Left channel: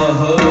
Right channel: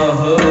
Hare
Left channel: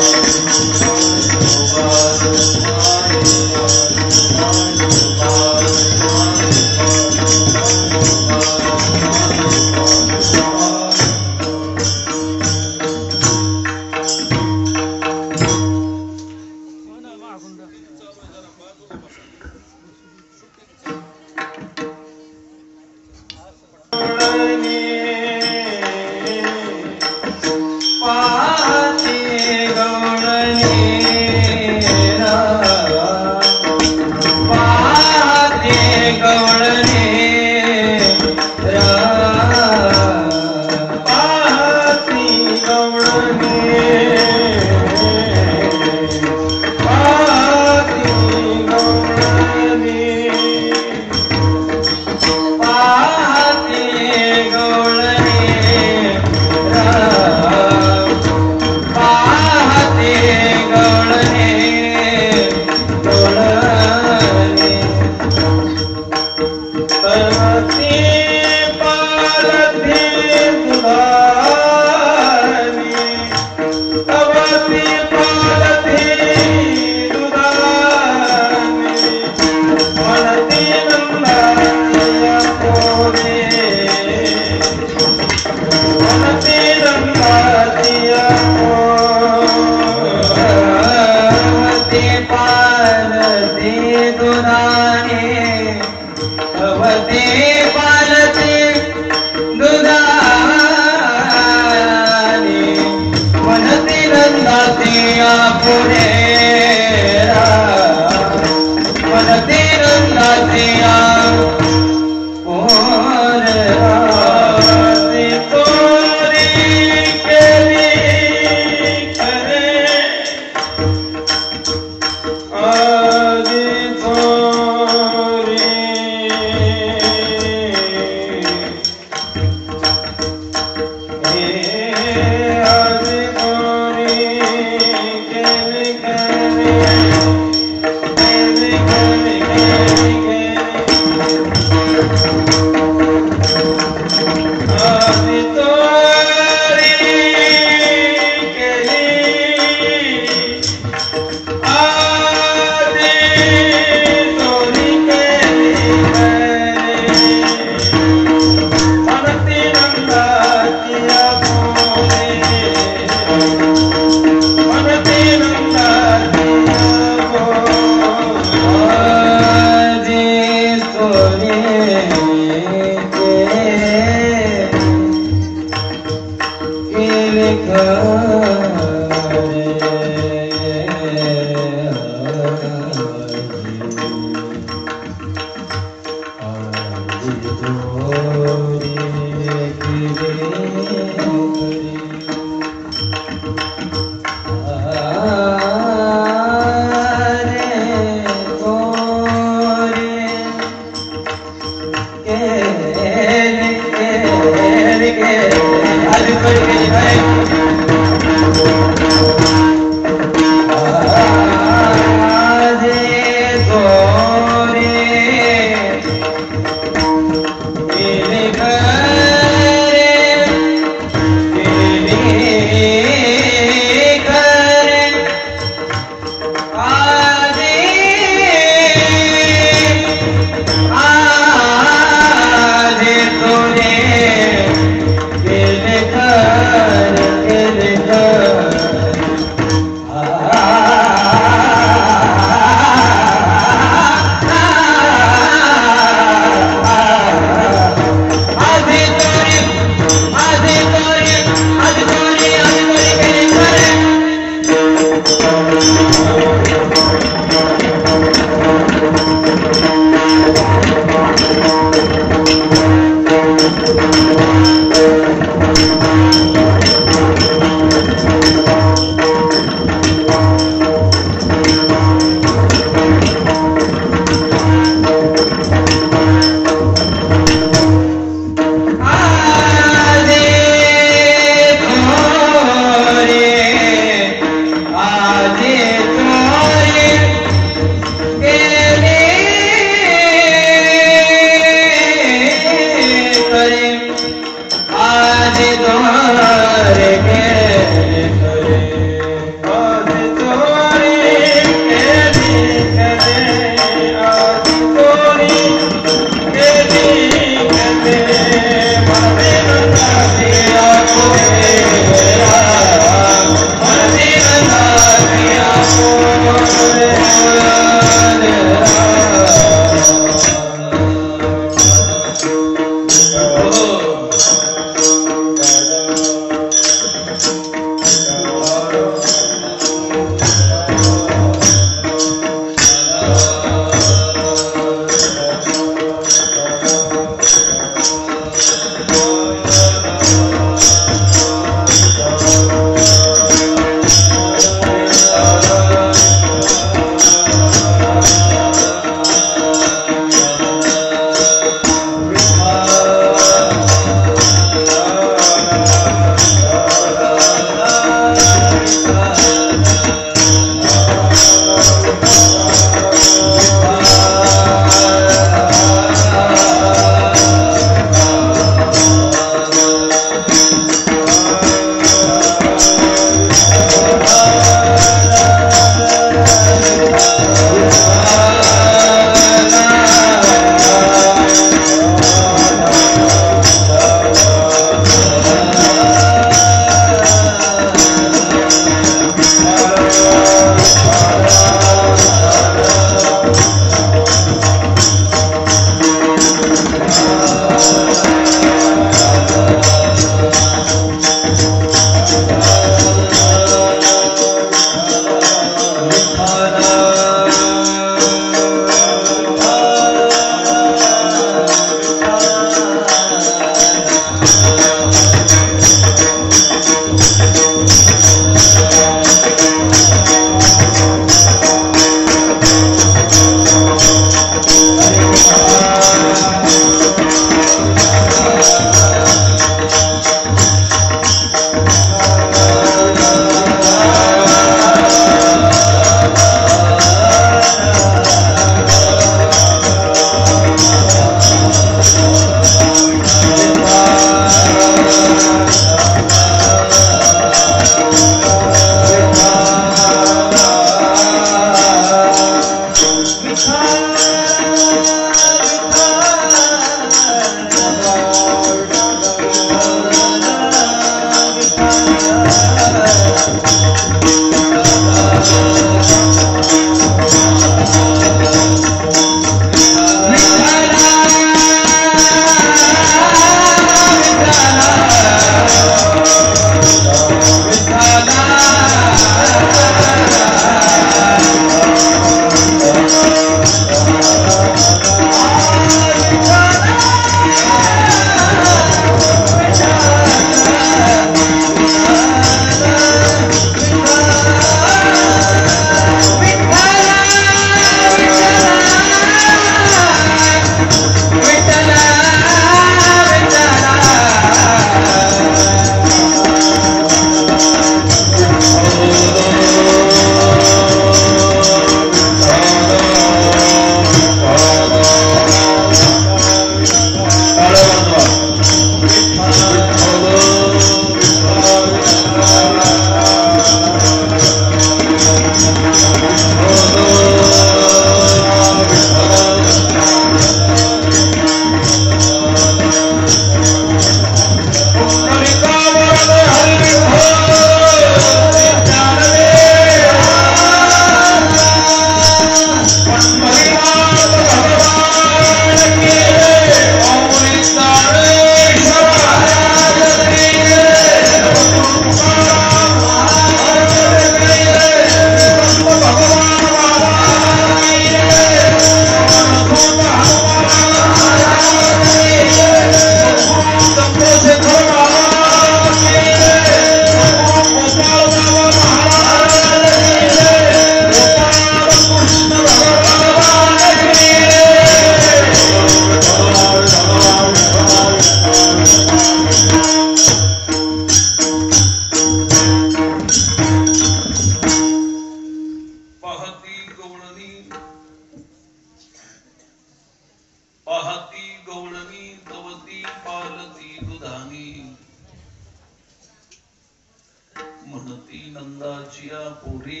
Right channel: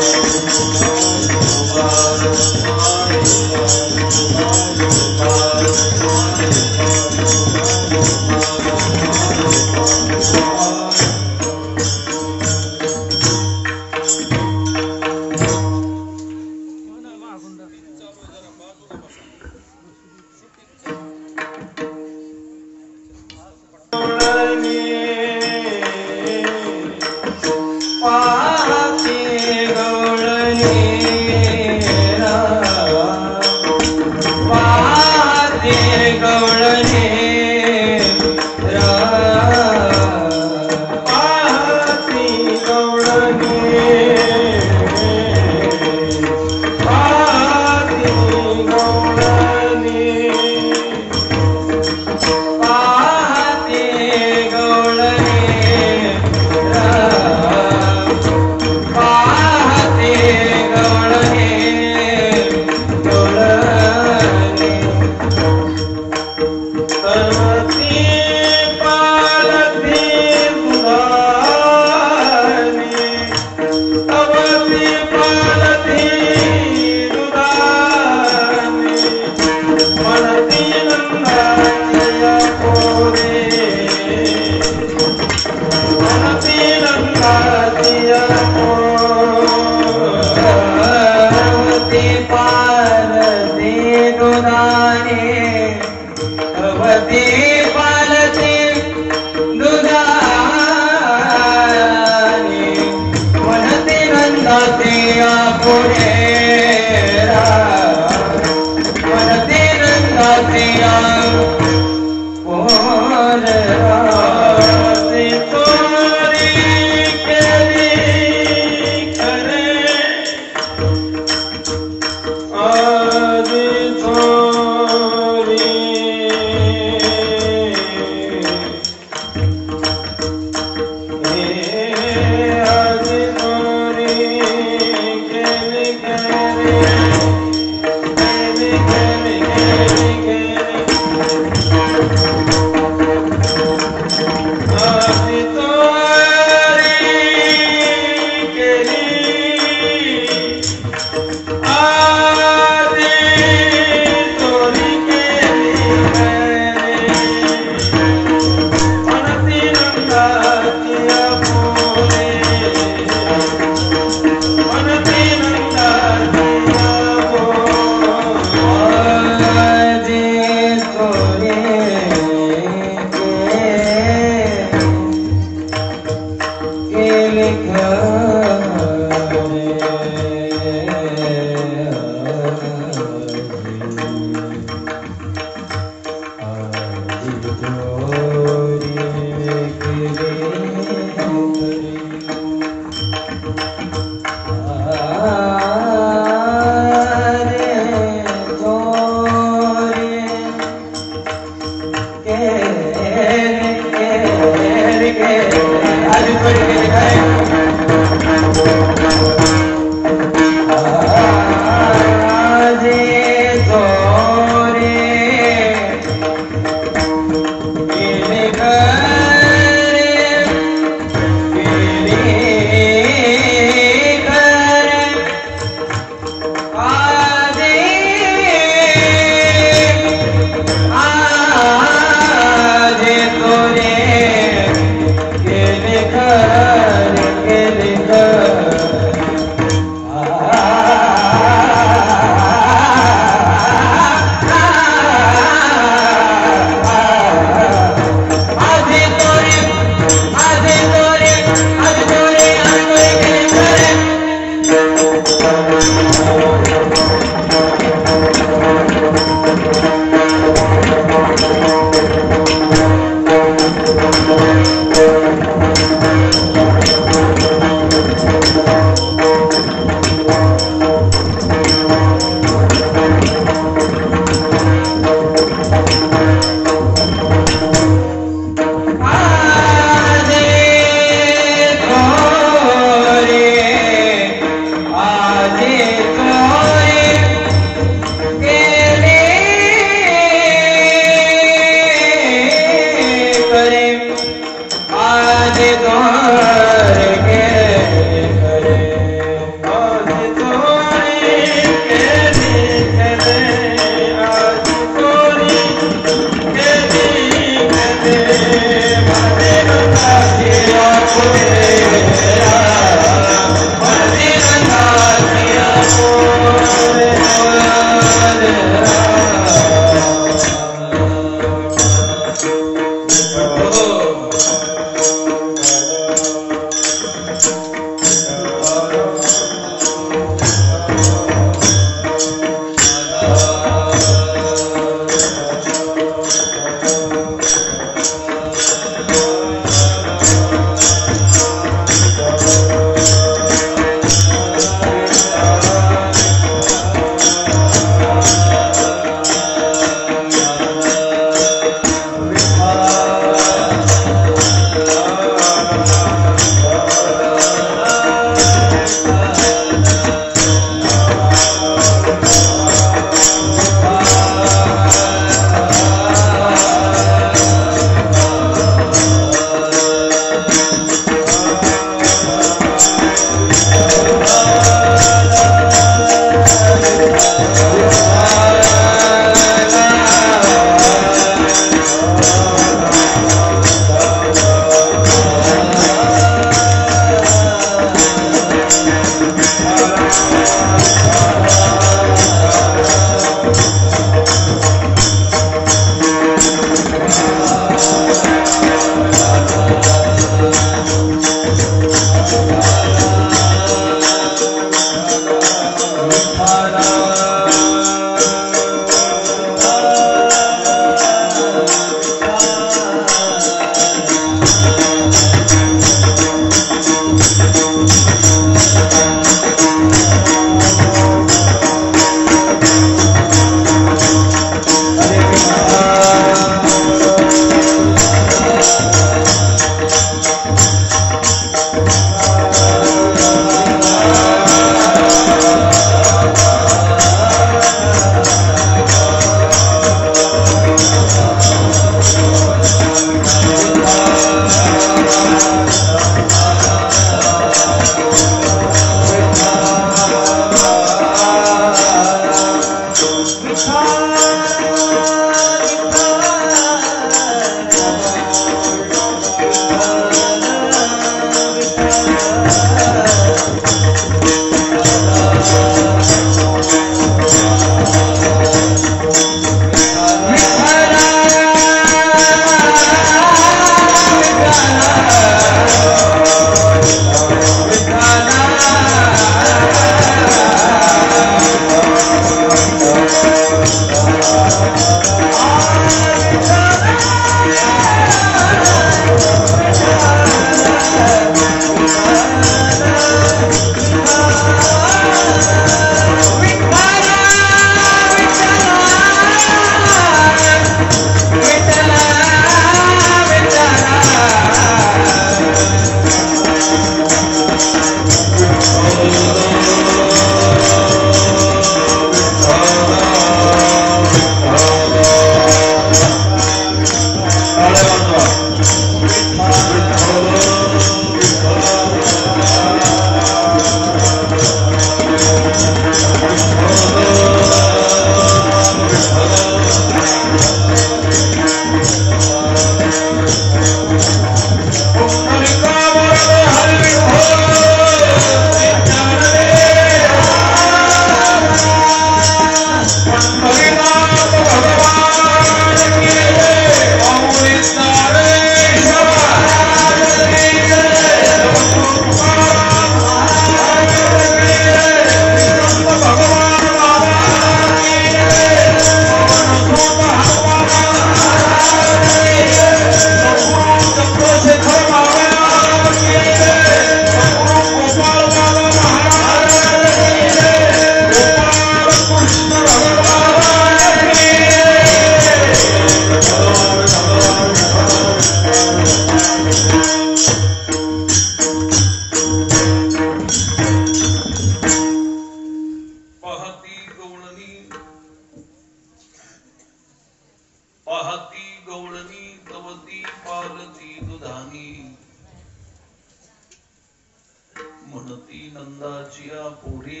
म्हणती नंदाचिया पोरे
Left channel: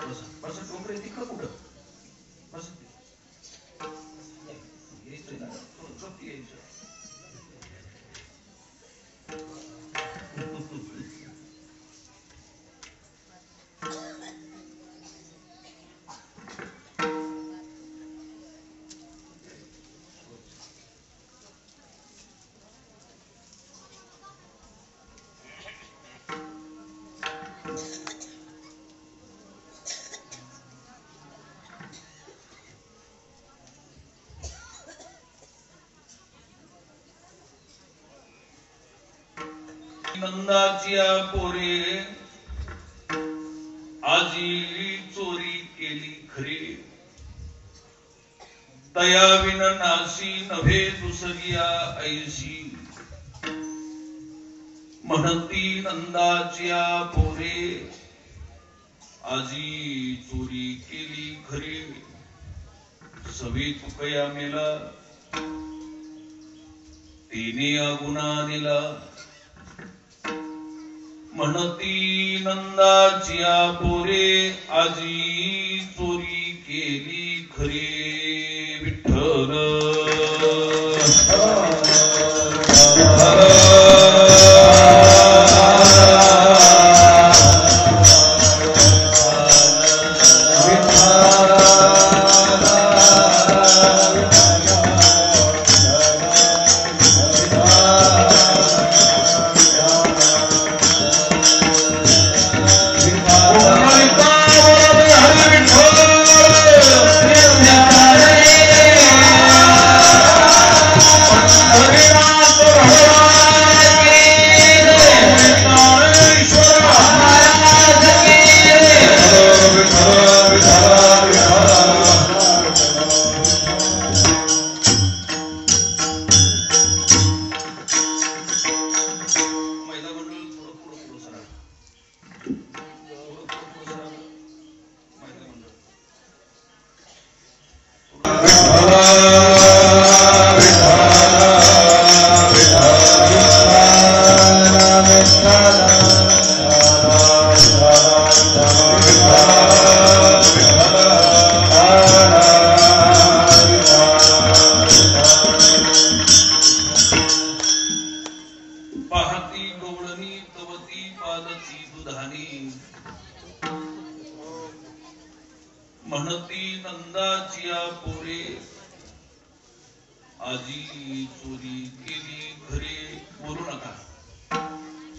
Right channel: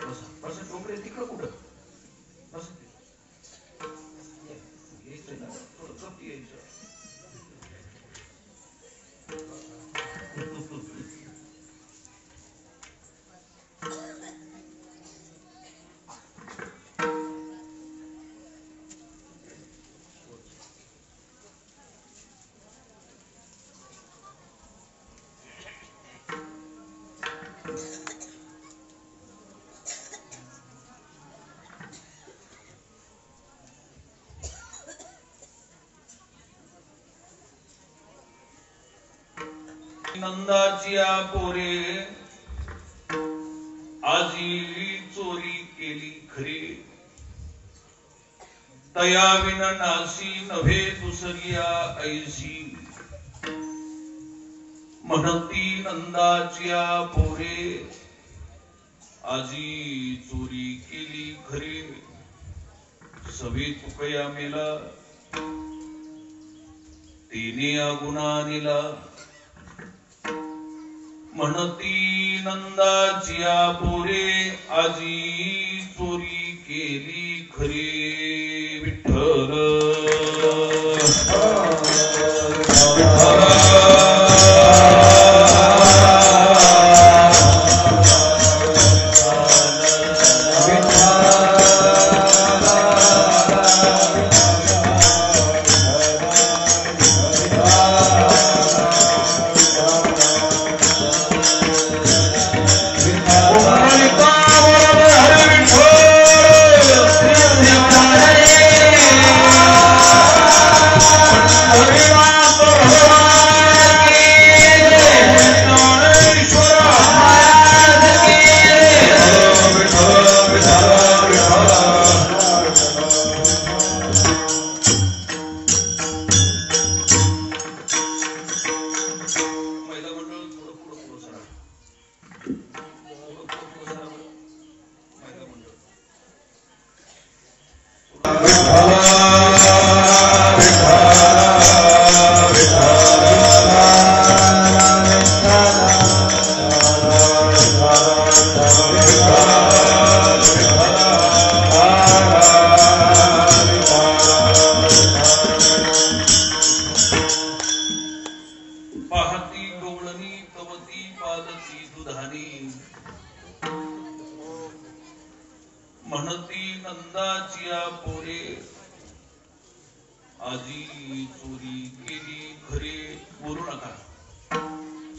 बसा डोंगरे तिकडं कुठं बस यायचंय ना थोडं गप यायचं नंदाचिया पोरे आजी चोरी केली खरे दयाविन नासी नव्हे दुसरिया ऐसी म्हणती नंदाचिया पोरे आजी चोरी केली खरे सवे तुकया मेला तिने गुन्हा दिला म्हणती नंदाचिया पोरे आजी चोरी केली खरी विठ्ठल म्हणती नंदाचिया पोरे आजी चोरी केली खरे बोलू नका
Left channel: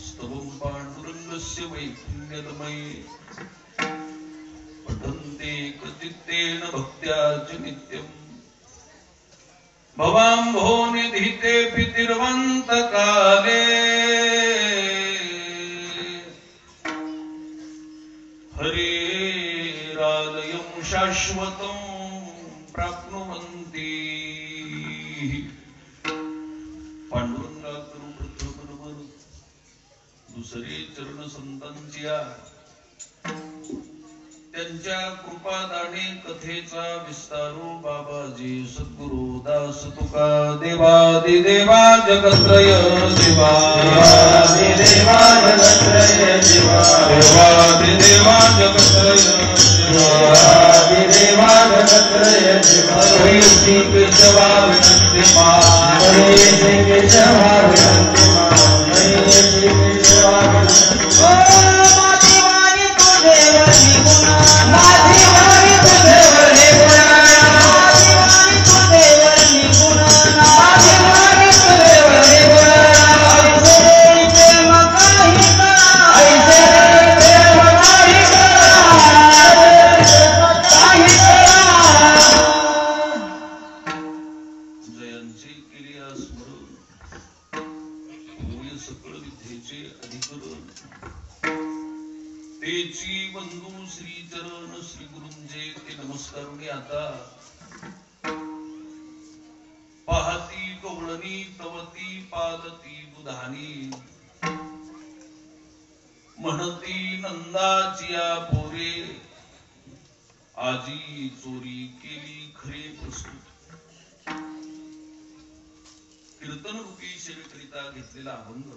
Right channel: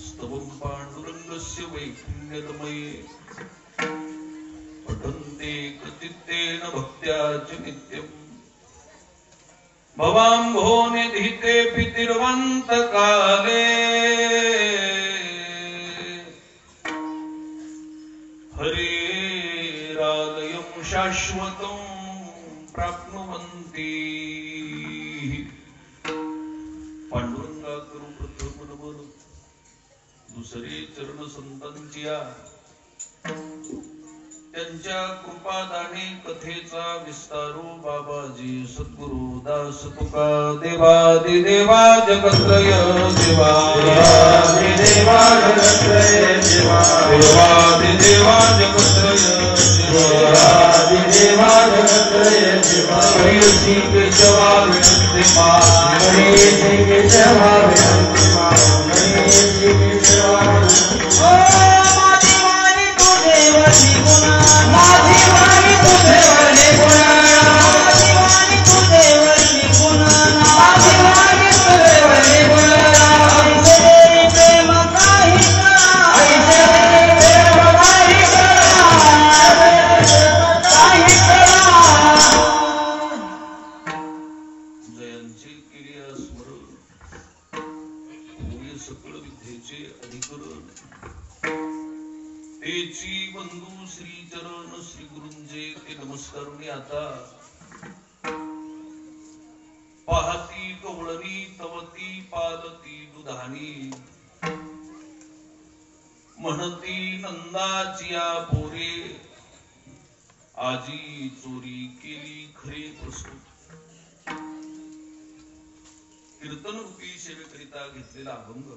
स्तवं पांडुरंगस्य वैपुण्यतमये पठन्ते कृतित्तेन भक्त्या च नित्यम् भवाम्भो निधिते पितिर्वन्त काले हरेरालयं शाश्वतं प्राप्नुवन्ति पांडुरंगा करू प्रथम दुसरे चरण संतांच्या त्यांच्या कृपादाने कथेचा विस्तारो बाबाजी सद्गुरु दास तुका देवादिदेवा जगत्रय देवादिदेवा जगत्रय देवादिदेवा जगत्रय देवादिदेवा जगत्रय हरि सिंह केशवा विनंती मा हरि सिंह केशवा विनंती मा हरि सिंह केशवा नाधिवानी तुझे वने गुणा नाधिवानी तुझे वने गुणा नाधिवानी तुझे वने गुणा ऐसे प्रेम काही करा ऐसे प्रेम काही करा जयांची केली स्मरण होय सकळ विद्येचे अधिकरण तेची बंधू श्री चरण श्री गुरुंजे ते नमस्कारुनी आता पाहती कवळणी तवती पालती दुधानी म्हणती नंदाचिया पोरे आजी चोरी केली खरे प्रस्तुत कीर्तन रूपी सेवेकरिता घेतलेला अभंग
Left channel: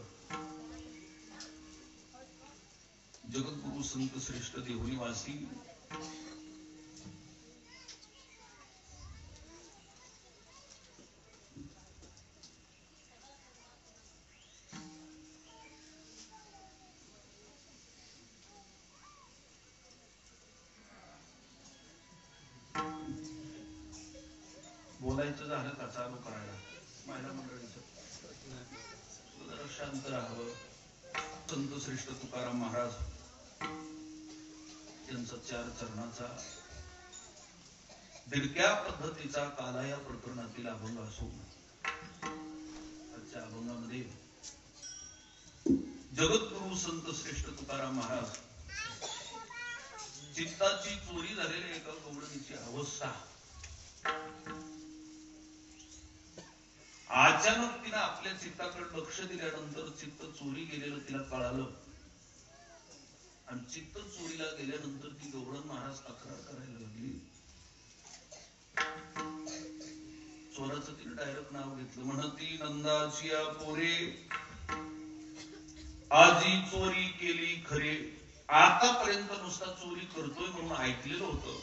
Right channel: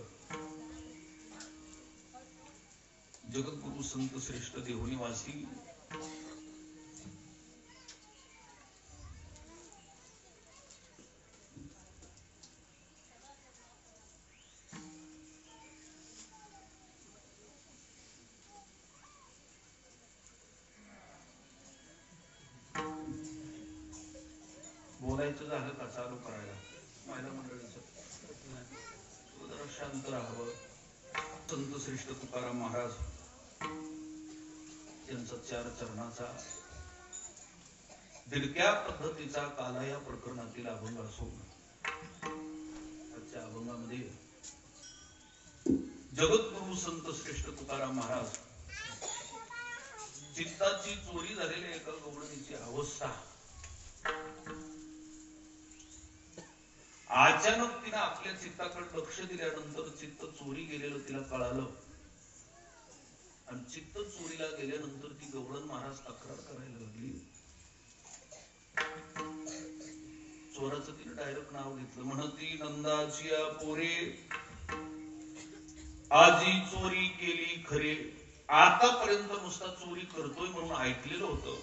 जगद्गुरु संत श्रेष्ठ देहुनी वासी बोलायचं झालं का चालू करायला महिला मंडळीचं जरा शांत राहावं. संत श्रेष्ठ तुकाराम महाराज यांचा 4 चरणाचा दिडक्या पद्धतीचा काला या प्रकरणातील अभंग असून आजच्या अभंगामध्ये जगद्गुरु संत श्रेष्ठ तुकाराम महाराज चित्ताची चोरी झालेल्या एका गवळणीची अवस्था अचानक तिने आपल्या चित्ताकडे लक्ष दिल्यानंतर चित्त चोरी गेलेलं तिला कळालं आणि चित्त चोरीला गेल्यानंतर ती गवळण महाराज तक्रार करायला लागली. चोराचं तिने डायरेक्ट नाव घेतलं. म्हणती नंदाची पोरे आजी चोरी केली खरे. आतापर्यंत नुसता चोरी करतोय म्हणून ऐकलेलं होतं,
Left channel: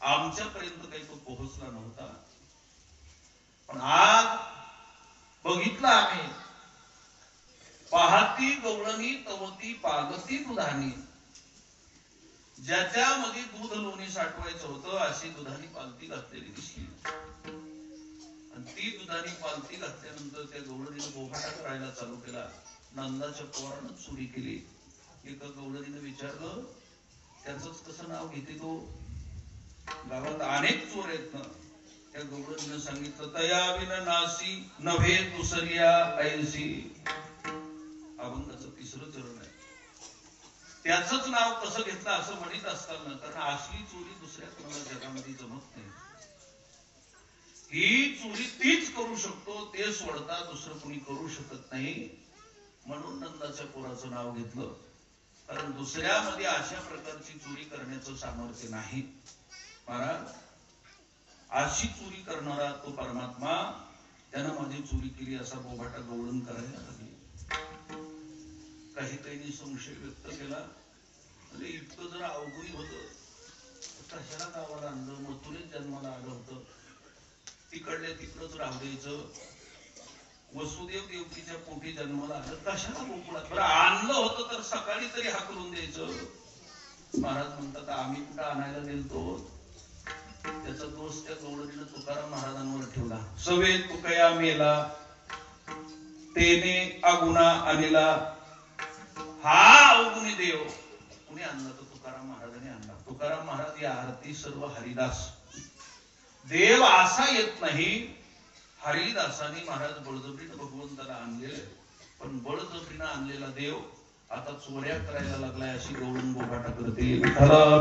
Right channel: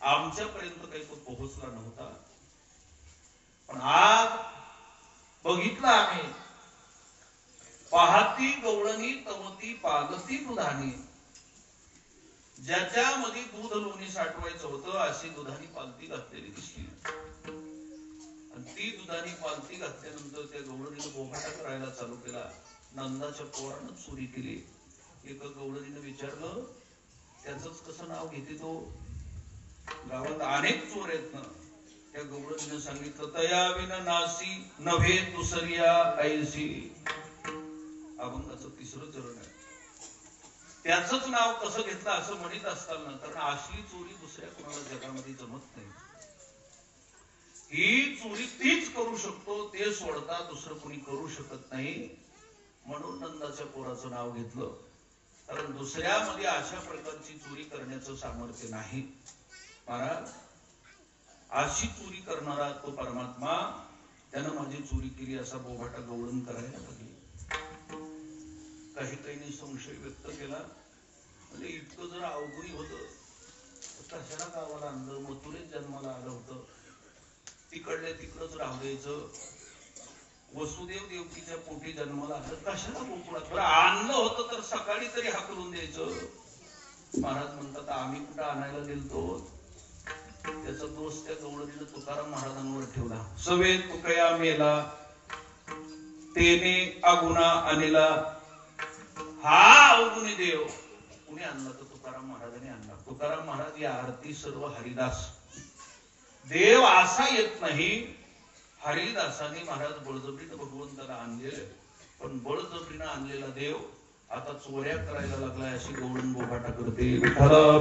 आमच्यापर्यंत काही तो पोहोचला नव्हता. पण आज बघितलं आम्ही पाहती गवळणी तवती पागती दुधानी. ज्याच्यामध्ये दूध लोणी साठवायचं होतं अशी दुधानी पालती घातलेली दिसली. आणि ती दुधानी पालती घातल्यानंतर त्या गवळणीनं बोभाटा करायला चालू केला. नंदाच्या पोरानं चोरी केली. एका गवळणीनं विचारलं त्याचंच कसं नाव घेते तो, गावात अनेक चोर आहेत ना. त्या गवळणीनं सांगितलं तयाविन नासी नव्हे दुसऱ्या ऐसी. अभंगाचं 3रं चरण आहे. त्याचंच नाव कसं घेतलं असं म्हणत असताना, कारण असली चोरी दुसऱ्या कोणाला जगामध्ये जमत नाही. ही चोरी तीच करू शकतो, ते सोडता दुसरं कोणी करू शकत नाही. म्हणून नंदाच्या पोराचं नाव घेतलं, कारण दुसऱ्यामध्ये अशा प्रकारची चोरी करण्याचं सामर्थ्य नाही. महाराज अशी चोरी करणारा तो परमात्मा त्यानं माझी चोरी केली असा बोभाटा गवळण करायला लागली. काही संशय व्यक्त केला. म्हणजे इतकं जर अवघडी होतं कशाला गावाला आणलं, मथुरेत जन्माला आलं होतं, तिकडल्या तिकडच राहू द्यायचं. वसुदेव देवकीच्या पोटी जन्माला आलं, कशाला गोकुळात आणलं होतं तर सकाळी तरी हाकलून द्यायचं. महाराज म्हणतात आम्ही कुठं आणायला गेलतो. त्याचा दोष त्या गवळणीनं तुकाराम महाराजांवर ठेवला. सवे तुकया मेला तेने अगुणा आणला. हा अवगुणी देव कुणी आणला तर तुकाराम महाराजांनी आणला. तुकाराम महाराज या आरती सर्व हरिदास. देव असा येत नाही. हरिदासाने महाराज बळजबरीनं भगवंताला आणलेलं, पण बळजबरीनं आणलेला देव आता चोऱ्या करायला लागलाय अशी गवळण बोभाटा करते. विठ्ठला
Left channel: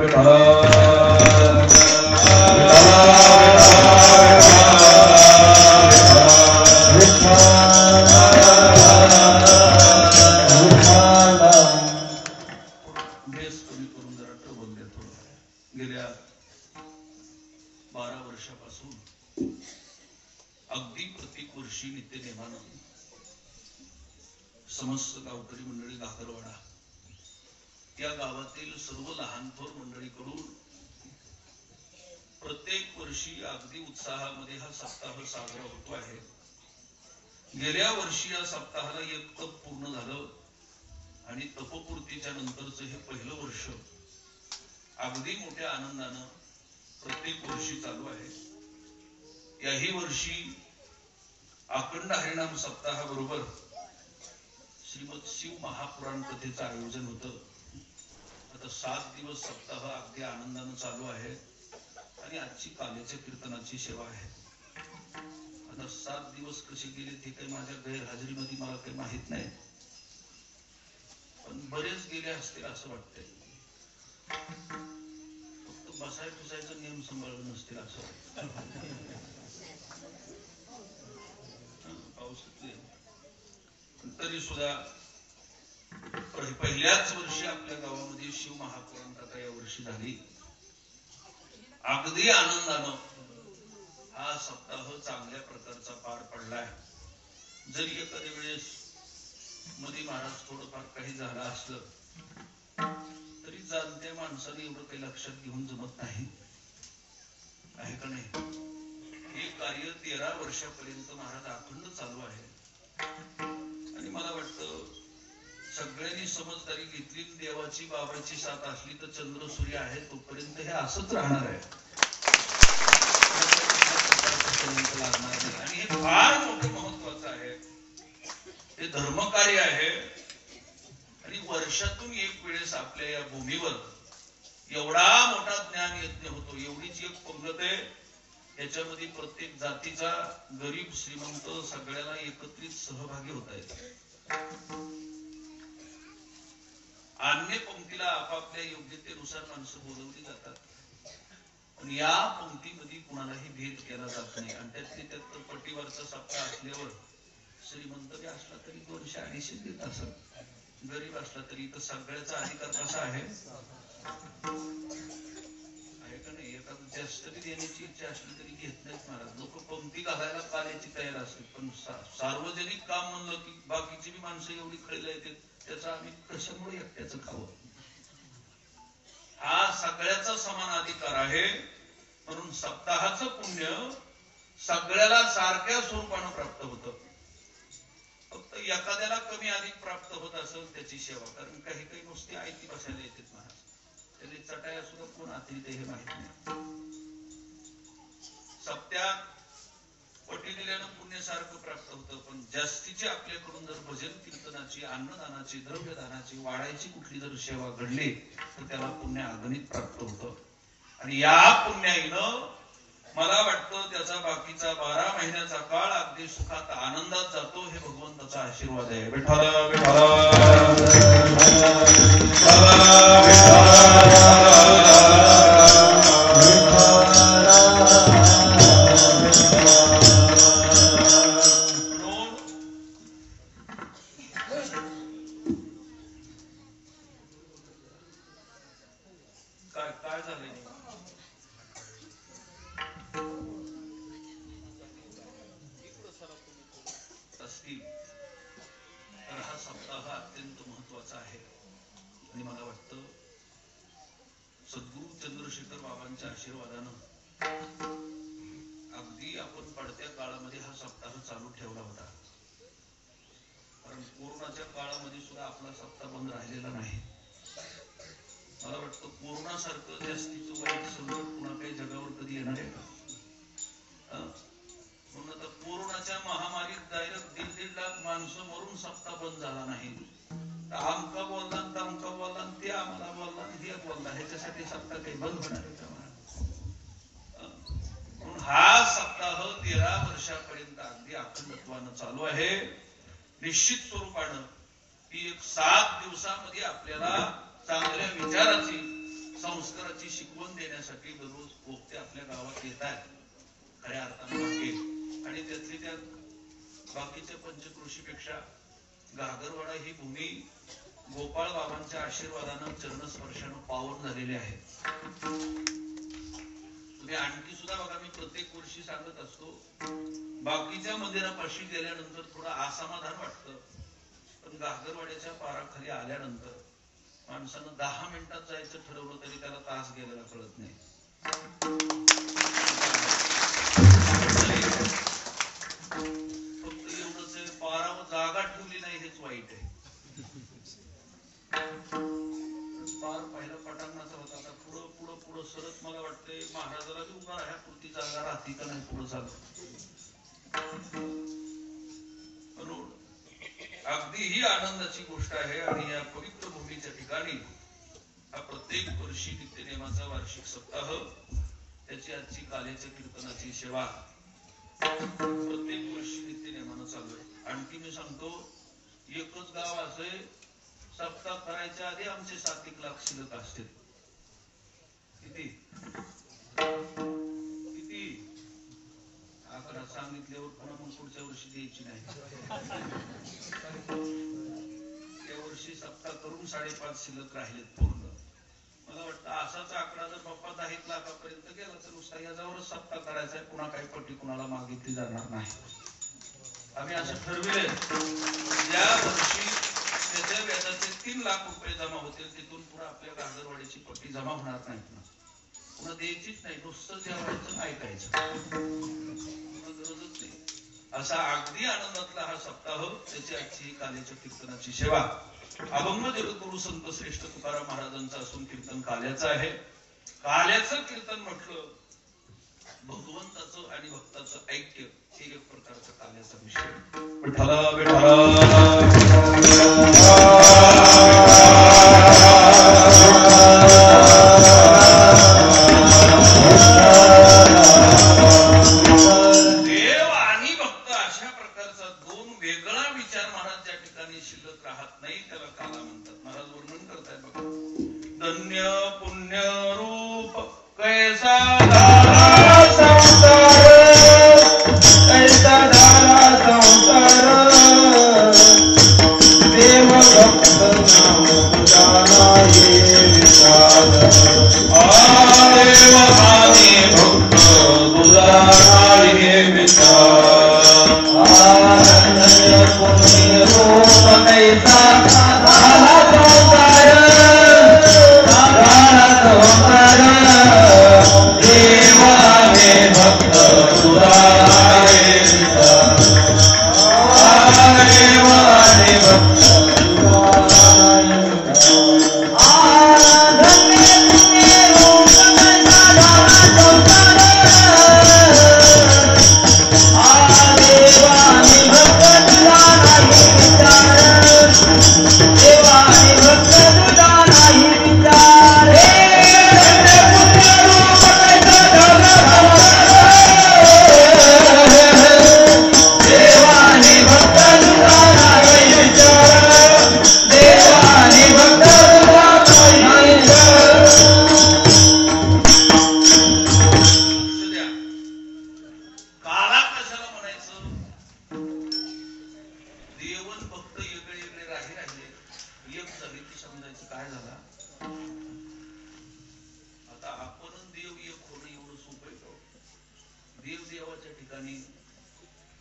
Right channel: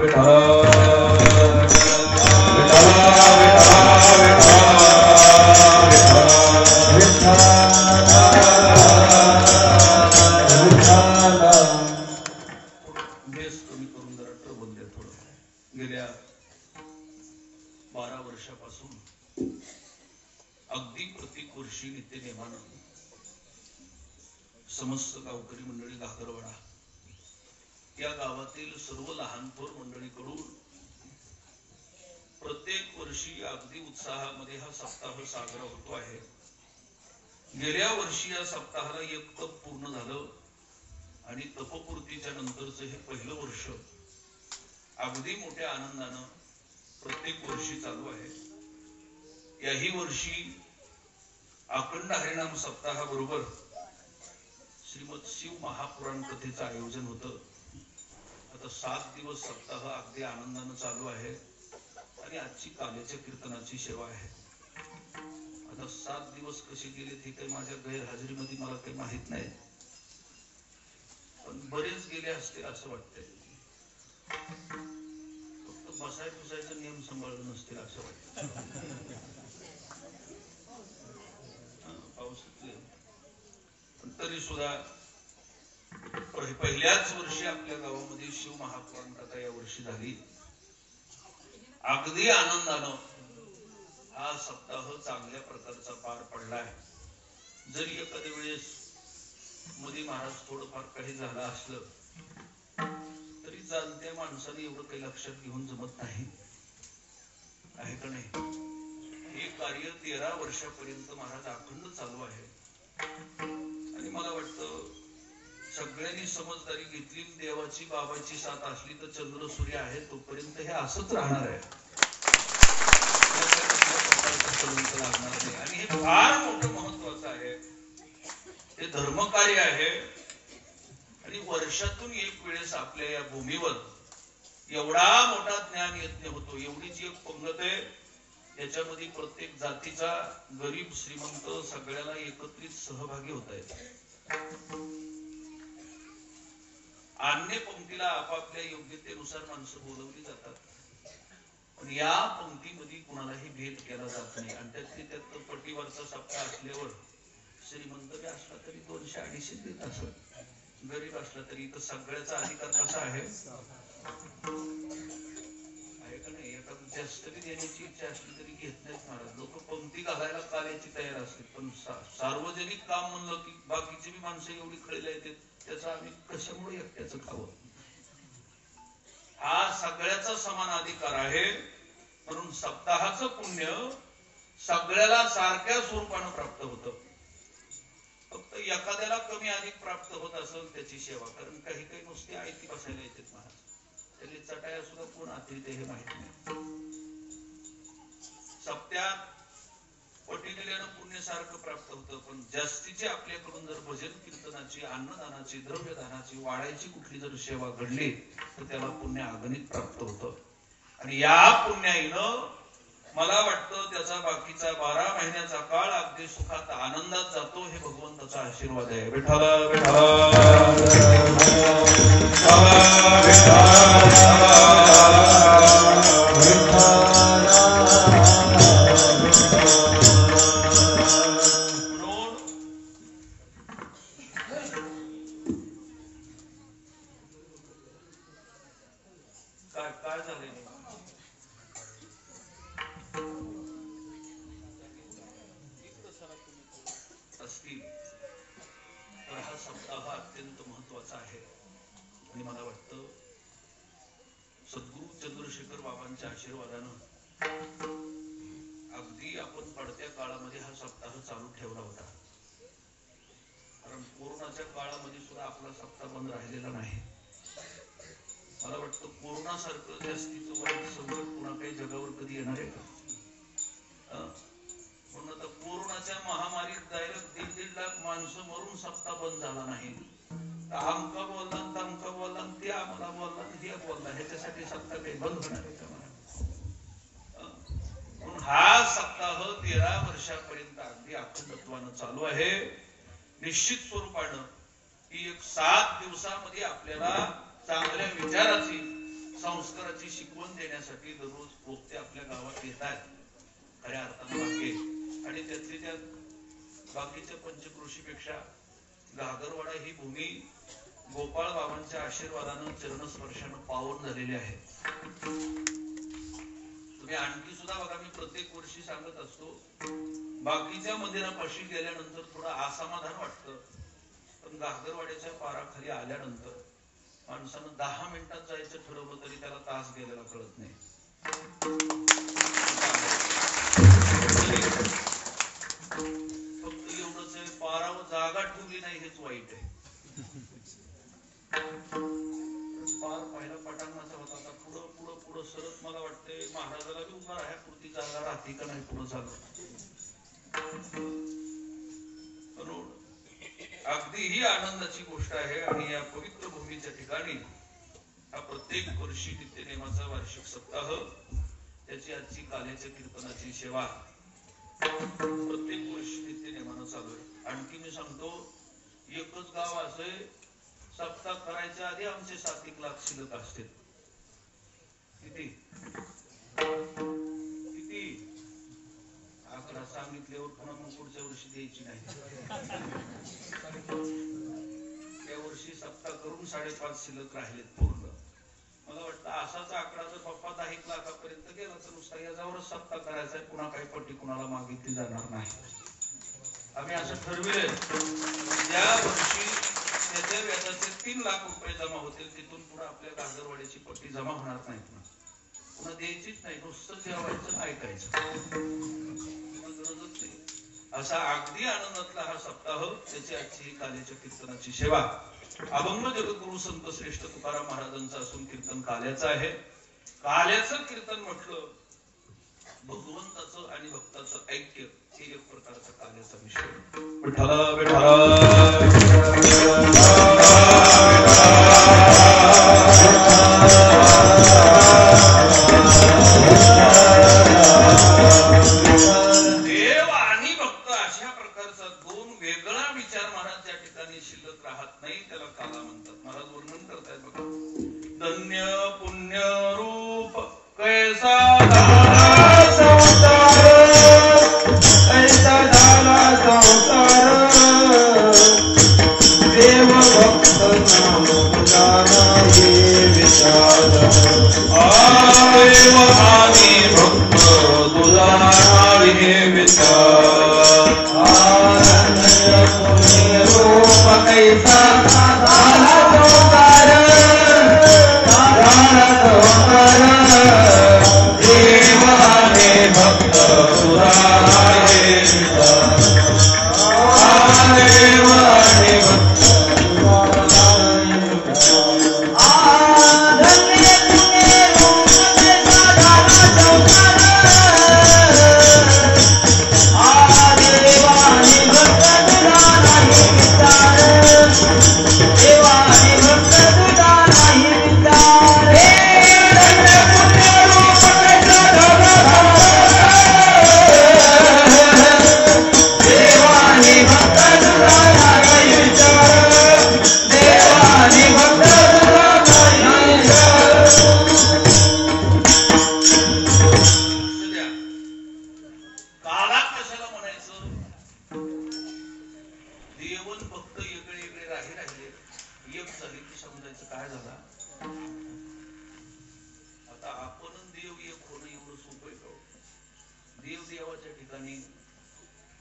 बेस कमी करून जरा ट्रबल द्या थोडं. गेल्या 12 वर्षापासून अगदी प्रत्येक वर्षी नित्यनेमानं समस्त गावकरी मंडळी घागरवाडा या गावातील सर्व लहान थोर मंडळीकडून प्रत्येक वर्षी अगदी उत्साहामध्ये हा सप्ताह साजरा होतो आहे. गेल्या वर्षी या सप्ताहाला 1 तप पूर्ण झालं आणि तपपूर्तीच्या नंतरचं हे पहिलं वर्ष अगदी मोठ्या आनंदानं प्रत्येक वर्षी चालू आहे. याही वर्षी अखंड हरिनाम सप्ताहाबरोबर श्रीमद शिव महापुराण कथेचं आयोजन होतं. आता 7 दिवस सप्ताह अगदी आनंदानं चालू आहे आणि आजची कालेच्या कीर्तनाची सेवा आहे. आता 7 दिवस कसे गेले ते काही माझ्या गैरहजेरीमध्ये मला काही माहित नाही, पण बरेच गेले असतील असं वाटतंय. फक्त बसाय पुसायचा नियम सांभाळून नसतील असं वाटतं. तरी सुद्धा पहिल्याच वर्षी आपल्या गावामध्ये शिव महापुराण कथा या वर्षी झाली. अगदी आनंदानं हा सप्ताह चांगल्या प्रकारचा पार पडलाय. जरी एखाद्या वेळेस मध्ये महाराज थोडंफार काही झालं असलं जाणत्या माणसाने एवढं काही लक्षात घेऊन जमत नाही, आहे का नाही? हे कार्य 13 वर्षापर्यंत महाराज अखंड चालू आहे. आणि मला वाटतं सगळ्यांनी समजदारी घेतली, देवाची बाबाची साथ असली तर चंद्र सूर्य आहे तोपर्यंत हे असंच राहणार आहे, लागणार नाही. आणि हे फार मोठं महत्वाचं आहे, हे धर्मकार्य आहे. आणि वर्षातून एक वेळेस आपल्या या भूमीवर एवढा मोठा ज्ञान यज्ञ होतो, एवढीच एक पंगत आहे, याच्यामध्ये प्रत्येक जातीचा गरीब श्रीमंत सगळ्याला एकत्रित सहभागी होत आहेत. अन्य पंक्तीला आपापल्या योग्यतेनुसार माणसं बोलवली जातात, पण या पंक्तीमध्ये कुणालाही भेद केला जात नाही. आणि त्यात पटीवरचा सप्ताह असल्यावर श्रीमंत बी असला तरी 200-250 देत असत, गरीब असला तरी इथं सगळ्याचा अधिकार कसा आहे का नाही? एखादं जास्त बी देण्याची इच्छा असली तरी घेत नाहीत महाराज. लोक पंक्ती घालायला काल्याची तयार असते, पण सार्वजनिक काम म्हणलं की बाकीची बी माणसं एवढी खळीला येते, त्याचा आम्ही कशामुळे एकट्याचं खावं? हा सगळ्याचा समान अधिकार आहे. म्हणून सप्ताहाचं पुण्य सगळ्याला सारख्या स्वरूपानं प्राप्त होतं. फक्त एखाद्याला कमी अधिक प्राप्त होत असेल त्याची सेवा, कारण काही काही नुसती आयती बसायला येतात महाराज, त्याची चटाया सुद्धा कोण आतरीत हे माहिती नाही. सप्त्यात कोटी दिल्यानं पुण्य सारखं प्राप्त होतं, पण जास्तीची आपल्याकडून जर भजन कीर्तनाची, अन्नदानाची, द्रव्यदानाची, वाढायची कुठली जर सेवा घडली तर त्याला पुण्य अगणित प्राप्त होतं. आणि या पुण्याईनं मला वाटतं त्याचा बाकीचा 12 महिन्याचा काळ अगदी सुखात आनंदात जातो. हे भगवंताचा आशीर्वाद आहे. विठ्ठल काय झाले असतील तर हा सप्ताह अत्यंत महत्वाचा आहे. आणि मला वाटतं सद्गुरु चंद्रशेखर बाबांच्या आशीर्वादानं अगदी आपण पडत्या काळामध्ये हा सप्ताह चालू ठेवला होता. कारण कोरोनाच्या काळामध्ये सुद्धा आपला सप्ताह बंद राहिलेला नाही. मला वाटतं कोरोना सारखं जास्तीचं वाईट संकट पुन्हा काही जगावर कधी येणार आहे का? म्हणून आता कोरोनाच्या महामारीत डायरेक्ट 1.5 लाख माणसं मरून सप्ताह बंद झाला नाही. आमका बोलला, तमका बोलला, ते आम्हाला बोलला, हे बोलला, ह्याच्यासाठी सप्ताह काही बंद होणार आहे का? म्हणून हा सप्ताह 13 वर्षापर्यंत अगदी अखंडत्वानं चालू आहे. निश्चित स्वरूपानं ही एक 7 दिवसामध्ये आपल्याला चांगल्या विचाराची, संस्काराची शिकवण देण्यासाठी दररोज पोपते आपल्या गावात येत आहेत खऱ्या अर्थानं बाकी. आणि त्यातली त्या बाकीच्या पंचक्रोशीपेक्षा घागरवाडा ही भूमी गोपाळ बाबांच्या आशीर्वादानं, चरणस्पर्शानं पावन झालेली आहे. तुम्ही आणखी सुद्धा बघा, मी प्रत्येक वर्षी सांगत असतो, बाकीच्या मंदिरापाशी गेल्यानंतर थोडं असमाधान वाटतं, पण घागरवाड्याच्या पाराखाली आल्यानंतर माणसानं 10 मिनिटात जायचं ठरवलं तरी त्याला तास गेलेला कळत नाही. फक्त एवढंच आहे, पारावर जागा ठेवली नाही हेच वाईट आहे. पार पहिला पटांगणाचा होता, आता पुढं पुढं पुढं सरत मला वाटतंय महाराजाला बी उभा राहापुरती जागा राहते का नाही पुढं झालं. म्हणून अगदी ही आनंदाची गोष्ट आहे. आणि या पवित्र भूमीच्या ठिकाणी हा प्रत्येक वर्षी नित्यनेमाचा वार्षिक सप्ताह, त्याची आजची काल्याच्या कीर्तनाची सेवा प्रत्येक वर्षी नित्यनेमानं चालू आहे. आणखी मी सांगतो, एकच गाव असे सप्ताह करायच्या आधी आमचे 7-1 लाख शिल्लक असते. किती आकडा सांगितल्यावर पुन्हा मग पुढच्या वर्षी द्यायची नाही. या वर्षी सप्ताह करून 5.5 शिल्लक राहिलेत पूर्ण. मला वाटतं असाच आकडा जर बाप्पा 10-1 लाखापर्यंत गेला तर नुसता याच्यावरच सप्ताह करायचा, पुन्हा काही पट्टी कुणाला मागितली जाणार नाही. आम्ही असं ठरविलंय. या वर्षी त्याच्या व्याजाचे 3 लाख रुपये जमा होतील. तिथून पुढे आपल्या गाजरवाडीची पट्टी जमा होणार नाहीत ना, पुन्हा द्यायचीच नाही, नुसतं जेवायचं ऐकायचं, गरजच नाही. असा अगदी आनंदातला हा सप्ताह, त्याची आजची काल्याच्या कीर्तनाची सेवा अभंग जगद्गुरु संत श्रेष्ठ तुकाराम महाराजांचं असून कीर्तन काल्याचं आहे. काल्याचं कीर्तन म्हटलं भगवंताचं आणि भक्ताचं ऐक्य, हे एक प्रकारचा काल्याचा विषय. विठ्ठला देव आणि भक्त अशा प्रकारचा 2 वेगळा विचार महाराज त्या ठिकाणी शिल्लक राहत नाही, त्याला काला म्हणतात. महाराज वर्णन करतायत बघा. धन्य पुण्य रूप कैसा झाला संसार, कैसा झाला संसार, देव भक्त नाम जाना ये विचार, देव आणि भक्त दुराना ये विचार. धन्य पुण्य रूप कैसा झाला संसार, देव आणि भक्त दुराना ये विचार, देव आणि भक्त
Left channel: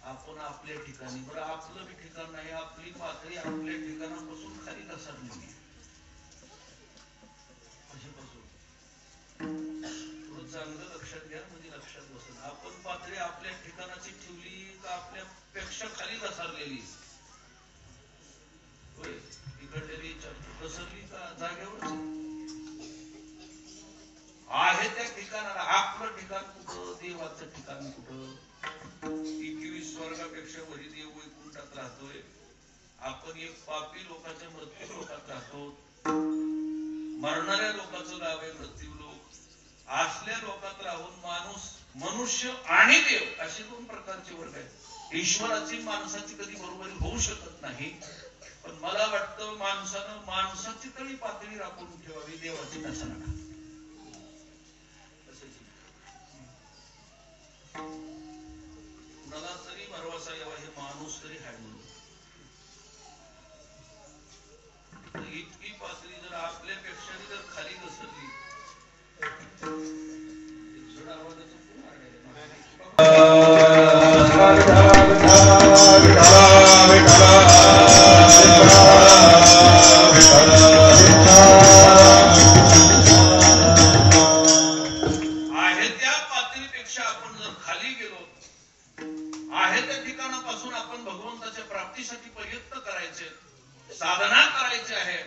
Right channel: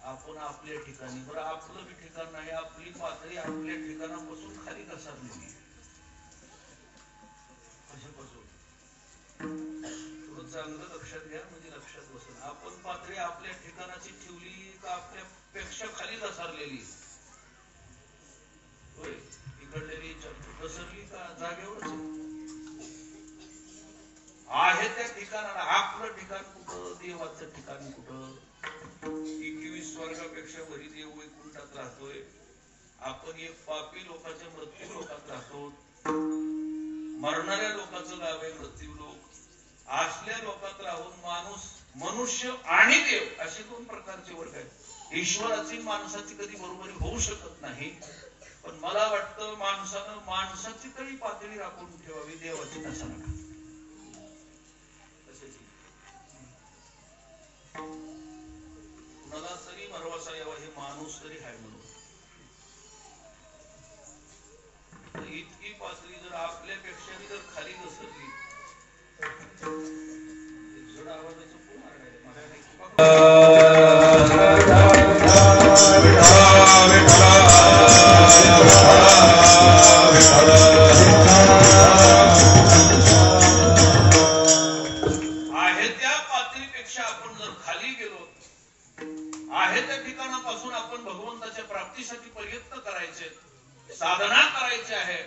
आपण आपल्या ठिकाणी, बरं आपलं बी ठिकाण नाही, आपली पातळी आपल्या ठिकाणापासून खाली घसरली. कशापासून? थोडं चांगलं लक्षात घ्या, म्हणजे लक्षात बसेल. आपण पातळी आपल्या ठिकाणाची ठेवली का आपल्यापेक्षा खाली घसरलेली? होय, इकडलेली घसरली का जागेवरच आहे त्या ठिकाणाला. आपलं ठिकाण कुठं, देवाचं ठिकाण कुठं? 21 स्वर्गापेक्षा वरी देव वैकुंठात राहतोय. आपण एक पापी लोकांच्या मृत्यू लोकात राहतो. मरणाऱ्या लोकांचं गाव आहे मृत्यू लोक. असल्या लोकात राहून माणूस, मनुष्य आणि देव असे 2 प्रकारचे वर्ग आहेत. ईश्वराची माणसाची कधी बरोबरी होऊ शकत नाही, पण मला वाटतं माणसानं माणसाची तरी पातळी राखून ठेवावी, देवाची तसा नका. कुणाला तरी भरवसा यावा, हे माणूस तरी हाय म्हणून. इतकी पातळी जर आपल्यापेक्षा जर खाली घसरली, जड आवाजाचं कोण आहे त्या पातळीपेक्षा आपण जर खाली गेलो, आहे त्या ठिकाणापासून आपण भगवंताच्या प्राप्तीसाठी प्रयत्न करायचे, साधना करायची आहे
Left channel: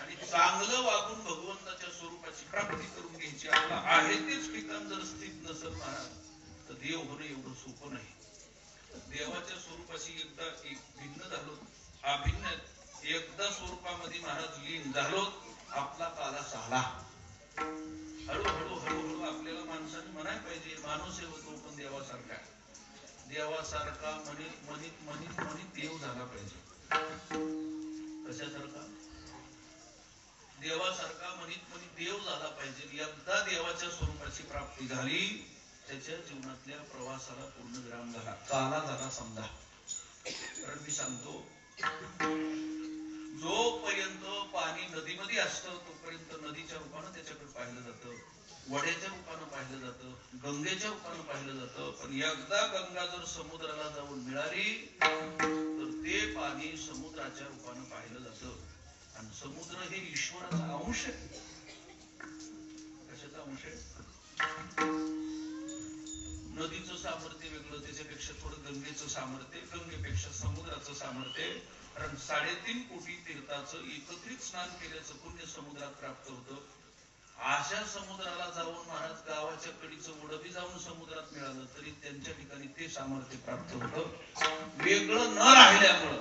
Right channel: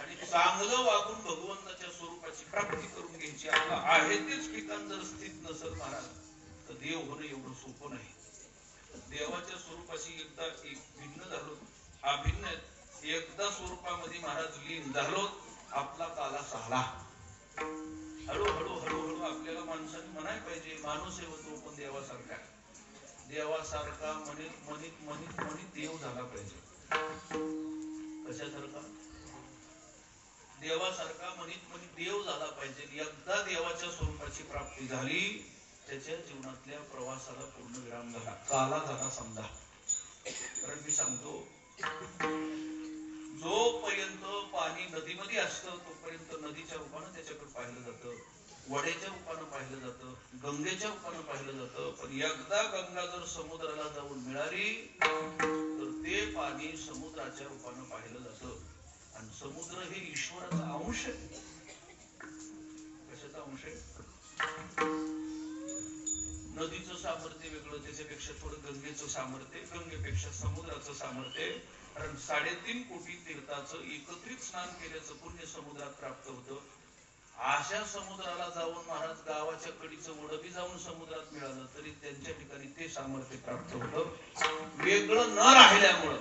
आणि चांगलं वागून भगवंताच्या स्वरूपाची प्राप्ती करून घ्यायची. आपलं आहे तेच ठिकाण जर स्थित नसेल महाराज, तर देव होणं एवढं सोपं नाही. देवाच्या स्वरूपाशी एकदा एक भिन्न झालो, अभिन्न एकदा स्वरूपामध्ये महाराज लीन झालो, आपला काला साला. हळूहळू हळूहळू आपल्याला माणसाने म्हणायला पाहिजे, माणूस होतो पण देवासारखा, देवासारखा म्हणित म्हणित म्हणित म्हणित देव झाला पाहिजे. कशासारखा? देवासारखा म्हणित म्हणित देव झाला पाहिजे. एकदा देवाच्या स्वरूपाची प्राप्ती झाली, त्याच्या जीवनातल्या प्रवासाला पूर्ण विराम झाला, काला झाला समजा. कारण मी सांगतो, जोपर्यंत पाणी नदीमध्ये असतं तोपर्यंत नदीच्या रूपानं त्याच्याकडे पाहिलं जातं. वड्याच्या रूपानं पाहिलं जातं, गंगेच्या रूपानं पाहिलं जातं. पण एकदा गंगा जर समुद्राला जाऊन मिळाली तर ते पाणी समुद्राच्या रूपानं पाहिलं जातं. आणि समुद्र हे ईश्वराचा अंश आहे. कशाचा अंश आहे? नदीचं सामर्थ्य वेगळं, त्याच्यापेक्षा थोडं गंगेचं सामर्थ्य, गंगेपेक्षा समुद्राचं सामर्थ्य. कारण 3.5 कोटी तीर्थाचं एकत्रित स्नान केल्याचं पुण्य समुद्रात प्राप्त होतं. अशा समुद्राला जाऊन महाराज गावाच्या कडीचं ओढबी जाऊन समुद्रात मिळालं तरी त्यांच्या ठिकाणी ते सामर्थ्य प्राप्त होतं. वेगळं न राहिल्यामुळं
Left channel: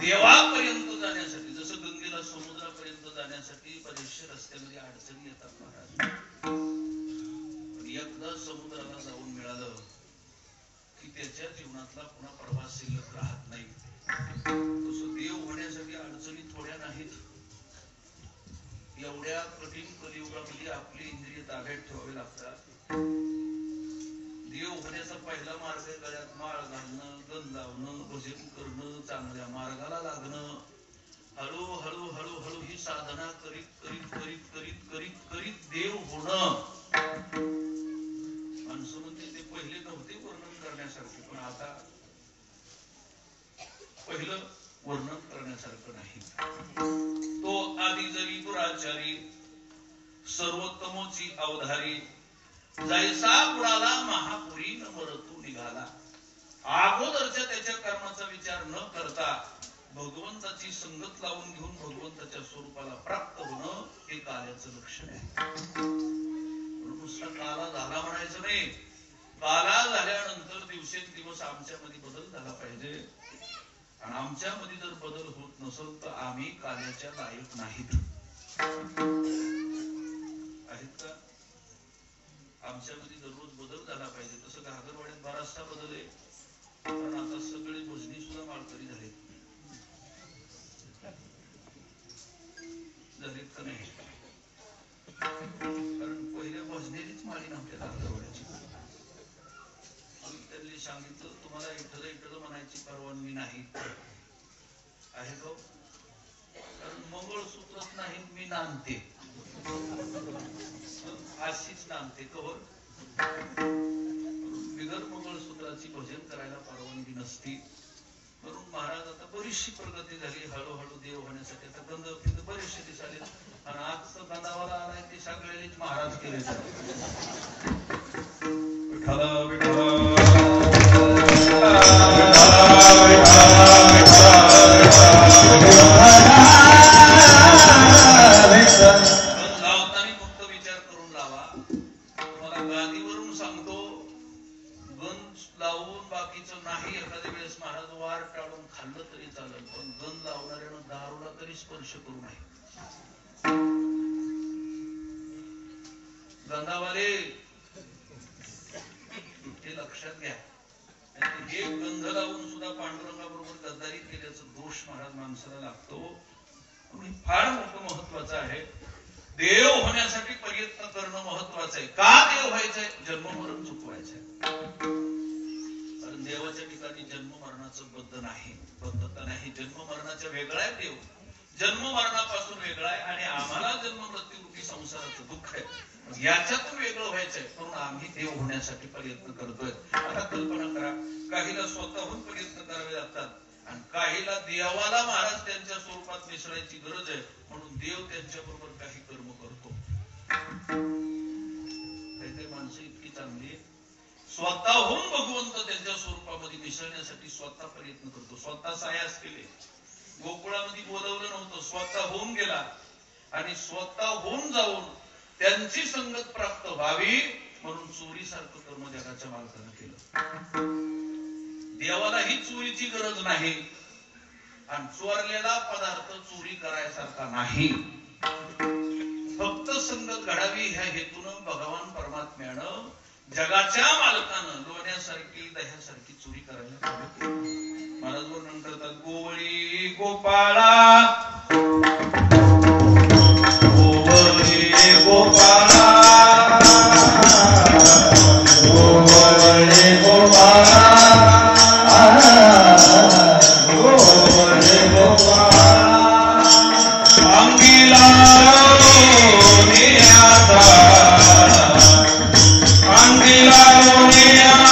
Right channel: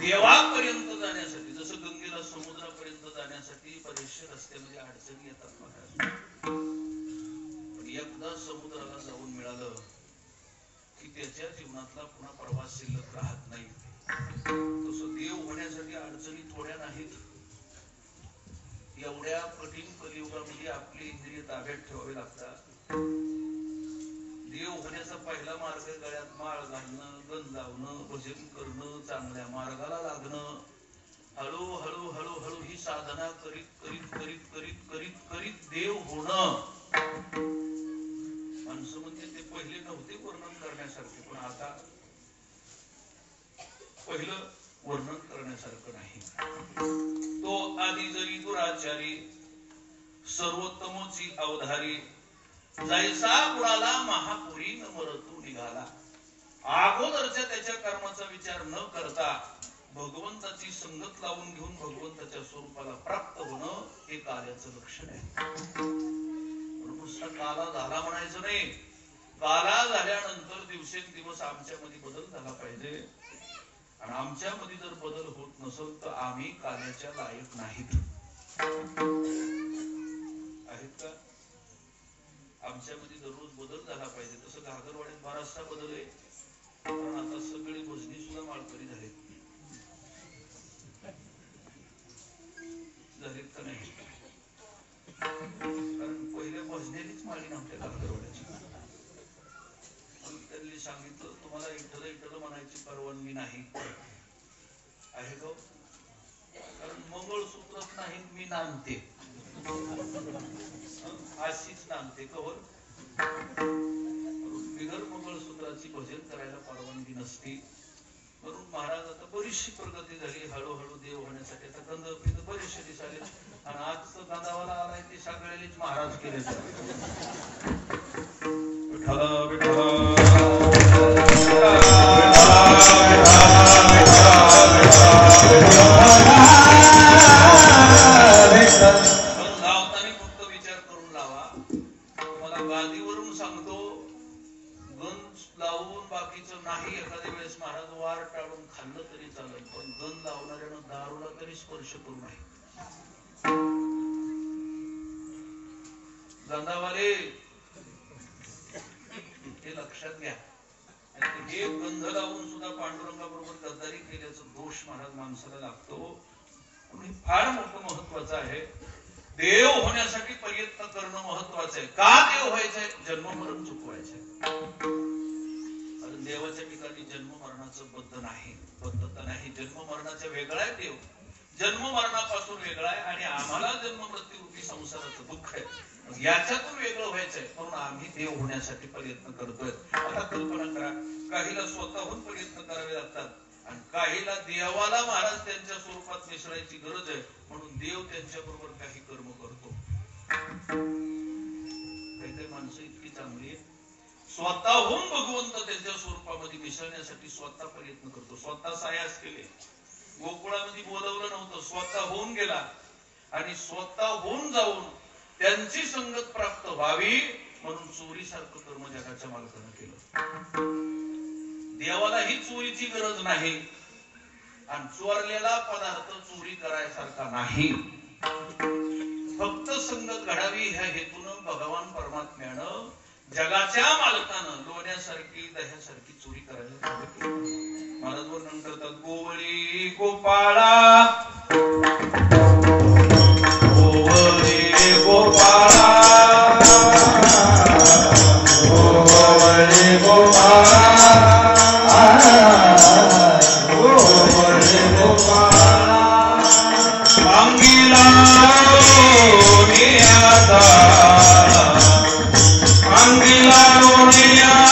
देवापर्यंत जाण्यासाठी, जसं गंगेला समुद्रापर्यंत जाण्यासाठी बरेचशे रस्त्यामध्ये अडचणी येतात महाराज. पण एकदा समुद्राला जाऊन मिळालं की त्याच्या जीवनातला पुन्हा प्रवास शिल्लक राहत नाही. तसं देव होण्यासाठी अडचणी थोड्या नाहीत. एवढ्या कठीण कलियुगामध्ये आपली इंद्रिय ताब्यात ठेवावी लागतात. देव होण्याचा पहिला मार्ग गळ्यात माळ घालणं, गंध लावणं, भजन करणं, चांगल्या मार्गाला लागणं. हळूहळू हळूहळू ही साधना करीत करीत करीत करीत करीत करीत देव होणं. माणसं म्हणजे ते पहिले नव्हते वर्णन करण्यासारखे, पण आता पहिलं वर्णन करण्यासारखं नाही. तो आदि जरी दुराचारी सर्वोत्तमोची अवधारी, जैसा कुणाला महापुरी न मरतू निघाला. अगोदरच्या त्याच्या कर्माचा विचार न करता भगवंताची संगत लावून घेऊन भगवंताच्या स्वरूपाला प्राप्त होणं हे काल्याचं लक्षण आहे. नुसता काला झाला म्हणायचं नाही. काला झाल्यानंतर दिवसेंदिवस आमच्यामध्ये बदल झाला पाहिजे. आणि आमच्यामध्ये जर बदल होत नसेल तर आम्ही काल्याच्या लायक नाहीत. आहेत का? आमच्यामध्ये दररोज बदल झाला पाहिजे. तसं घागरवाड्यात बराचसा बदल आहे. कारण आता सगळे भजनी सुद्धा माळकरी झालेत का नाही? कारण पहिल्या भजनेलीच माळी नव्हत्या घागरवाड्याची. त्यांनी सांगितलं तुम्हाला इठ्ठल इठ्ठल म्हणायची परवानगी नाही आहे का? कारण मंगळसूत्रच नाही मी नांदते, अशीच नांदते कवर. बिगर मंगळसूत्राची भजन करायला परवानगी नसती. म्हणून महाराज आता बरीचशी प्रगती झाली. हळूहळू देव होण्यासाठी आता गंध तिथं बरेचसे दिसाले. आणि आजचं गंधावाला आलाय ते सगळ्यांनीच महाराज केले. विठ्ठला विठ्ठला फक्त विचार करून लावा. तुम्हाला गादीवरून सांगतो, गंध लावून बाकीचं नाही. एखाद्या वेळेस महाराज वार टाळून खाल्लं तरी चालेल, पण गंध लावणाऱ्यानं दारूला तरी स्पर्श करू नये. गंधावाले हे लक्षात घ्या. हे गंध लावून सुद्धा पांडुरंगाबरोबर गद्दारी केल्याचा दोष महाराज माणसाला लागतो. म्हणून फार मोठं महत्वाचं आहे. देव होण्यासाठी प्रयत्न करणं महत्वाचं आहे. का देव व्हायचंय? जन्म मरण चुकवायचंय. कारण देवाच्या ठिकाणी जन्म मरणाचं बद्ध नाही, बद्धता नाही. जन्म मरणाच्या वेगळा आहे देव, जन्म मरणापासून वेगळा आहे. आणि आम्हाला जन्म मृत्यू रूपी संसाराचं दुःख आहे, याच्यातून वेगळं व्हायचंय. म्हणून आम्ही देव होण्यासाठी प्रयत्न करतोय. आता कल्पना करा, काहीला स्वतःहून प्रयत्न करावे लागतात आणि काहीला देवाला महाराज त्यांच्या स्वरूपात मिसळायची गरज आहे. म्हणून देव त्यांच्या बरोबर काही कर्म करतो. काही काही माणसं इतकी चांगली स्वतःहून भगवंत त्यांच्या स्वरूपामध्ये मिसळण्यासाठी स्वतः प्रयत्न करतो. स्वतः सायास केले, गोकुळामध्ये बोलवलं नव्हतं, स्वतःहून गेला आणि स्वतःहून जाऊन त्यांची संगत प्राप्त व्हावी म्हणून चोरीसारखं कर्म जगाच्या मालकानं केलं. देवालाही चोरीची गरज नाही आणि चोरलेला पदार्थ चोरी करायसारखा नाही. फक्त संगत घडावी ह्या हेतून भगवान परमात्म्यानं जगाच्या मालकानं लोण्यासारखी दह्यासारखी चोरी करायला महाराज वर्णन करतात. गोवळी गोपाळा, गोवळी गोपाळा, गोवळी गोपाळा, गोवळी गोपाळा, अंगिला लोण्याचा, अंगिला लोण्याचा,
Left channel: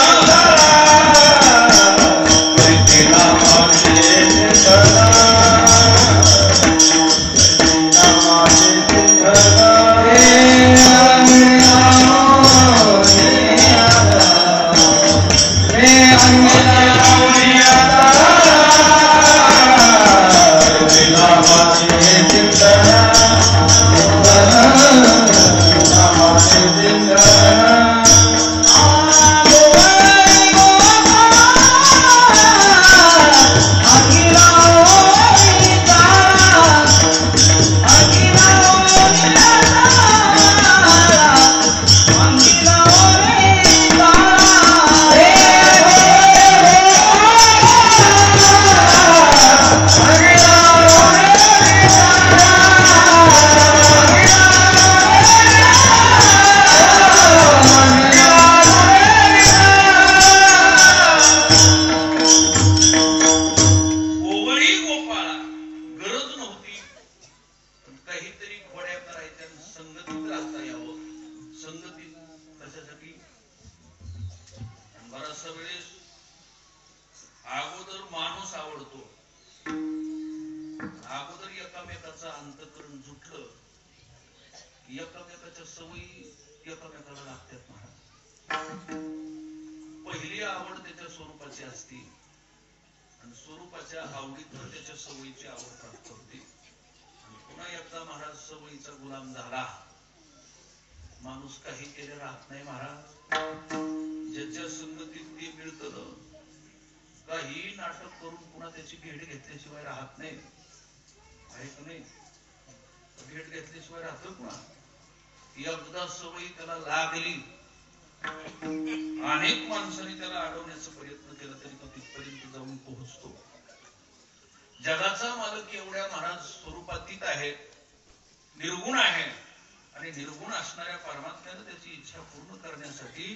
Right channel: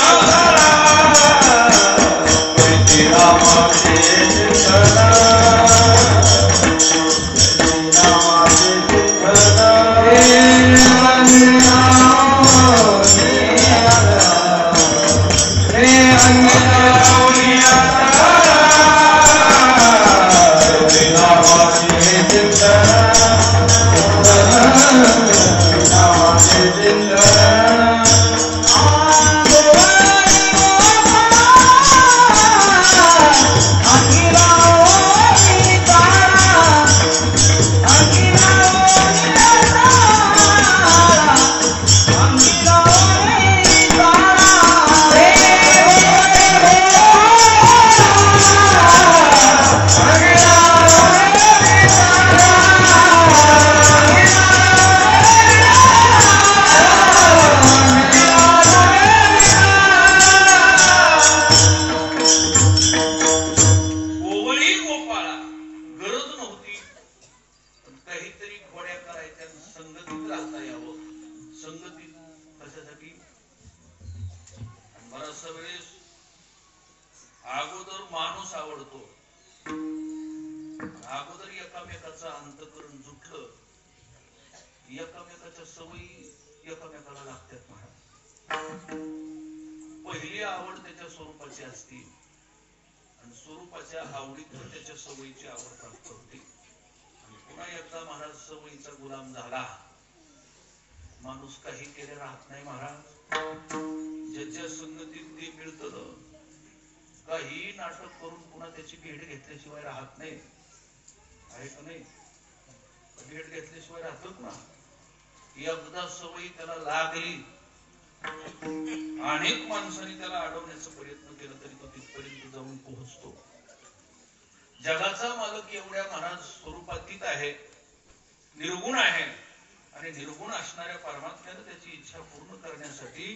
पहिली आवड त्याच्या स्वरूपाची असती आणि स्वरूपाच्या आवडीतून त्याच्या सवयीची आवड प्राप्त होती. पुन्हा एकदा महाराज सवयीचा गुलाम झाला. माणूस काही केले राहत नाही महाराज. ज्याच्या संगतीत ते मिळतं काही नाटक करून पुन्हा त्याची भेट घेतल्याशिवाय राहत नाही. आहे का नाही? भेट घेतल्याशिवाय राहतो पुन्हा. एकदा सवयी त्याला लागली, अनेक माणसांनी त्याला अडवण्याचा प्रयत्न केला तरी तो तिथपर्यंत जाऊन पोहोचतो. जगाचा मालक एवढ्या महाराज स्वरूपातीत आहे, निर्गुण आहे आणि निर्गुण असणाऱ्या परमात्म्यानं त्याची इच्छा पूर्ण करण्यासाठी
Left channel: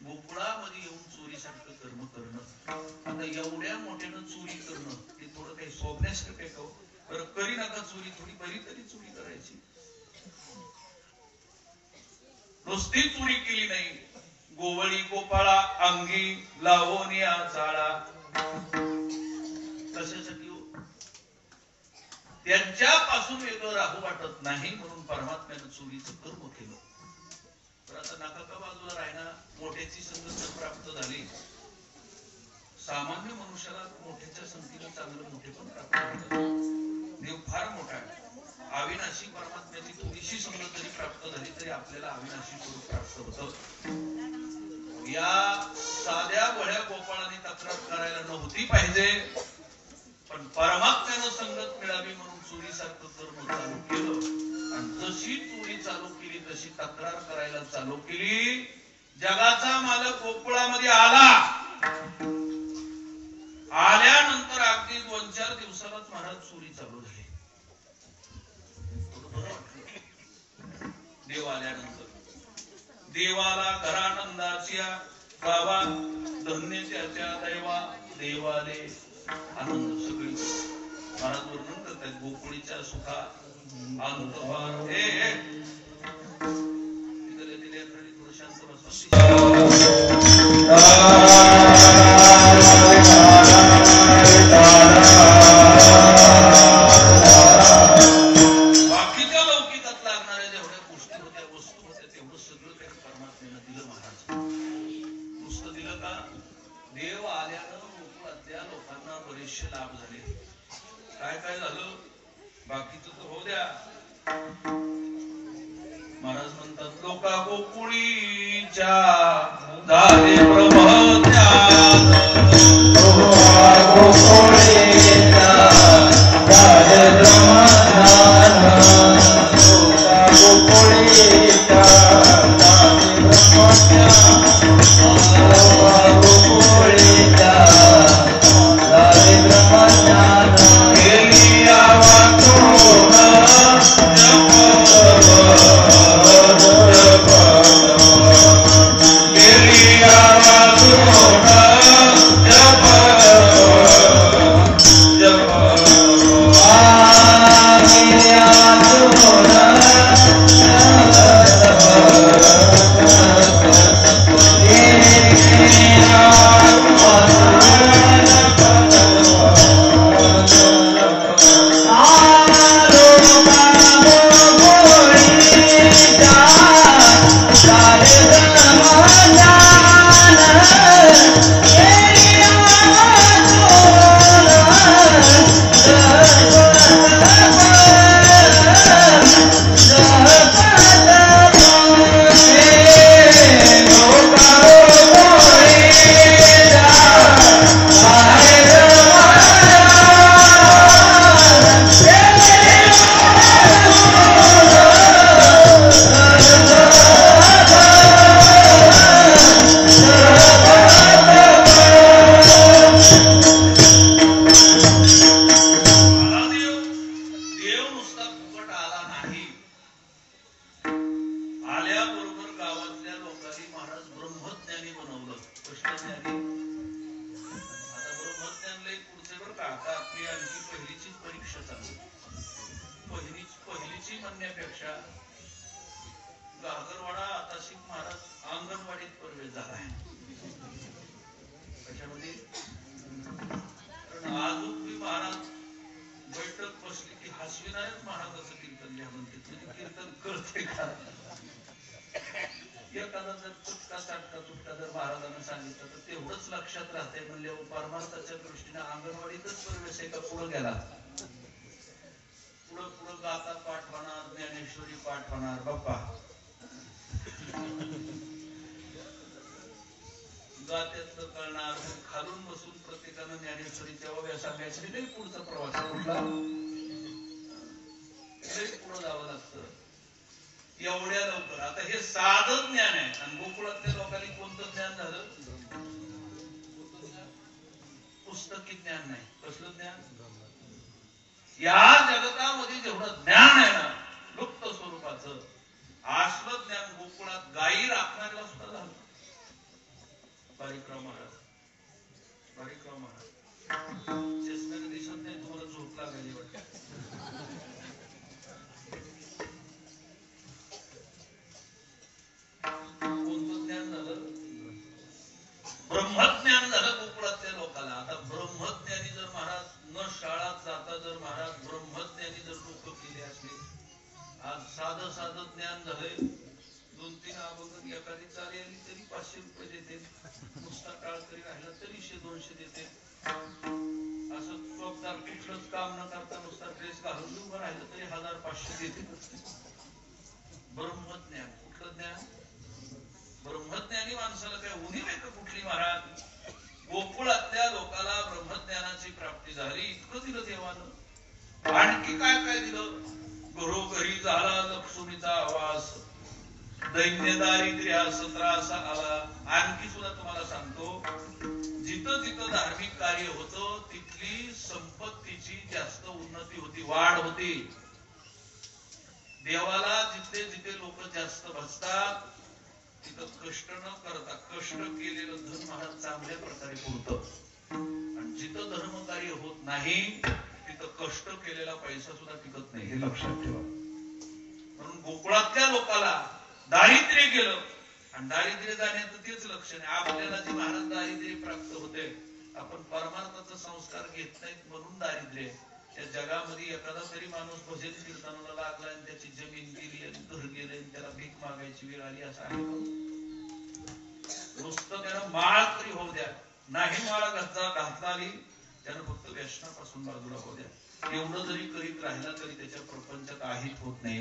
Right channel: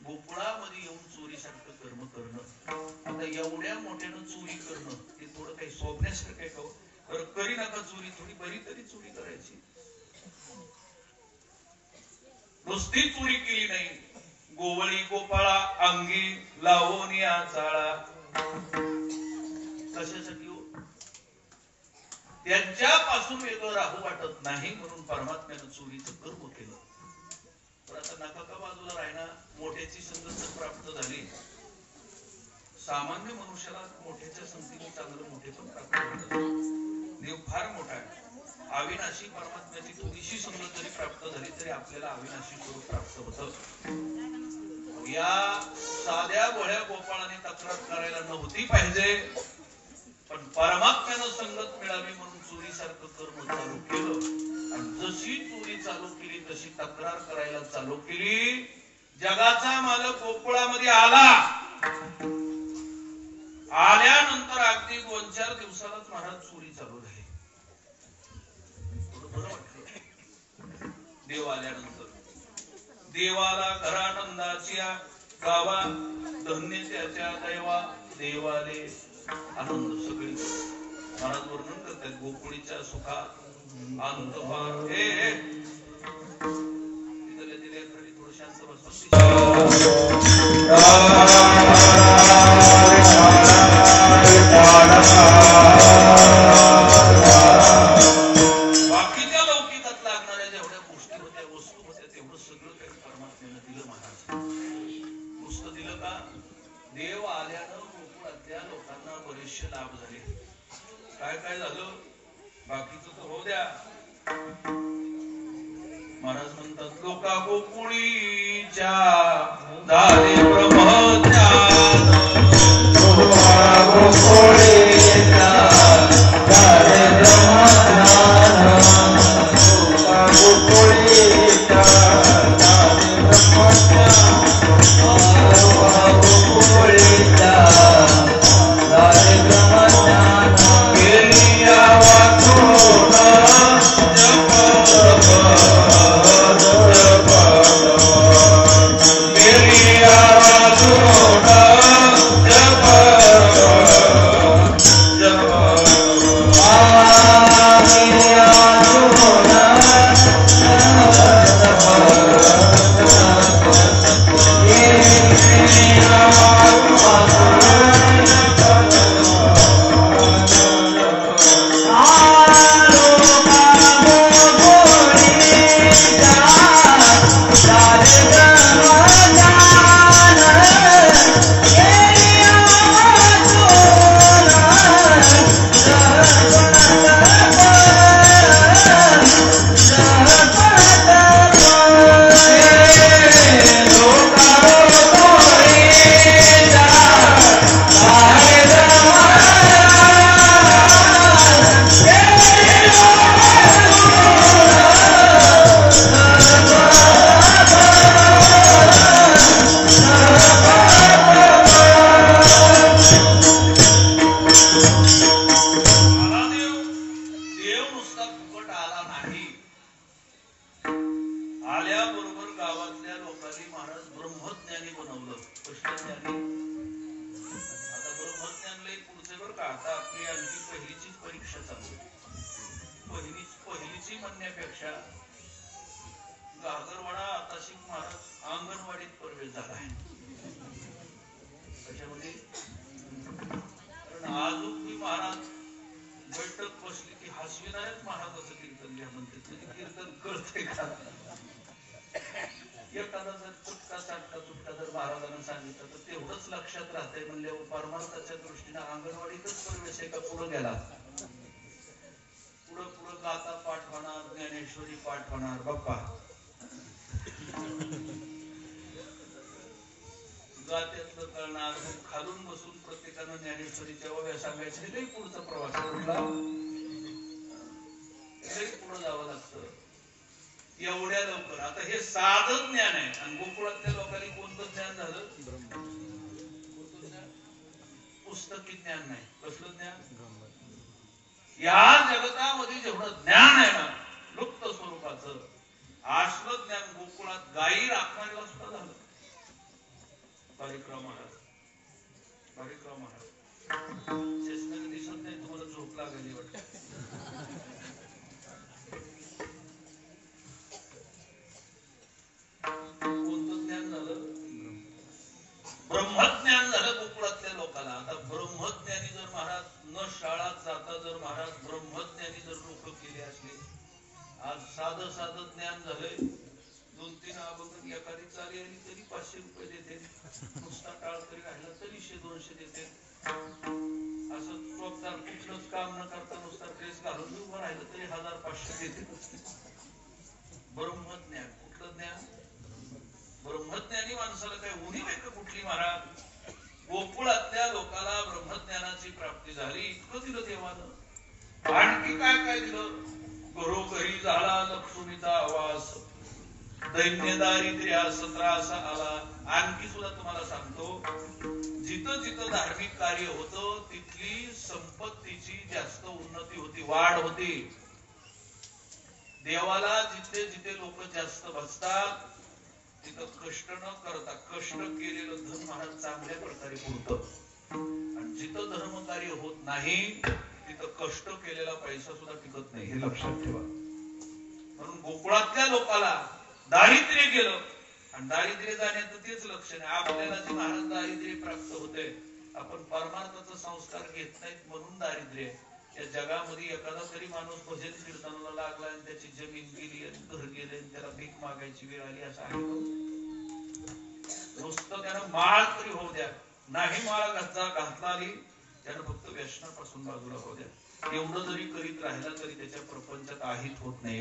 गोकुळामध्ये येऊन चोरीसारखं कर्म करणं. आता एवढ्या मोठ्यानं चोरी करणं हे थोडं काही सोपण्यासारखं आहे का? बरं करी नका चोरी, थोडी बरी तरी चोरी करायची. नुसती चोरी केली नाही, गोवळी गोपाळा अंगी लावून या चाळा. कशासाठी हो? त्यांच्यापासून वेगळं राहू वाटत नाही म्हणून परमात्म्यानं चोरीचं कर्म केलं. तर आता नका का बाजूला राहिना. मोठ्याची संगत प्राप्त झाली. सामान्य मनुष्याला मोठ्याच्या संगतीने चांगलं मोठे पण प्राप्त होतं. देव फार मोठा आहे. अविनाशी परमात्म्याची थोडीशी संगत जरी प्राप्त झाली तरी आपल्याला अविनाशी स्वरूप प्राप्त होतं. या साध्या भोळ्या गोपाळाने तक्रार करायला नव्हती पाहिजे, पण परमात्म्यानं संगत मिळावी म्हणून चोरीसारखं कर्म चालू केलं आणि जशी चोरी चालू केली तशी तक्रार करायला चालू केली. जगाचा मालक गोकुळामध्ये आला. आल्यानंतर अगदी 2-4 दिवसालाच महाराज चोरी चालू झाली. बरं वाटलं. देव आल्यानंतर देवाला घरानंदाच्या गावा धन्य त्याच्या दैवा देवाले आनंद सगळी. महाराज वर्णन करतात गोकुळीच्या सुखा अंत थोडं शांत बसवत. बाकीच्या लौकिकात लागणाऱ्या जेवढ्या गोष्टी होत्या, वस्तू होत्या, तेवढं सगळं काही परमात्म्यानं दिलं महाराज. नुसतं देव आल्यानं गोकुळातल्या लोकांना बरेचसे लाभ झाले. काय काय झालं बाकीचं तर होऊ द्या. महाराज म्हणतात लोका गोकुळीच्या झाले ब्रह्मज्ञान, गोकुळीच्या झाले ब्रह्मज्ञान, गोकुळीच्या झाले ब्रह्मज्ञान, गोकुळीच्या झाले ब्रह्मज्ञान. गेली वाचून एवढ्या लवकर. आता हे साधं ज्ञान आहे आणि गोकुळातल्या लोकांनी कोणतं ज्ञान झालं? कोणतं ज्ञान? पुस्तकी ज्ञान नाही. कसलं ज्ञान? या जगतामध्ये जेवढं ज्ञान आहे ना लुप्त स्वरूपाचं, असलं ज्ञान गोकुळात गायी राखणाऱ्याला सुद्धा झालं. परिक्रमा महाराज चेष्टाने दिसत नाही तुम्हाला, झोप लागली वाटत. कोणतं ज्ञान झालं? ब्रह्मज्ञान झालं गोकुळातल्या लोकांना. आता ब्रह्मज्ञानी जर महाराज न शाळात जाता जर महाराज ब्रह्मज्ञानी जर लोक केले असले, आज साधं ज्ञान झालंय. 2-3 अभंग एखादी चाली आली तरी 500 रुपये देते, नुसता काळ तरी राहिला तरी 100-200 देते. असं चोखदार कुठलंच काम न करता नुसता ड्रेस घालून उभं राहिलं तरी 1000-500 देते. ब्रह्मज्ञान. कुठलं ज्ञान? ब्रह्मज्ञानी माणसाला काय उणी आहे का कुठली महाराज? गोकुळातल्या लोकांना ब्रह्मज्ञानाची प्राप्ती झाली. इतकं दिलं देवानं. आणखी काय काय दिलं? घरोघरी झाला लक्ष्मीचा आवाज, दैन्य दारिद्र्यास त्रास आला. आणखी सुद्धा तुम्हाला सांगतो, जिथं जिथं धार्मिक कार्य होतं तिथली संपत्तीची जास्त उन्नती होती, वाढ होती. देवाला जिथे जिथे लोक जास्त भजतात तिथं कष्ट न करता कष्ट केलेलं धन महाराज चांगल्या प्रकारे पुरतं. आणि जिथं धर्म कार्य होत नाही तिथं कष्ट केलेला पैसा सुद्धा टिकत नाही, हे लक्षात ठेवा. म्हणून गोकुळातल्या लोकांना दारिद्र्य गेलं आणि दारिद्र्य जाण्याचं तेच लक्षण आहे. आपल्याला जे महाराज दारिद्र्य प्राप्त होते, आपण परमार्थाचा संस्कार घेत नाहीत म्हणून दारिद्र्य. या जगामध्ये एखादा तरी माणूस भजन कीर्तनाला लागला आणि त्याची जमीन गेली आणि घर गेले आणि त्याला भीक मागायची वेळ आली असं आहे? नुसतं त्यानं माळ तरी होऊ द्या, नाही माळ घातला आली त्यानं फक्त व्यसनापासून बाजूला होऊ द्या. एवढं जरी करीत राहिला तरी त्याच्या प्रपंचात आहित होत नाही.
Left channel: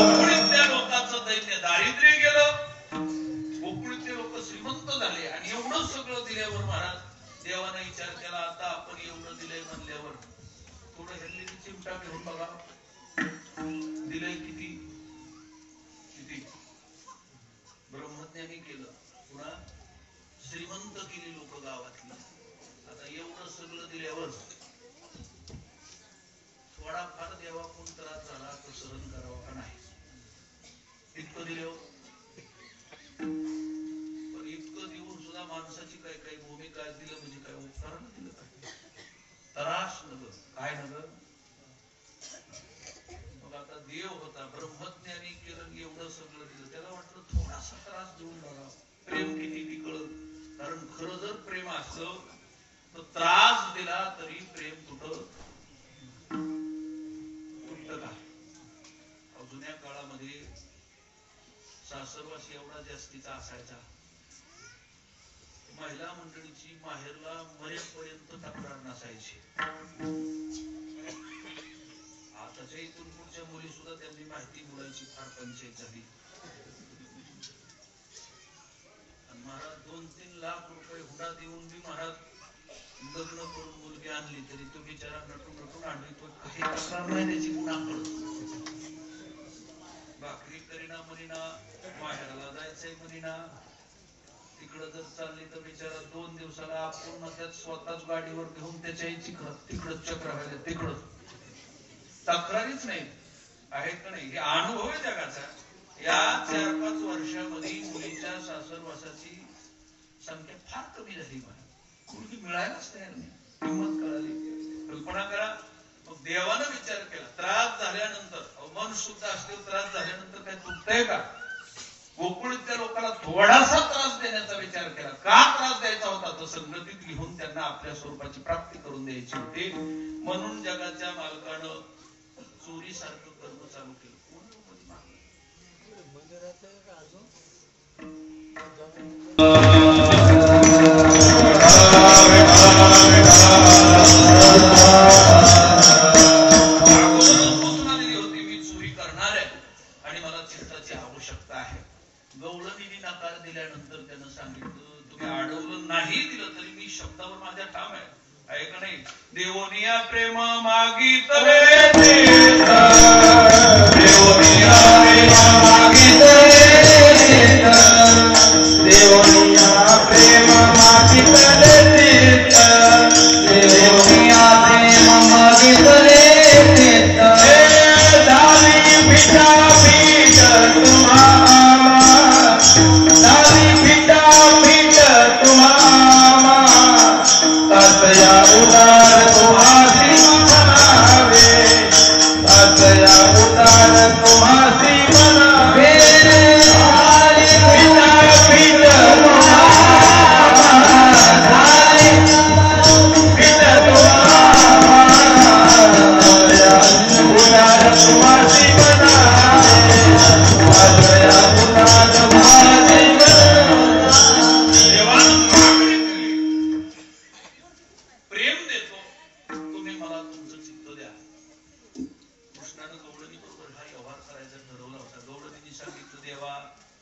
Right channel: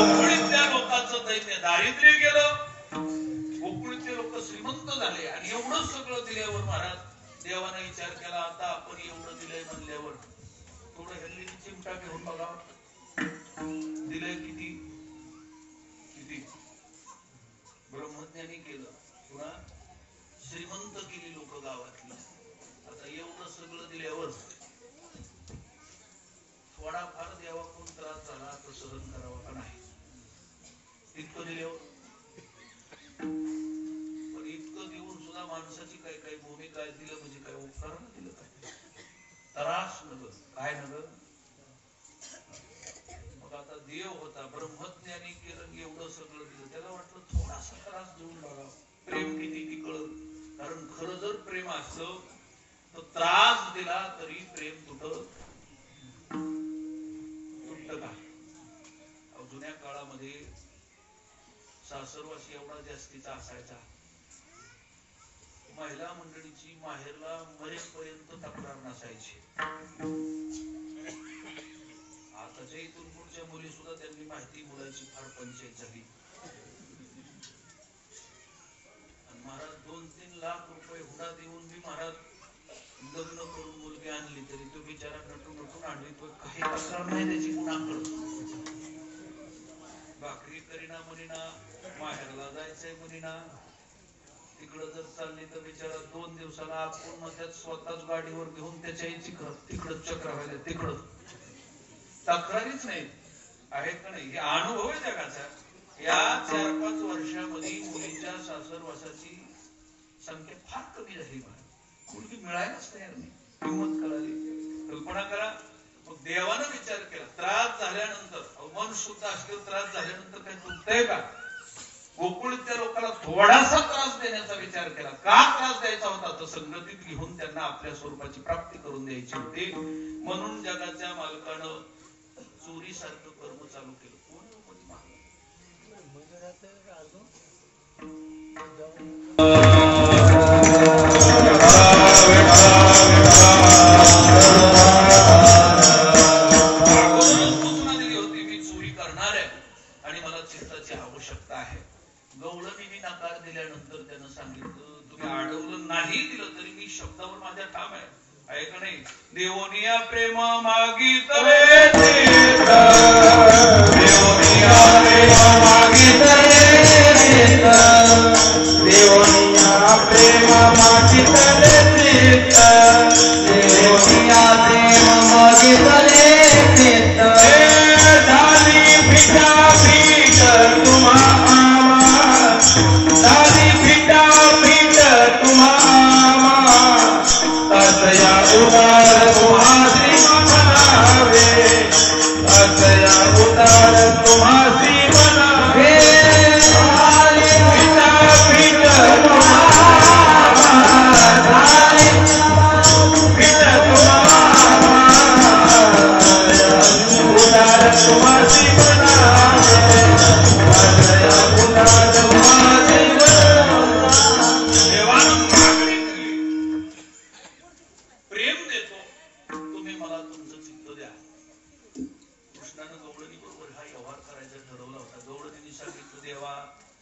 कोकणीतल्या लोकांचं दैन्य दारिद्र्य गेलं, कोकणीतले लोक श्रीमंत झाले आणि एवढं सगळं दिल्यावर महाराज देवाने विचार केला आता आपण एवढं दिलंय म्हणल्यावर थोडं ह्यांनी चिमटा घेऊन बघा दिलंय किती किती. ब्रह्मज्ञानी केलं, पुन्हा श्रीमंत केली लोक गावातली. आता एवढं सगळं दिल्यावर थोडाफार देवाकडून त्रास झाला तर सहन करावा का नाही? इतकं दिल्यावर पण इतकं देऊन सुद्धा माणसाची काय काय भूमिका दिलं म्हणजे काय उपकारानं दिलं काय? त्रास नग काय नग. मग आता देव होता ब्रह्मज्ञानी केलं एवढं सगळं दिलं, त्याला वाटलं थोडासा त्रास देऊन बघा प्रेम किती ती कळत. कारण खरं जर प्रेम असलं तर त्रास दिला तरी प्रेम तुटत का? जुन्या काळामध्ये सासरवास एवढा जास्तीचा असायचा, महिला मंडळीची माहेरला मरेपर्यंत तक्रार नसायची. आताच्या इथून पुढच्या मुली सुद्धा त्यांनी माहिती बोलायची फार पंचायत झाली. आणि महाराज 2-3 लाख रुपये हुंडा देऊन बी महाराज लग्न करून मुलगी आणली तरी तो बिचारा नटून आणली तो काही तक्रार नाही त्याची कुणाकडं. भाकरी करीना मुलीना, माहेराला जायचंय मुलीना, तिकडं जर चालली तर बिचारा 2 दिवसाला आपण मध्यात स्वतःच गाडीवर घेऊन त्याच्या तिकडं चक्र व्हायला तिकडं तक्रारीच नाही आहेत का नाही. हे अनुभव आहे जगाचा. या 4-5 वर्षामध्ये मुलीच्या सासरवासाची संख्या फार कमी झाली. मुलगी मिळायलाच तयार नाही. किंमत कळाली. कल्पना करा. मग देवानं विचार केला त्रास झाल्यानंतर मन शुद्ध असल्यावर त्रास झाल्यानंतर काय चुकतंय का? गोकुळीतल्या लोकांना थोडासा त्रास देण्याचा विचार केला. का त्रास द्यायचा होता? तर संगतीत घेऊन त्यांना आपल्या स्वरूपाची प्राप्ती करून द्यायची होती. म्हणून जगाच्या मालकानं चोरीसारखं कर्म चालू केलं. मी चोरी करणार आहे आणि मला चित्ताची आवश्यकता आहे. गवळणीने नकार दिल्यानंतर त्यानं सांगितलं तुम्ही अडवलं नाही दिलं तरी मी शब्दावर माझ्या ठाम आहे. आहे का नाही? देवोनिया प्रेम मागितले, देवोनिया प्रेम मागितले, देवोनिया प्रेम मागितले, देवोनिया प्रेम मागितले, झाली पिता पीठ तुम्हा झाली पिता पीठ तुम्हा तसया उदार तुम्हासी म्हणावे, तसया उदार तुम्हासी म्हणावे. झाली पिता पीठ तुम्हा झाली पीठ तुम्हा उदार तुम्हासी म्हणावे, तसया उदार तुम्हासी प्रेम देतो तुम्ही मला तुमचं चित्त द्या. कृष्णानं गवळणी बरोबर हा व्यवहार करायचा ठरवला होता. गवळणीने सांगितलं देवा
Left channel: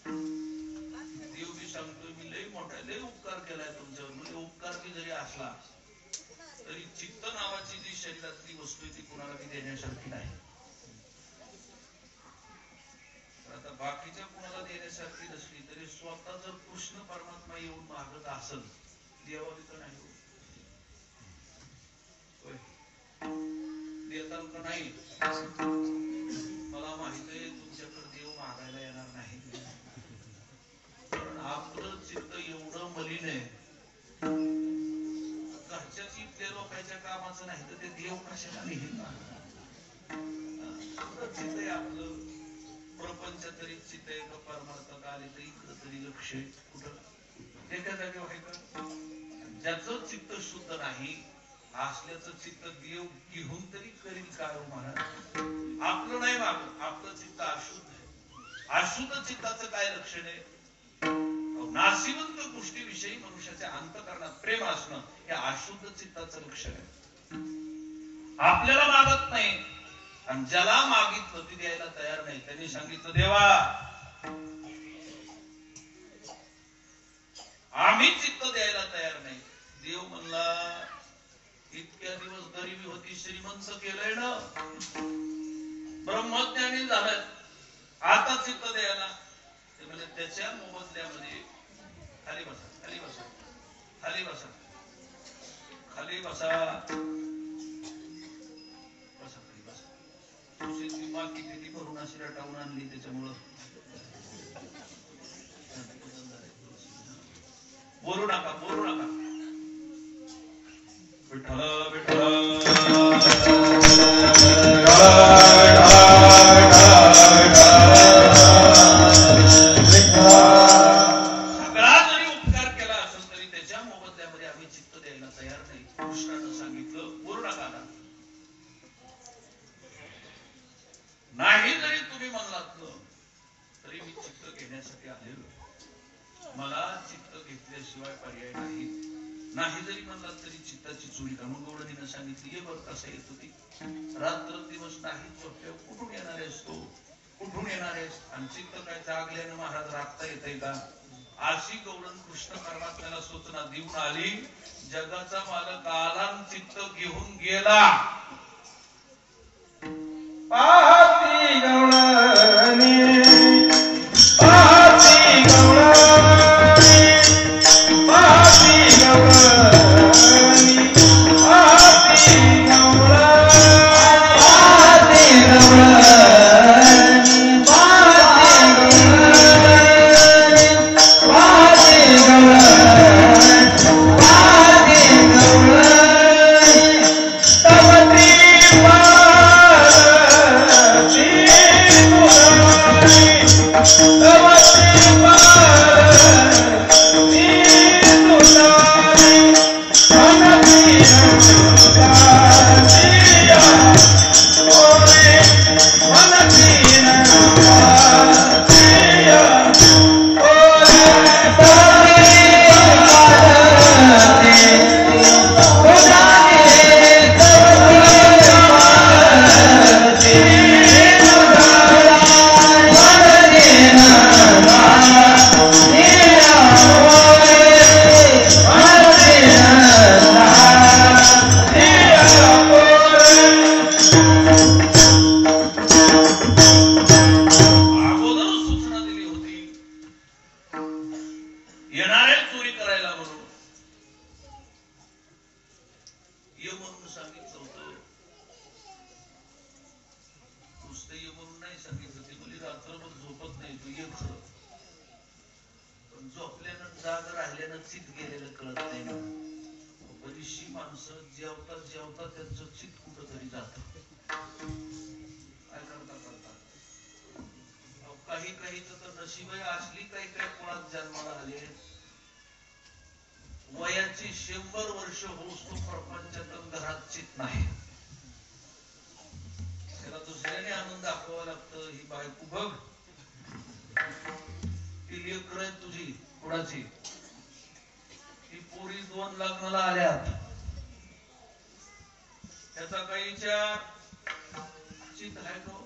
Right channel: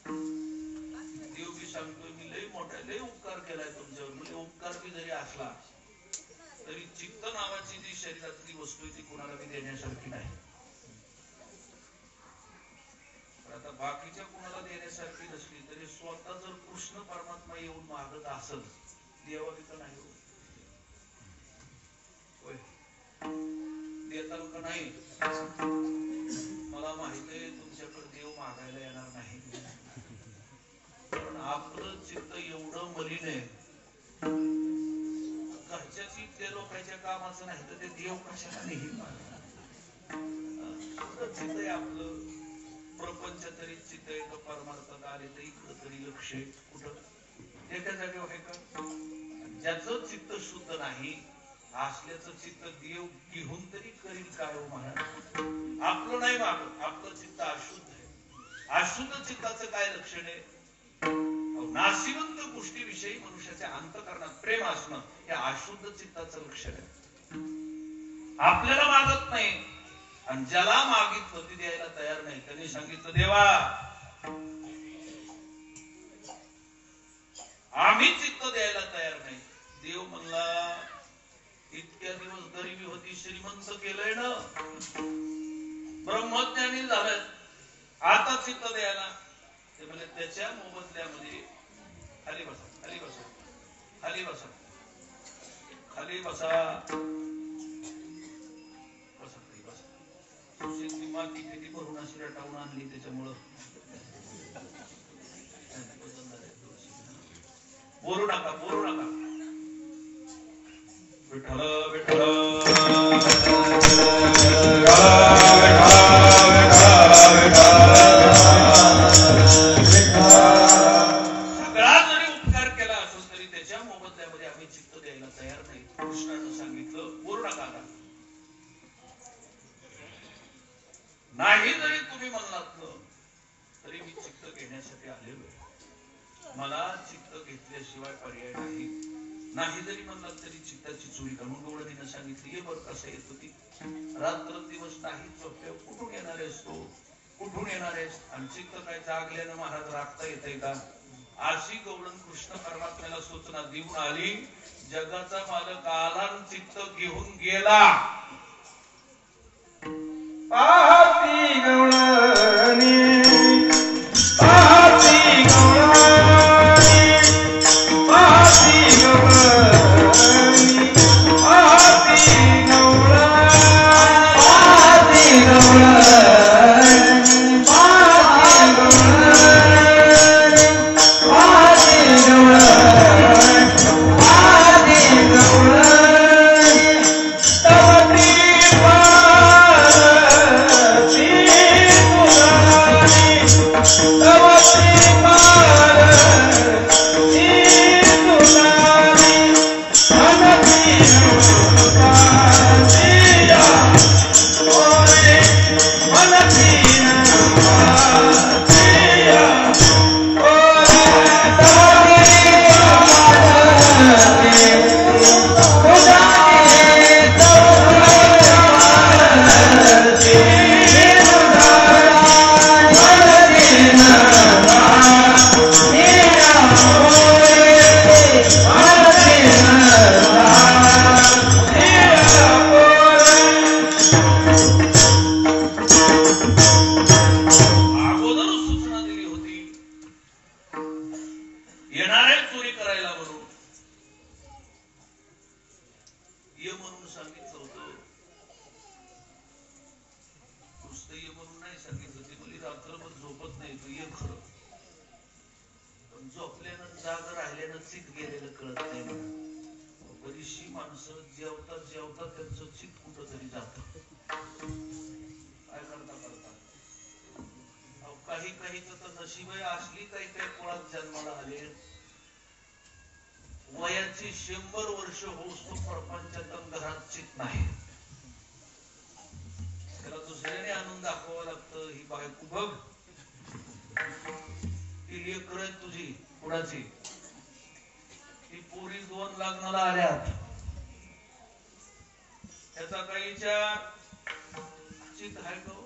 देव बी सांगतोय मी लय मोठा लय उपकार केलाय तुमच्यावर. म्हणजे उपकार बी जरी असला तरी चित्त नावाची जी शरीरातली वस्तू आहे ती कुणाला बी देण्यासारखी नाही. आता बाकीच्या कुणाला देण्यासारखी नसली तरी स्वतः जर कृष्ण परमात्मा येऊन मागत असेल देवा तिथं नाही देताल का नाही? मला माहित आहे तुमच्याकडे देव मागायला येणार नाही. पण आपलं चित्त एवढं मलिन आहे घरच्याच इथल्या लोकांच्या कामाचं नाही तर ते देव कशाला नाही. चित्त आहे आपलं प्रपंच तरी चित्त आहे का परमार्थात आले तर इकडं तरी लक्ष कुठं एका जागेवर आहे का? ज्याचं चित्त शुद्ध नाही असल्याचं चित्त देव घेऊन तरी करील काय हो महाराज? आपलं नाही मागत, आपलं चित्त अशुद्ध आहे. चित्ताचं काय लक्षण आहे? नाशिवंत गोष्टीविषयी मनुष्याच्या अंतःकरणात प्रेम असणं हे अशुद्ध चित्ताचं लक्षण आहे. आपल्याला मागत नाही आणि ज्याला मागितलं ते द्यायला तयार नाही. त्यांनी सांगितलं देवा आम्ही चित्त द्यायला तयार नाही. देव म्हणला इतक्या दिवस गरिबी होती, श्रीमंत केलंय ना, ब्रह्मज्ञानी झालंय, आता चित्त द्यायला. ते म्हणजे त्याच्या मोबदल्यामध्ये खाली बसा, खाली बसा, खाली बसा, खाली बसा, बसा, खाली बसा. तुझी माती किती भरून अशी रटावून आणली त्याच्यामुळं बोलू नका, बोलू नका. विठ्ठल विठ्ठल सगळा जरी उपकार केला असो तरी त्याच्या मोबदल्यामध्ये आम्ही चित्त द्यायला तयार नाही. कृष्णानं सांगितलं बोलू नका. नाही जरी तुम्ही म्हणलात तरी मी चित्त घेण्यासाठी आलेलो. मला चित्त घेतल्याशिवाय पर्याय नाही. नाही जरी म्हणलात तरी चित्ताची चोरी का? मग गवळणीनं सांगितली ये बरं कसं येत होती. रात्र दिवस नाही झोपल्या, कुठून येणार आहेस तू, कुठून येणार आहेस? आणि चित्त काय जागल्यानं महाराज राखता येते का? अशी गवळण कृष्ण परमात्म्याला सूचना देऊन आली. जगाचा मालक आला चित्त घेऊन गेला. पाहती गवळणी, पाहती गवळणी, पाहती गवळणी, पाहती गवळणी, पाहती गवळणी, पाहती गवळणी, पाहती गवळणी, पाहती गवळणी, तवती वयाची 100 वर्ष होऊस तो प्रपंचातून घरात चित नाही. त्याला दुसऱ्याने आणून दाखवावं लागतं. ही बायको बघ, ती लेकर आहे तुझी, कुणाची? ही पोरी 2 लग्नाला आल्यात, त्याचा काही विचार चित आहे का?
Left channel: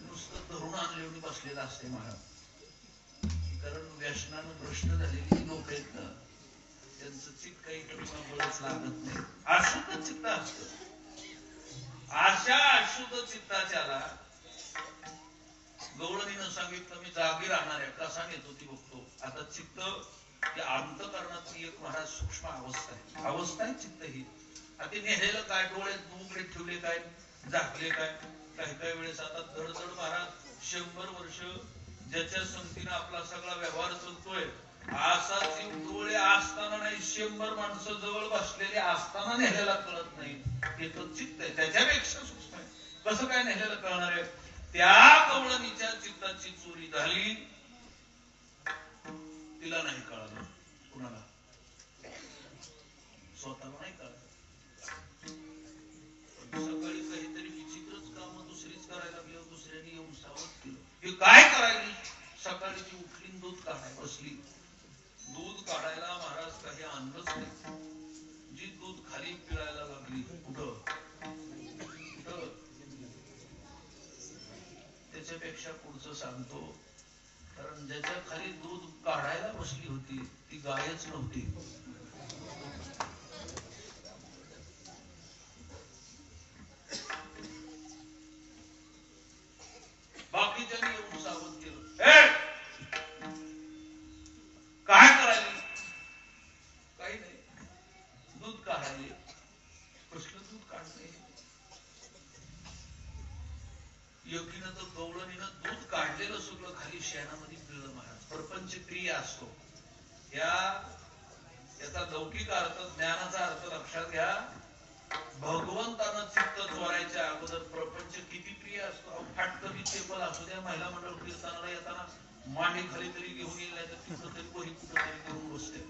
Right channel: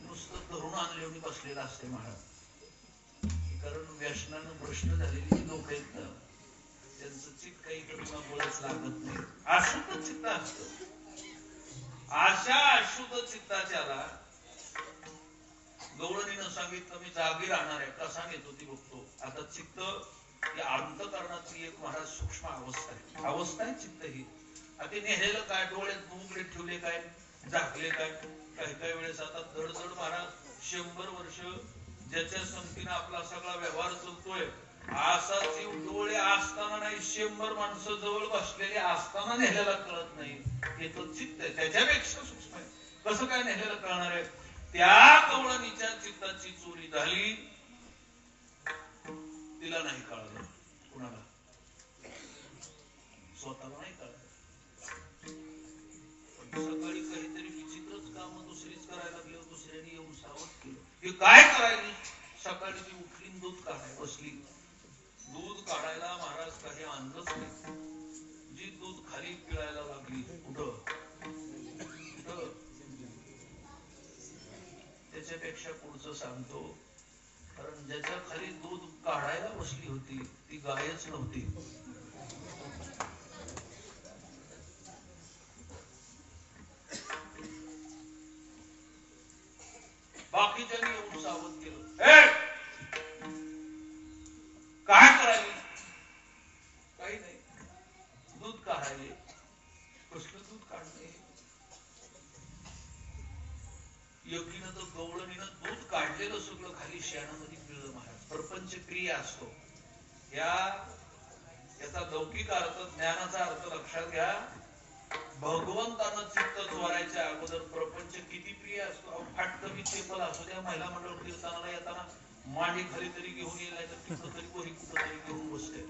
नुसतं धरून आणले बसलेला असते महाराज. कारण व्यसनानं भ्रष्ट झालेली लोक आहेत ना, त्यांचं चित्त काही कमी बळच लागत नाही. अशुद्ध चित्त असत. अशा अशुद्ध चित्ताच्याला गवळणीनं सांगितलं मी जागी राहणार आहे. कसा नेत होती बघतो. आता चित्त या अंतःकरणाची एक महाराज सूक्ष्म अवस्था आहे. अवस्था आहे चित्त ही. आता नेलेलं काय, डोळ्यात बुबुकडे ठेवले काय, झाकले काय. काही काही वेळेस आता धडधड महाराज 100 वर्ष ज्याच्या संगतीनं आपला सगळा व्यवहार चालतोय, असा जीव डोळे असताना नाही, 100 माणसं जवळ बसलेले असताना नेलेला कळत नाही. हे तर चित्त आहे, त्याच्यापेक्षा सूक्ष्म आहे. कसं काय नेलेलं कळणार आहे? त्या गवळणीच्या चित्ताची चोरी झाली, तिला नाही कळलं. कुणाला? स्वतःला नाही कळलं. सकाळी काहीतरी विचित्रच काम दुसरीच करायला लागलं, दुसऱ्याने येऊन सावध केलं. हे काय करायला पेक्षा पुढचं सांगतो, कारण ज्याच्या खाली दूध काढायला बसली होती ती गायच नव्हती. बाकीच्यानी येऊन सावध केलं, काय करायला? काही नाही, दूध काढायले. कसलं दूध काढले? योगीनं तर गवळणीनं दूध काढलेलं सगळं खाली शेणामध्ये पिळलं महाराज. प्रपंच क्रिया असतो याचा लौकिक अर्थ, ज्ञानाचा अर्थ लक्षात घ्या. भगवंतानं चित्त चोरायच्या अगोदर प्रपंच किती प्रिय असतो. फाटकरी टेबल असू द्या, महिला मंडळ कीर्तनाला येताना मांडी खाली तरी घेऊन येईल, नाही तर तिथं तरी कोणी कुठं तरी घेऊन बसते.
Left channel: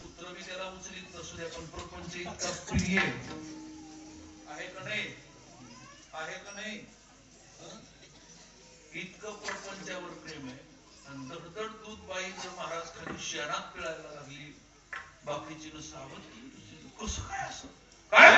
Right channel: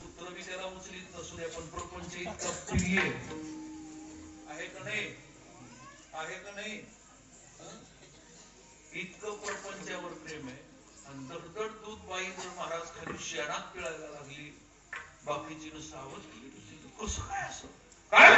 पुत्र मी त्याला उचलीत नसू द्या, पण प्रपंच इतका प्रिय आहे का नाही? आहे का नाही? इतकं प्रपंचावर प्रेम आहे. आणि दडदड दूध बाई जर महाराज खाली शेणात पिळायला लागली, बाकीची सावध केली. कसं काय असं काय?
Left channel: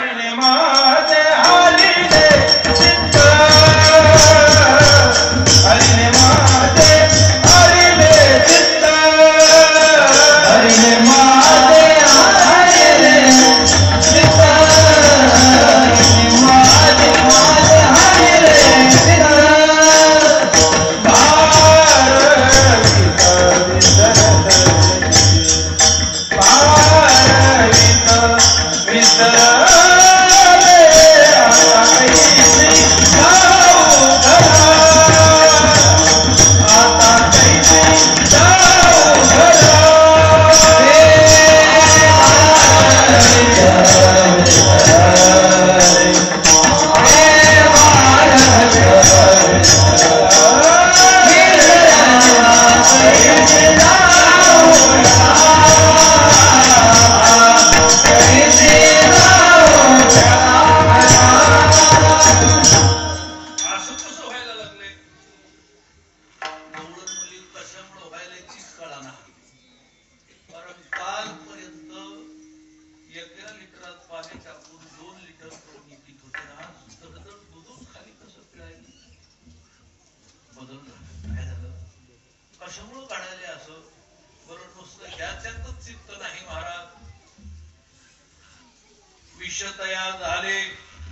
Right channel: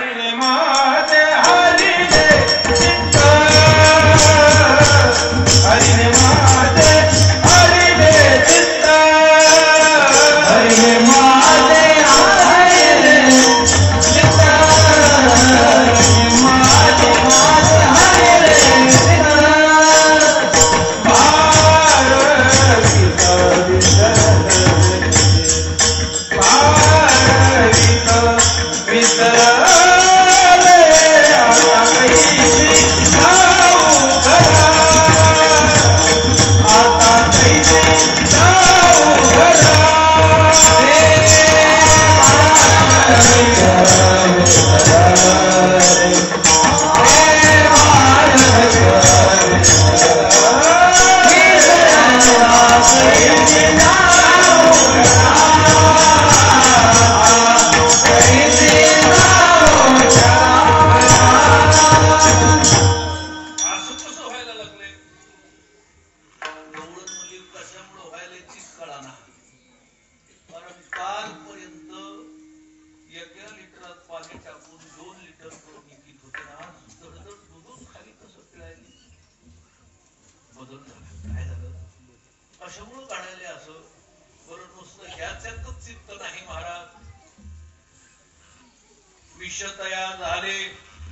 विषतया झाले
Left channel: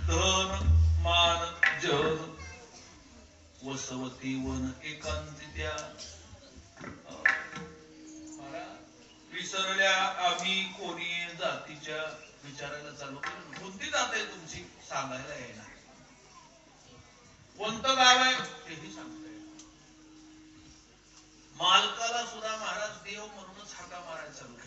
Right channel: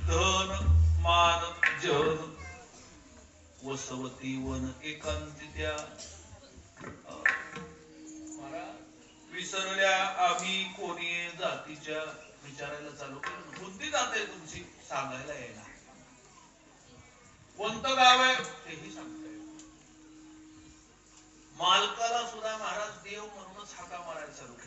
धन मान जन, वसवती वन एकांतित्या. विसरल्या आम्ही कोणी जातीच्या. विचारायला चालू केलं, कोणती जात आहे तुमची? सांगायला येणार. कोणतं गाव आहे तेही सांगता येईल. मालकाला सुद्धा महाराज देव म्हणूनच हाका मारायला चालू केला.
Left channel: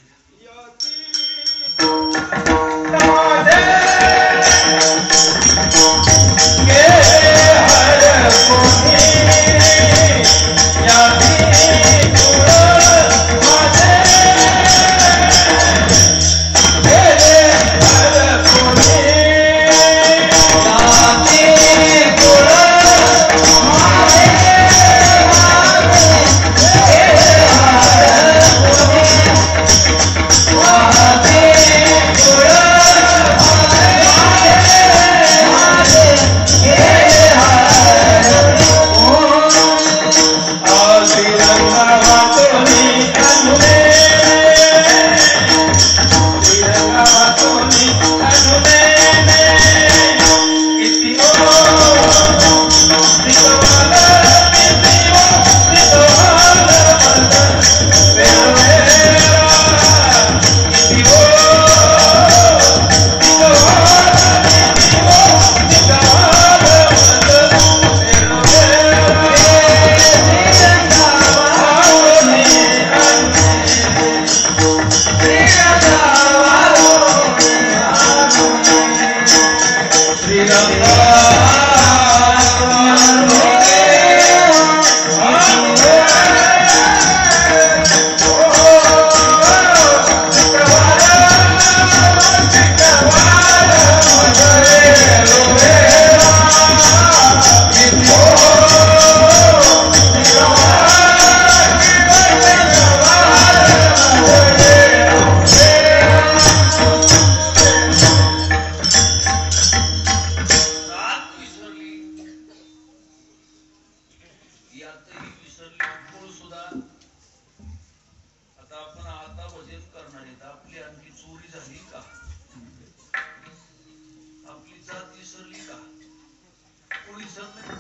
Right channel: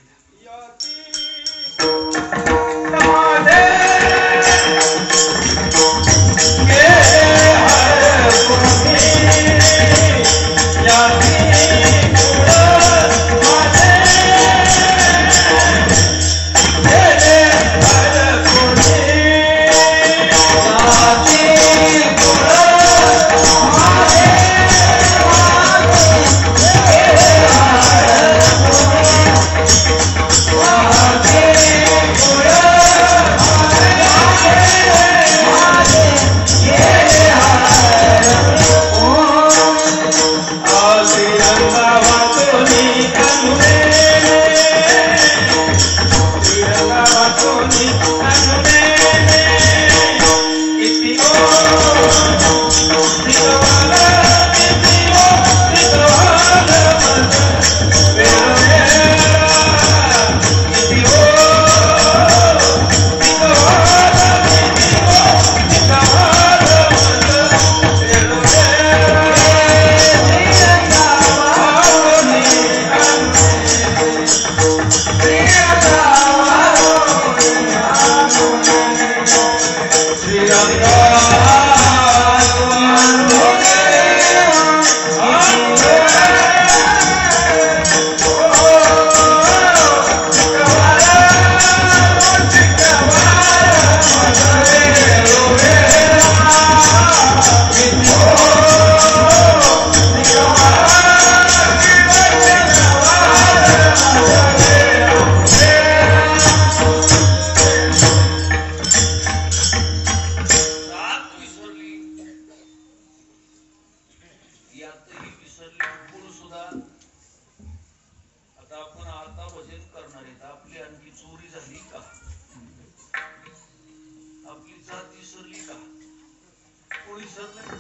विसरले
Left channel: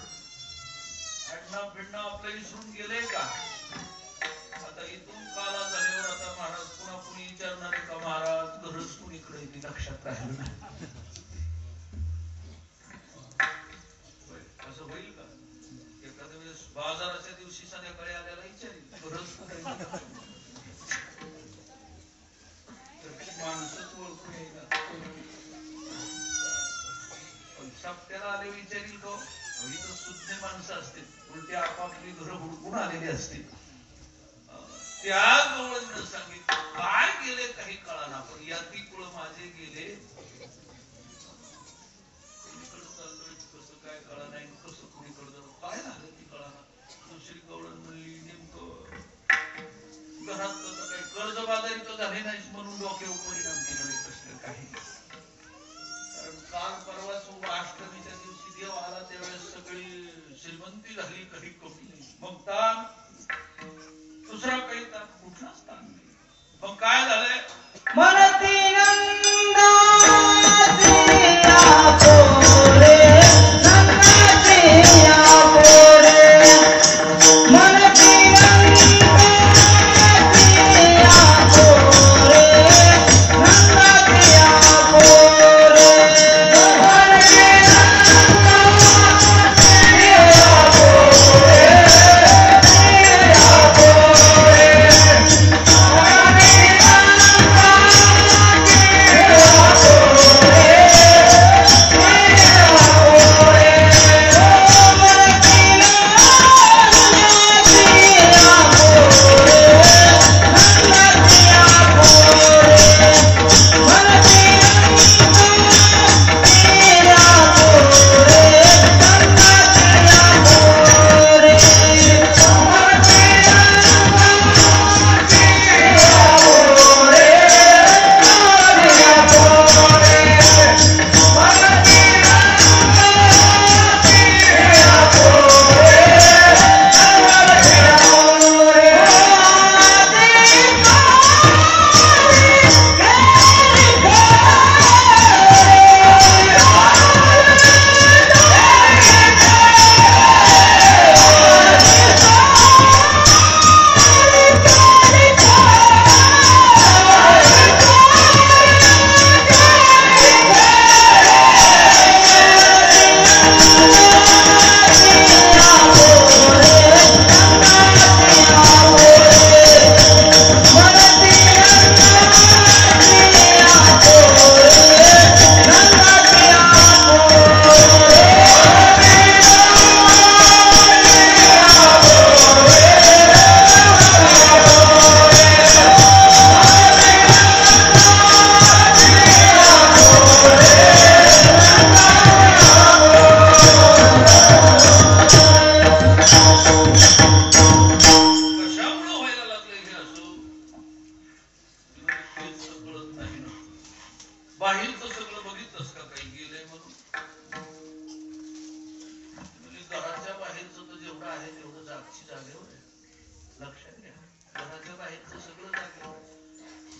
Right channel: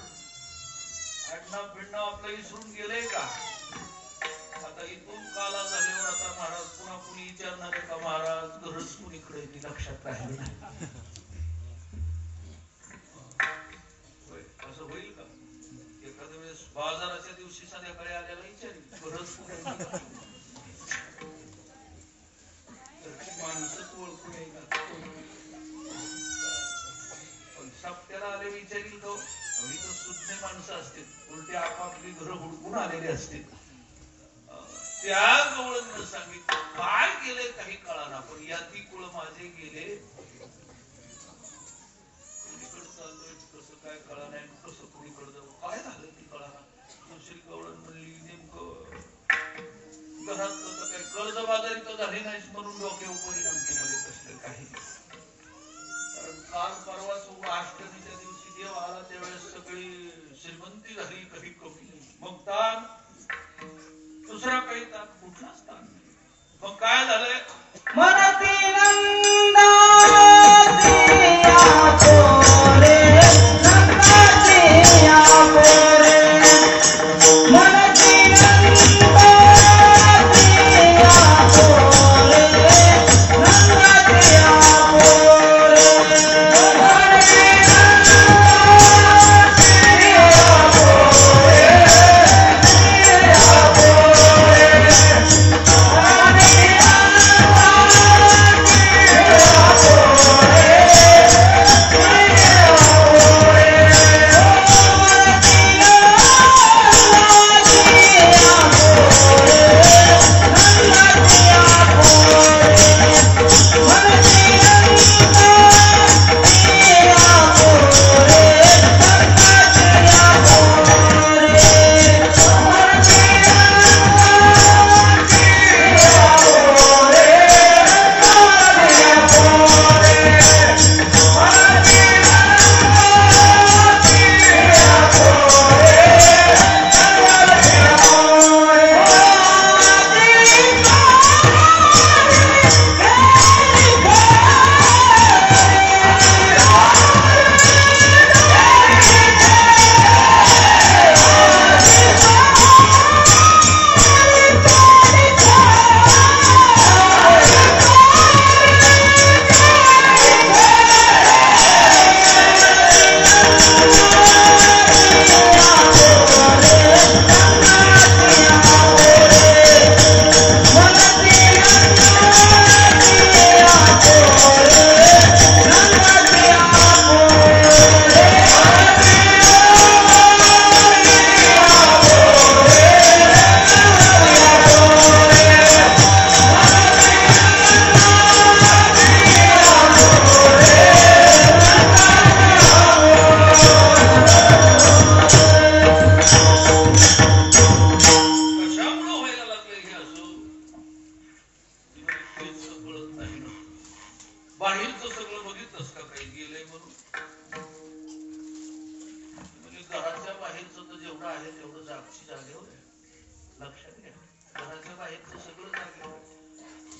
आडनाव बिडनाव आपलं विसरून गेले का आता इथून काला झाल्यावर आता महाराज पुन्हा कुणी विचारणार आहे का महाराज गरज कुणीकडे ती लक्षात राहिलं नाही असं होईल का एखाद्या वेळेस बाजाराच्या दिवशी संध्याकाळी आल्याला विचारेल गरज कुठे माणसंच ओळखून येणार पण सप्त्याला आले विचारील तो इथं सुज्ञ माणसं असतील उलटे आपापली घरं हुडकून आलेली असतील त्या जवळ सांगितलं काय गेले काही कळाना पण याती कुळ माझे गेले कुणीकडे चाललोय कसं काय कळा नाही कसं कुणीकडे जाऊ काय झालं ती कळाना दुसरी गवळण म्हणली नेमकं घरात कसं काय कर्जबाजारी तर झाली नाही म्हणून डोक्यावर परिणाम केले कसलं काही कारण काल परवा अष्टमीच्या दिवशी देव आला त्यावेळेस सगळी श्रीमंती झाली काही कमी नाही मग ताण दुसरा काही ताण कुठलाच ताण नाही मग काय झालंय मरती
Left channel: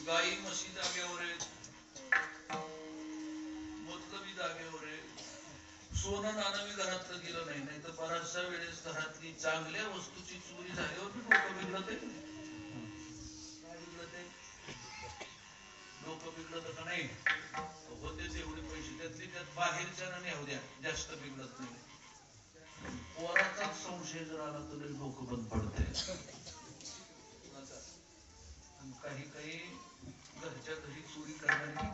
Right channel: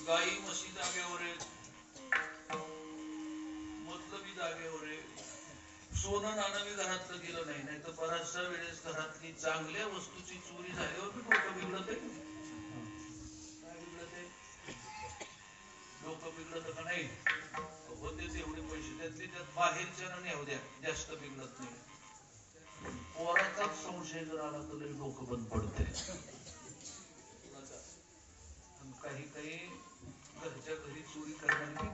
गाई म्हशी जागेवर आहे मतलबी जागेवर आहे सोनं नाणं मी घरातलं गेलं नाही नाही तर बऱ्याचशा वेळेस घरातली चांगल्या वस्तूची चोरी झाल्यावर मी डोकं बिघडत आहे काय बिघडत आहे डोकं बिघडत का नाही होतेच एवढे पैसे त्यातले त्यात बाहेरच्या ना नेऊ द्या जास्त बिघडत नाही पोराचाच संशय जर आला तर डोकं बंद पडतंय काही काही घरच्या घरी चोरी करणारी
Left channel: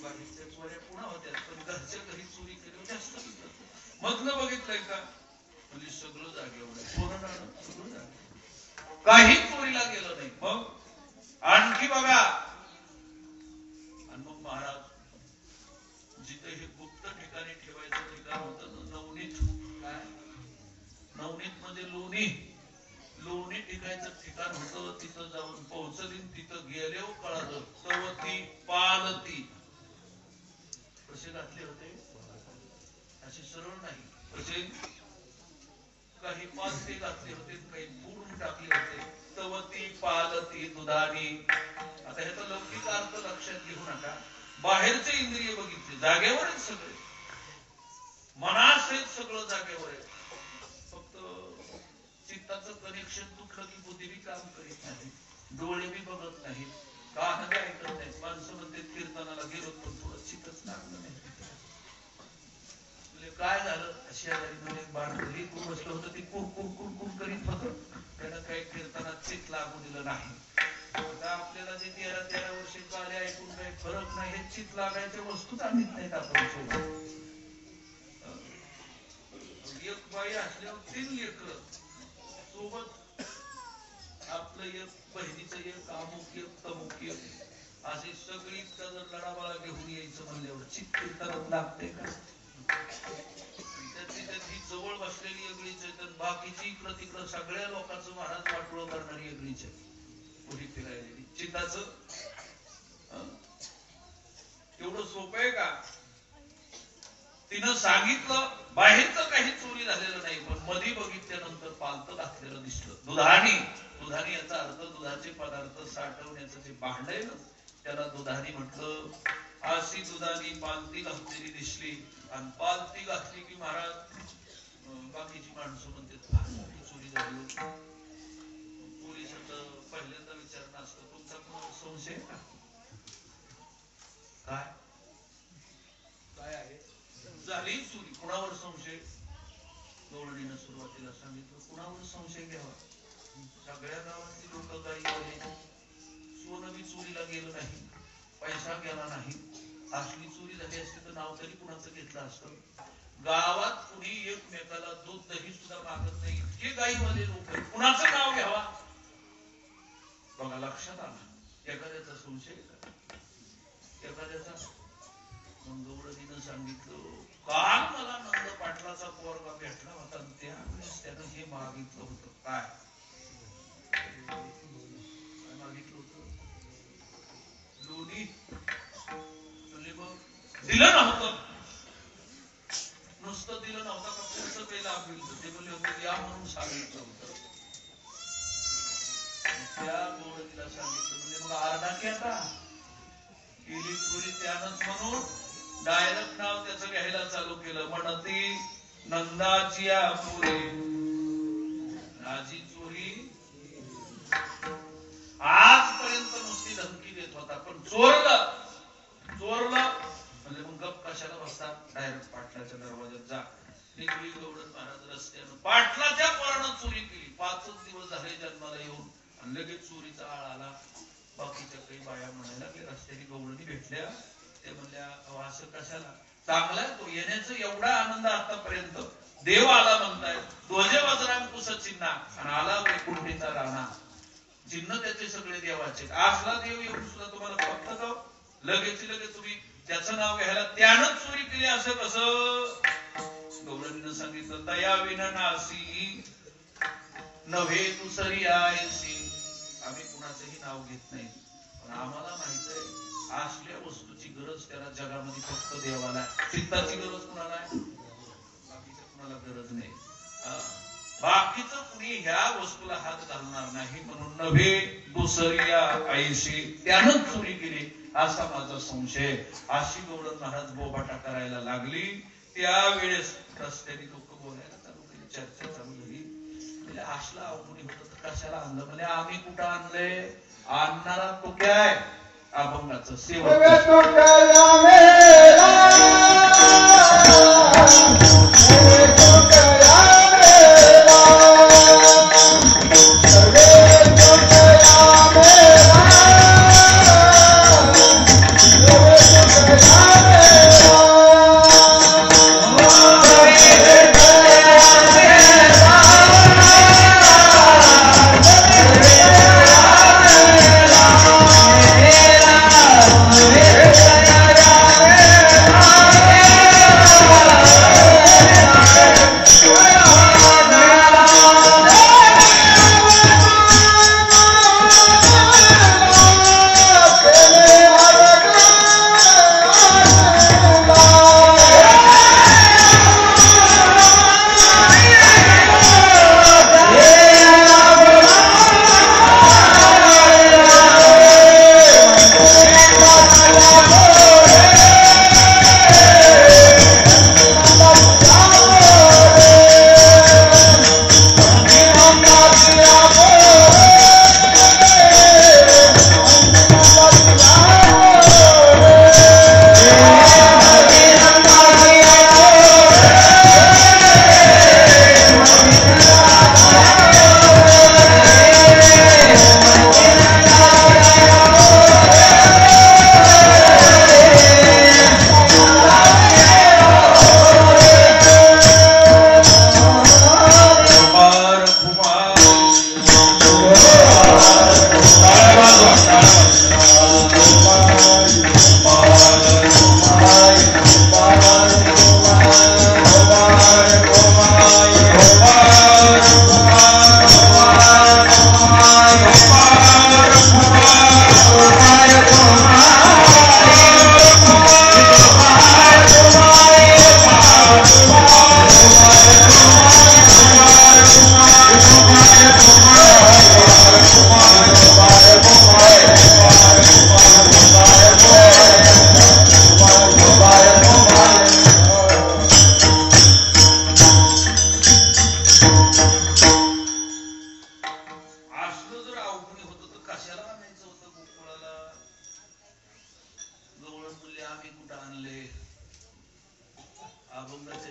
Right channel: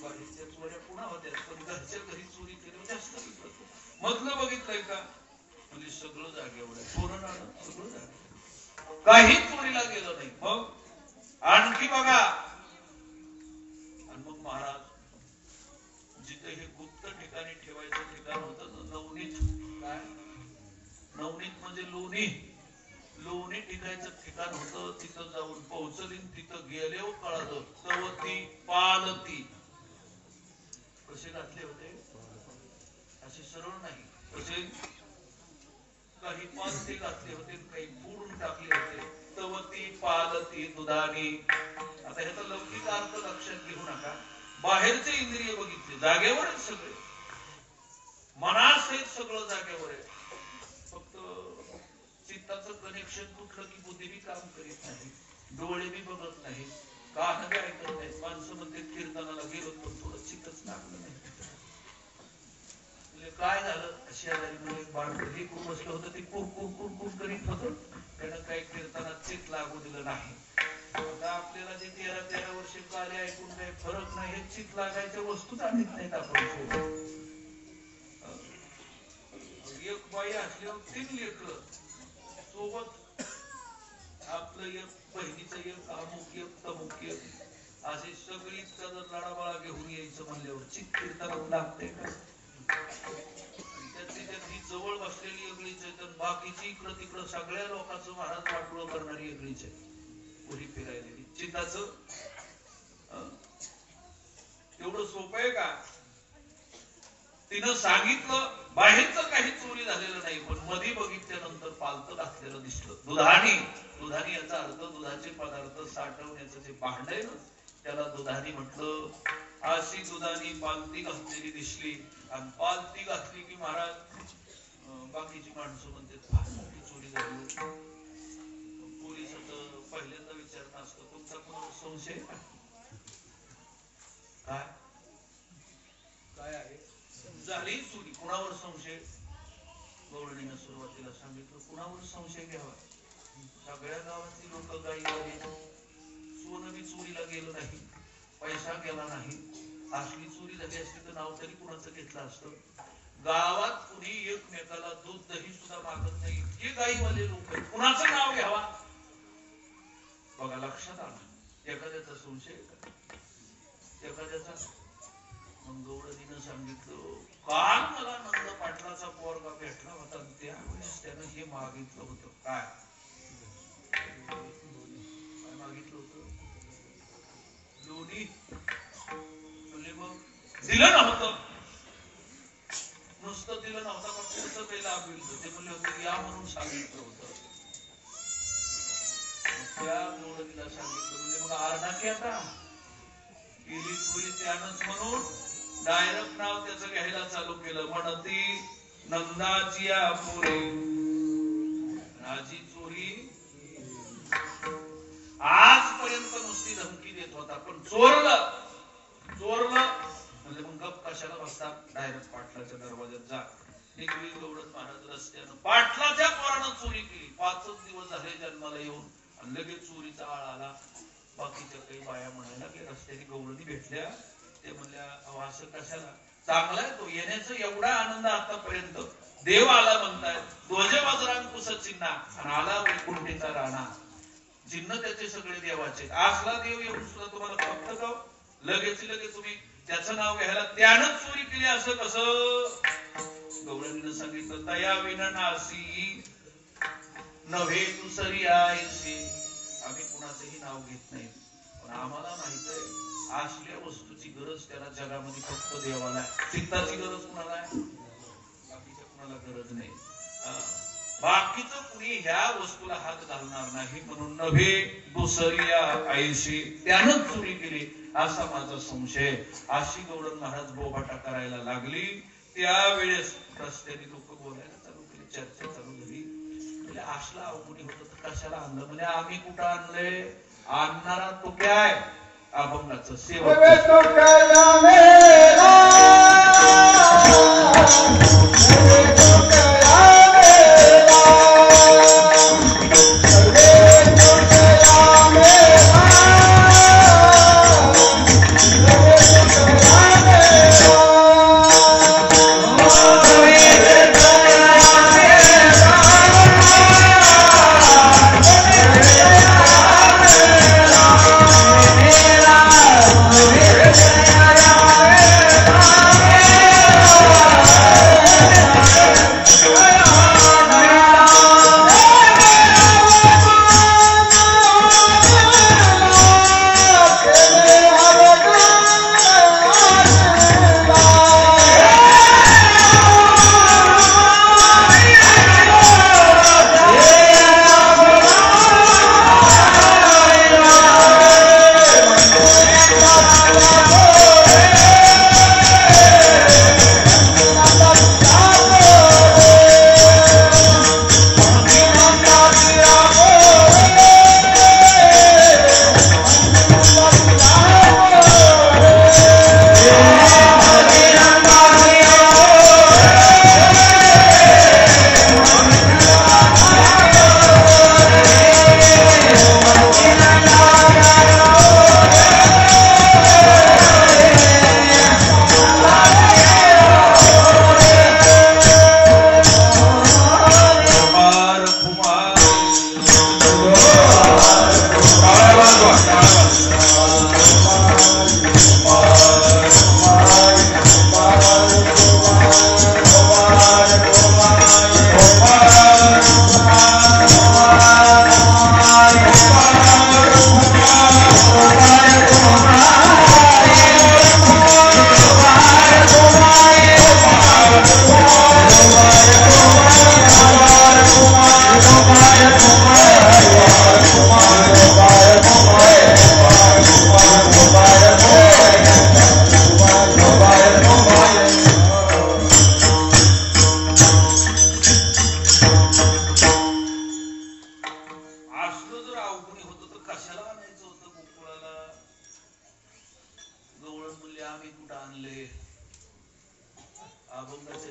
बाहेरच्या चोऱ्या पुन्हा होत्या पण घरच्या घरी चोरी केल्यावर जास्त मधलं बघितलंय का म्हणजे सगळं जागेवर आहे सोनं नाणं सगळं जागे काही चोरीला गेलं नाही मग आणखी बघा आणि मग महाराज जिथे हे गुप्त ठिकाणी ठेवायचं ठिकाण होतं नवनीत काय नवनीत म्हणजे लोणी लोणी टिकायचं ठिकाण होतं तिथं जाऊन पोहोचली तिथं गेल्यावर कळालं तवती पालती कसे घातले होते असे सरळ नाही कसे काही पालती घातले होते काही पूर्ण टाकले होते तवती पालती दुधानी आता ह्याचा लौकिक अर्थ लक्षात घेऊ नका बाहेरचे इंद्रिय बघितले जागेवरच सगळे मनासहित सगळं जागेवर आहे. फक्त चित्ताचं कनेक्शन तुटलं की बुद्धी बी काम करीत नाही, डोळे बी बघत नाहीत, कान बी ऐकत नाहीत. माणसं म्हणते कीर्तनाला गेलो पण थोडं चित्तच लागलं नाही. काय झालं, शेजारी मध्ये बाळगली बसलं होतं, ते कुरकुर कुरकुर करीत होतं, त्यानं काही कीर्तनात चित्त लागू दिलं नाही. आता आपल्याला जे 13 वर्षे कार्य ऐकून काही फरक नाही, हे चित्त लागायच्या वस्तूच आणत नाहीत आपण सोबत. एक बाई असल्यावर 3 लेकरं सोबत, आपलं एक बहिणीचं एक अमुक एक तमुक एक, अशी सगळी लढाबळा घेऊन यायचं म्हणल्यावर चित्त कीर्तनात लागते का? त्याची जवळ बसलेली वेगळीच आहे, बाकीची इकडं तिकडं सगळ्या लोकांचं महाराज वाटोळं करणारी वेगळीच आहे. पुढे फिरायलेली चित्ताचं एवढं सोपं आहे का? तिनं सांगितलं बाहेरचं काही चोरी झालेलं नाही, पण मध्ये बघितल्यानंतर पालतं घातलेलं दिसलं. दुधानी याचा अर्थ दुधाचे पदार्थ साठवण्याचं जे भांड आहे ना, त्याला दुधानी म्हटलं. अशी दुधानी पालती घातलेली दिसली, आणि पालती घातली की महाराज बाकीची माणसं म्हणतात फार मोठी चोरी झाली. पोलिसाचं पहिल्यांदा विचारणं असतं, तुमचा कोणावर संशय का? काय आहे? झाली चोरी, कुणावर संशय? गवळणीनं सुरुवातीला सांगितलं कुणावर संशय घ्यावा? सगळ्या गावातली लोक काही सोनं बी चोरीला गेलं नाही, पैसा गेला नाही. असली चोरी झाली असती तर नाव तरी कुणाचं घेतलं असतं. गावात कुणी एकमेकाला दूध दही सुद्धा मागत नाही, इतके गाईवाले लोक आहेत, कुणाचं नाव घ्यावा? बघा लक्षात आला एखाद्याचा संशय का? एखाद्याचा. मग गवळणीनं सांगितलं काल मला नंद पाटलाचा पोरगा भेटला होता, त्यावेळेस त्यानं हे मागितलं होतं. काय मागितलं होतं? लोणी. दिलं नव्हतं, नुसतं दिलं नव्हतं, पण पुढचं पहिला आपलं ते म्हणले होते या म्हणून सांगितलं होतं. त्या गवळणीला सांगितलं म्हणजे मग अर्धा की आता केली चोरी त्यानंच म्हणून डायरेक्ट नाव त्याचं घ्यायला चालू केलं. म्हणती नंदाची पुरी राजी चोरी. आजपर्यंत नुसती धमकी देत होता, पण चोरलं म्हणजे मग गप कशाला बसतात? डायरेक्ट पाटलाच्या दरवाज्यात जा. निघली गवळण महाराज रस्त्यानं, पाटलाच्या पोरानं चोरी केली. 5 दिवस झाले जन्माला येऊन, आणि लगेच चोरीचा आळ आला. बाकीच्या काही बाया म्हणायला की रस्त्याने गवळणी भेटल्या, ते म्हणल्या असं कशाला? चांगलाय तो, येण्याचा एवढा आनंद आतापर्यंत. देव आला म्हणताय, ध्वज वज्रांकुश चिन्ह, आणि आला वैकुंठीचा राणा. चिन्ह त्याचे सगळे देवाचे. असला देव येऊन सुद्धा तुम्हाला फक्त लगेच तुम्ही त्याचं नाव घ्यायला त्यानं चोरी केली असं कसं? गवळणीनं सांगितलं तया विनाशी नव्हे तू सरी आहेसी. आम्ही कुणाचंही नाव घेत नाही, पण आम्हाला माहित आहे असल्या वस्तूची गरज त्याला जगामध्ये फक्त देवाला. चित्ताची गरज कुणाला आहे? बाकीच्या कुणाला गरज नाही. बाकीचं कुणी ह्या वस्तूला हात घालणार नाही, म्हणून नव्हे दुसऱ्या आईशी त्यानं चोरी केली असा माझा संशय. अशी गवळण महाराज बोबाटा करायला लागली. त्यावेळेस रस्त्याने लोक बोलायला चालू केली, चर्चा चालू झाली. म्हणजे असला अवघडी होत तर कशाला आणलं? म्हणजे आम्ही कुठं आणलंय? आणणारा तो काय? अभंगाचं सेवक. Yeah.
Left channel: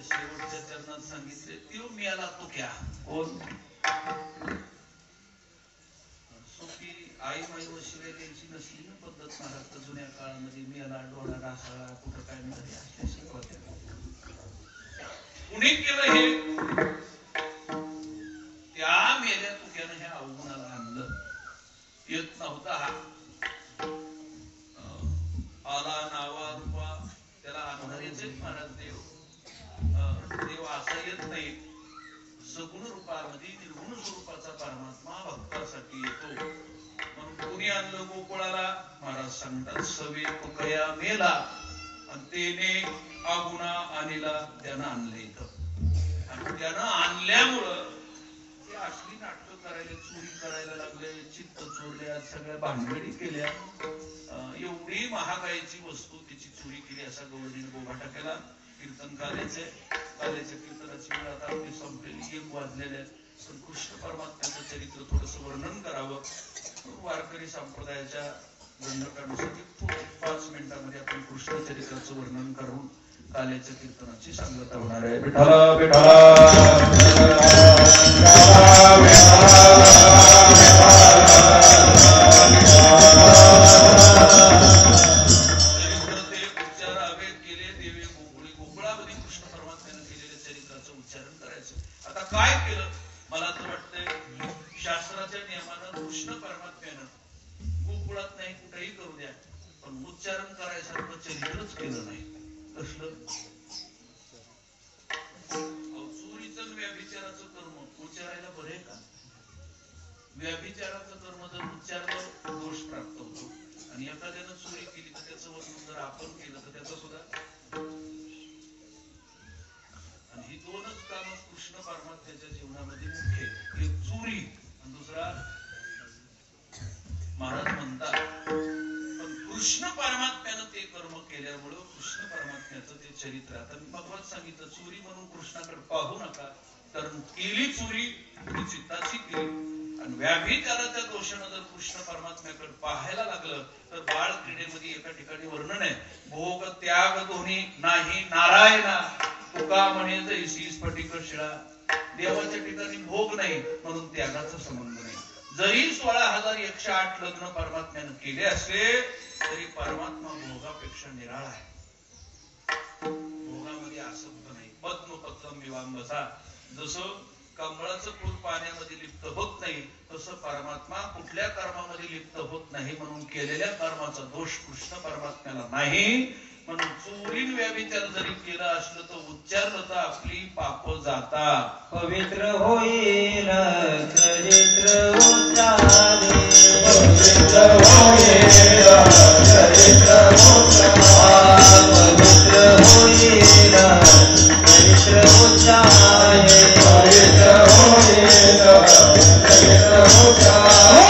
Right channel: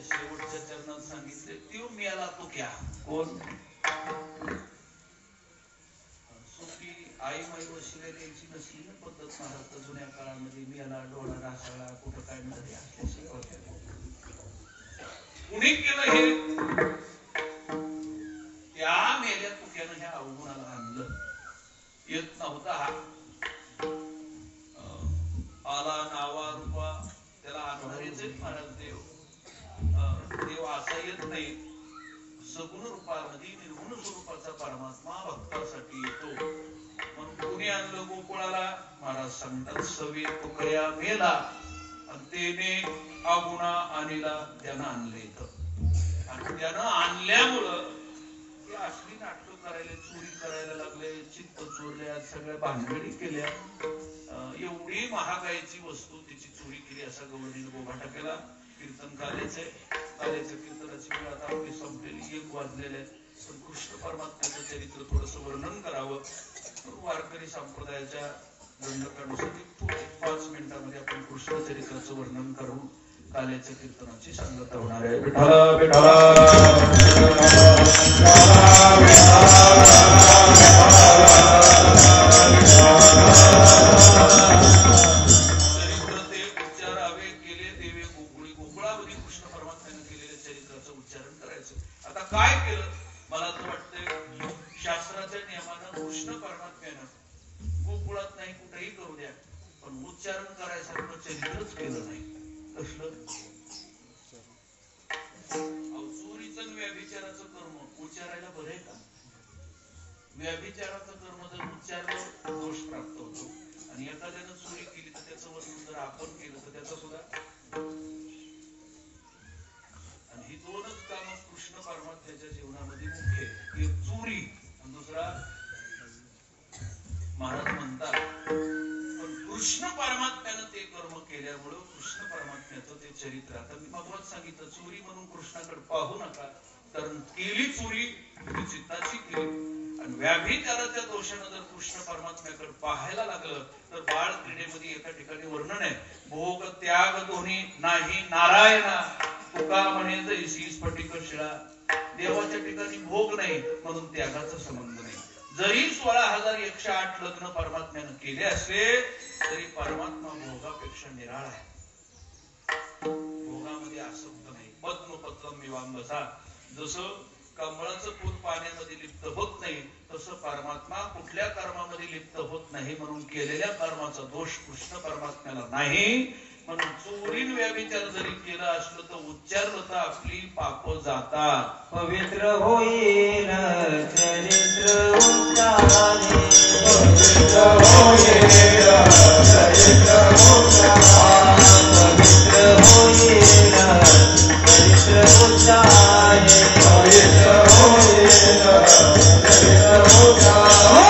शेवटच्या चरणात सांगितले त्यो मेला तू क्या कोण सोपी आई माई वशिले द्यायची नसली ना पद्धत महाराष्ट्र जुन्या काळामध्ये मेला डोळा डासाळा कुठं काय मिळाले असल्या शिकवत्या कुणी केलं हे त्या मेल्या तुक्यानं ह्या अवगुणाला आणलं येत नव्हता हा आला नावा रूपा त्याला आधाराचे महाराज देव देव असा येत नाही सगुण रूपामध्ये निर्गुण स्वरूपाचा परमात्मा भक्तासाठी येतो म्हणून कोणी आणलं गोकुळाला महाराज सांगतात सवे तुकया मेला आणि तेने अगुणा आणला त्यानं आणले इथं आणि त्यानं आणल्यामुळं ते असली नाटकं करायला चोरी करायला लागले चित्त चोरले आज सगळ्या भानगडी केल्या एवढी महागाईची वस्तू त्याची चोरी केली असा गवळणीने बोभाटा केला कीर्तन काल्याच्या कीर्तनाची वेळ आता आपली संपलेली 1 वाजलेले पण कृष्ण परमात्म्याचं चरित्र थोडस वर्णन करावं वारकरी संप्रदायाच्या दंडकानुसार 5 मिनिटांमध्ये आपण कृष्ण चरित्राचं वर्णन करून काल्याच्या कीर्तनाची सांगता होणार आहे विठ्ठला उच्चारण करायसारखं चरित्रच केलं नाही कसलं चोरीचं व्यभिचाराचं कर्म उच्चारायला बरे का व्यभिचाराचं कर्म जर उच्चारलं दोष प्राप्त होतो आणि एखाद्यानं चोरी केली तर त्याचं वर्णन जर आपण केलं तर त्याचं सुद्धा आणि ही 2च काम कृष्ण परमात्म्याच्या जीवनामध्ये मुख्य एक चोरी आणि दुसरा महाराज म्हणतात कृष्ण परमात्म्यानं ते कर्म केल्यामुळं कृष्ण परमात्म्याचं ते चरित्र आता मी मधवाच सांगितलं चोरी म्हणून कृष्णाकडे पाहू नका कारण केली चोरी चित्ताची केली आणि व्याभिचाराच्या दोषानं जर कृष्ण परमात्म्याकडे पाहायला लागलं तर बाळ क्रीडेमध्ये एका ठिकाणी वर्णन आहे भोग त्याग दोन्ही नाही नारायणा तुका म्हणे जैसी स्फटिक शिळा देवाच्या ठिकाणी भोग नाही म्हणून त्यागाचा संबंध नाही जरी 16,108 लग्न परमात्म्यानं केले असले तरी परमात्मा भोगापेक्षा निराळा आहे भोगामध्ये आसक्त नाही पद्मपत्रम विवांबसा जसं कमळाचं फूल पाण्यामध्ये लिप्त होत नाही तसं परमात्मा कुठल्या कर्मामध्ये लिप्त होत नाही म्हणून केलेल्या कर्माचा दोष कृष्ण परमात्म्याला नाही म्हणून चोरीन व्यभिचार जरी केला असलं तर उच्चारलं तर आपली पाप जातात पवित्र होईल चरित्र उच्चारे पवित्र होईल चरित्र उच्चारे पवित्र होईल चरित्र उच्चारे पवित्र होईल चरित्र उच्चारे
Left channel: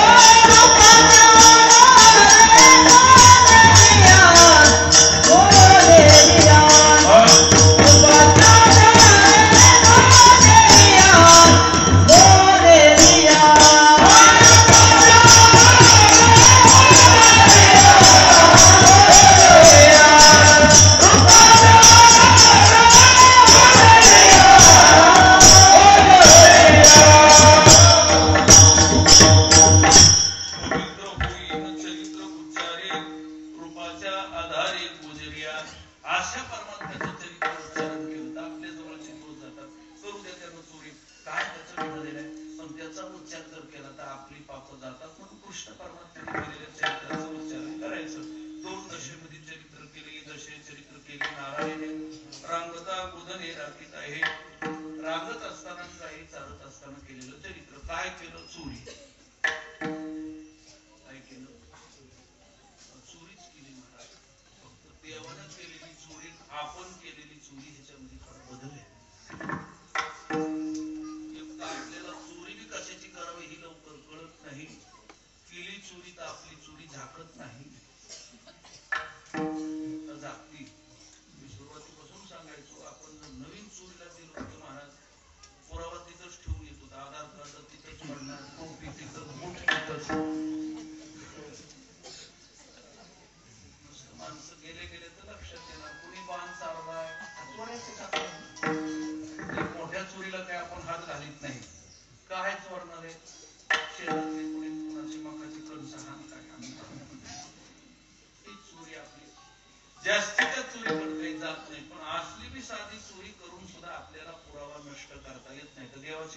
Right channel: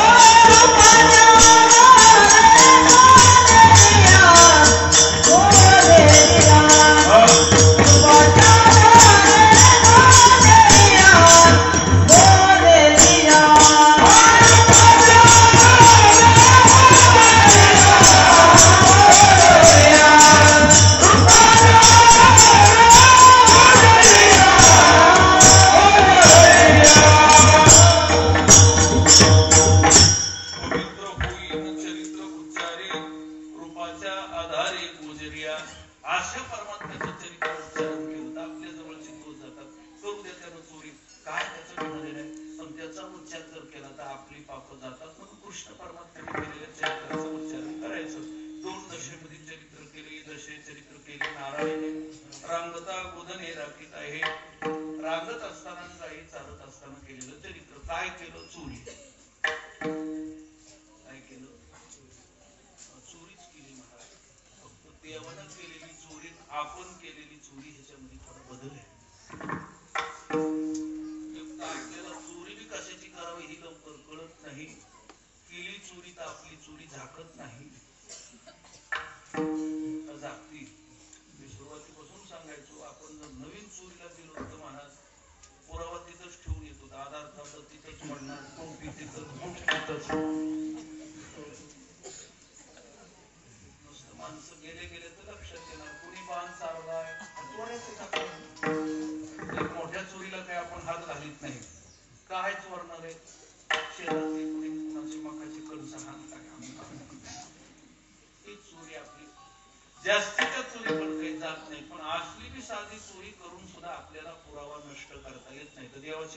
माणसं गेले तर लक्षात येणार कोणी बाण चालवाय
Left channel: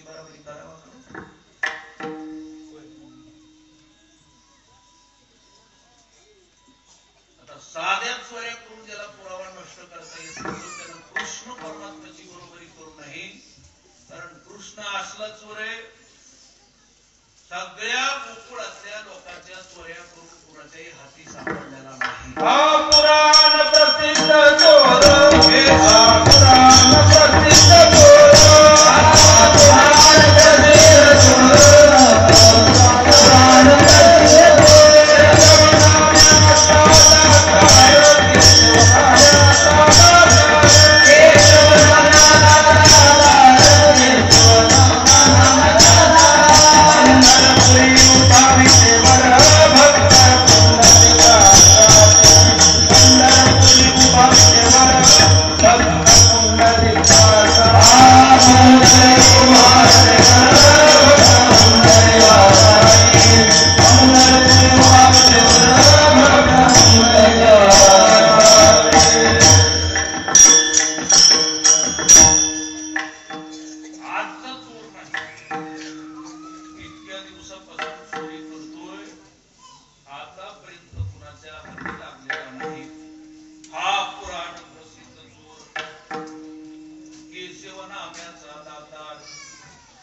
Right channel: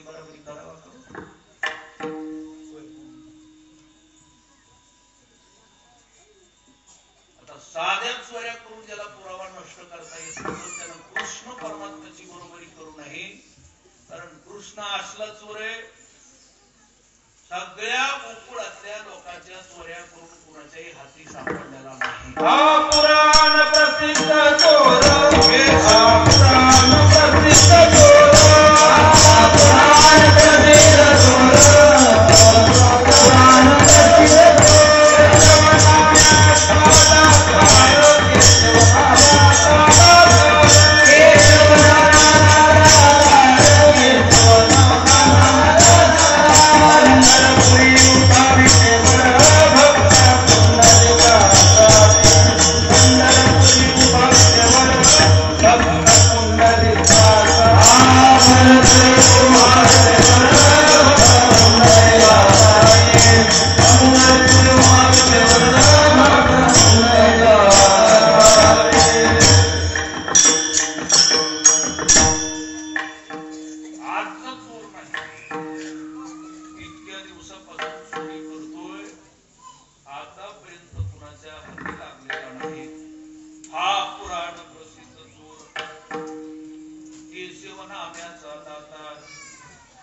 बराबरी करावा करू. आता साध्या चोऱ्या करून ज्याला पुरावा नष्ट करता येत नाही त्यानं कृष्ण परमात्म्याची बरोबरी करू नये. कारण कृष्ण असला चोर आहे सगळ्या गोकुळातल्या लोकांच्या चोऱ्या करून कुणाच्याही हाती सापडलेला नाही. हा पुराण प्रसिद्ध चोर हा पुराण प्रसिद्ध चोर हा पुराण प्रसिद्ध चोर पुराण प्रसिद्ध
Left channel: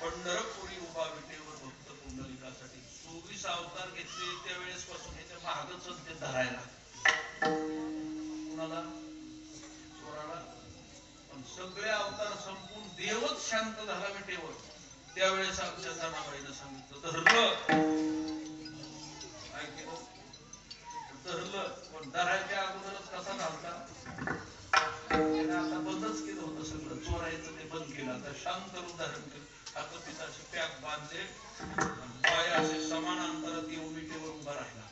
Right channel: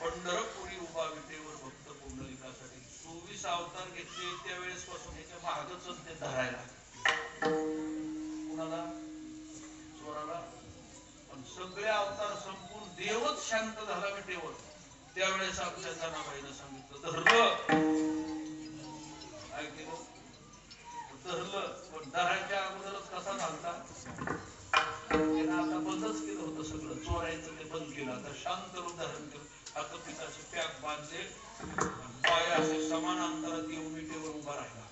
पंढरपुरी उभा विटेवर भक्त पुंडलिकासाठी 24 अवतार घेतले त्यावेळेस पासून त्याच्या मागच ते धरायला कुणाला चोराला. पण सगळे अवतार संपून देवच शांत झाला विटेवर त्यावेळेस आमच्या जनाबाईनं सांगितलं धरलं ऐकलं धरलं. पण धरायच्या अगोदरच कसा झालता त्यानं आता बंदच केलं होतं सगळं चोरायचं ते बंद केलं. आता शांत रूप धारण केलं. आता तिथं असे पॅक बांधले पाय असे समान अंतरात येऊन विटेवर उभा राहिला.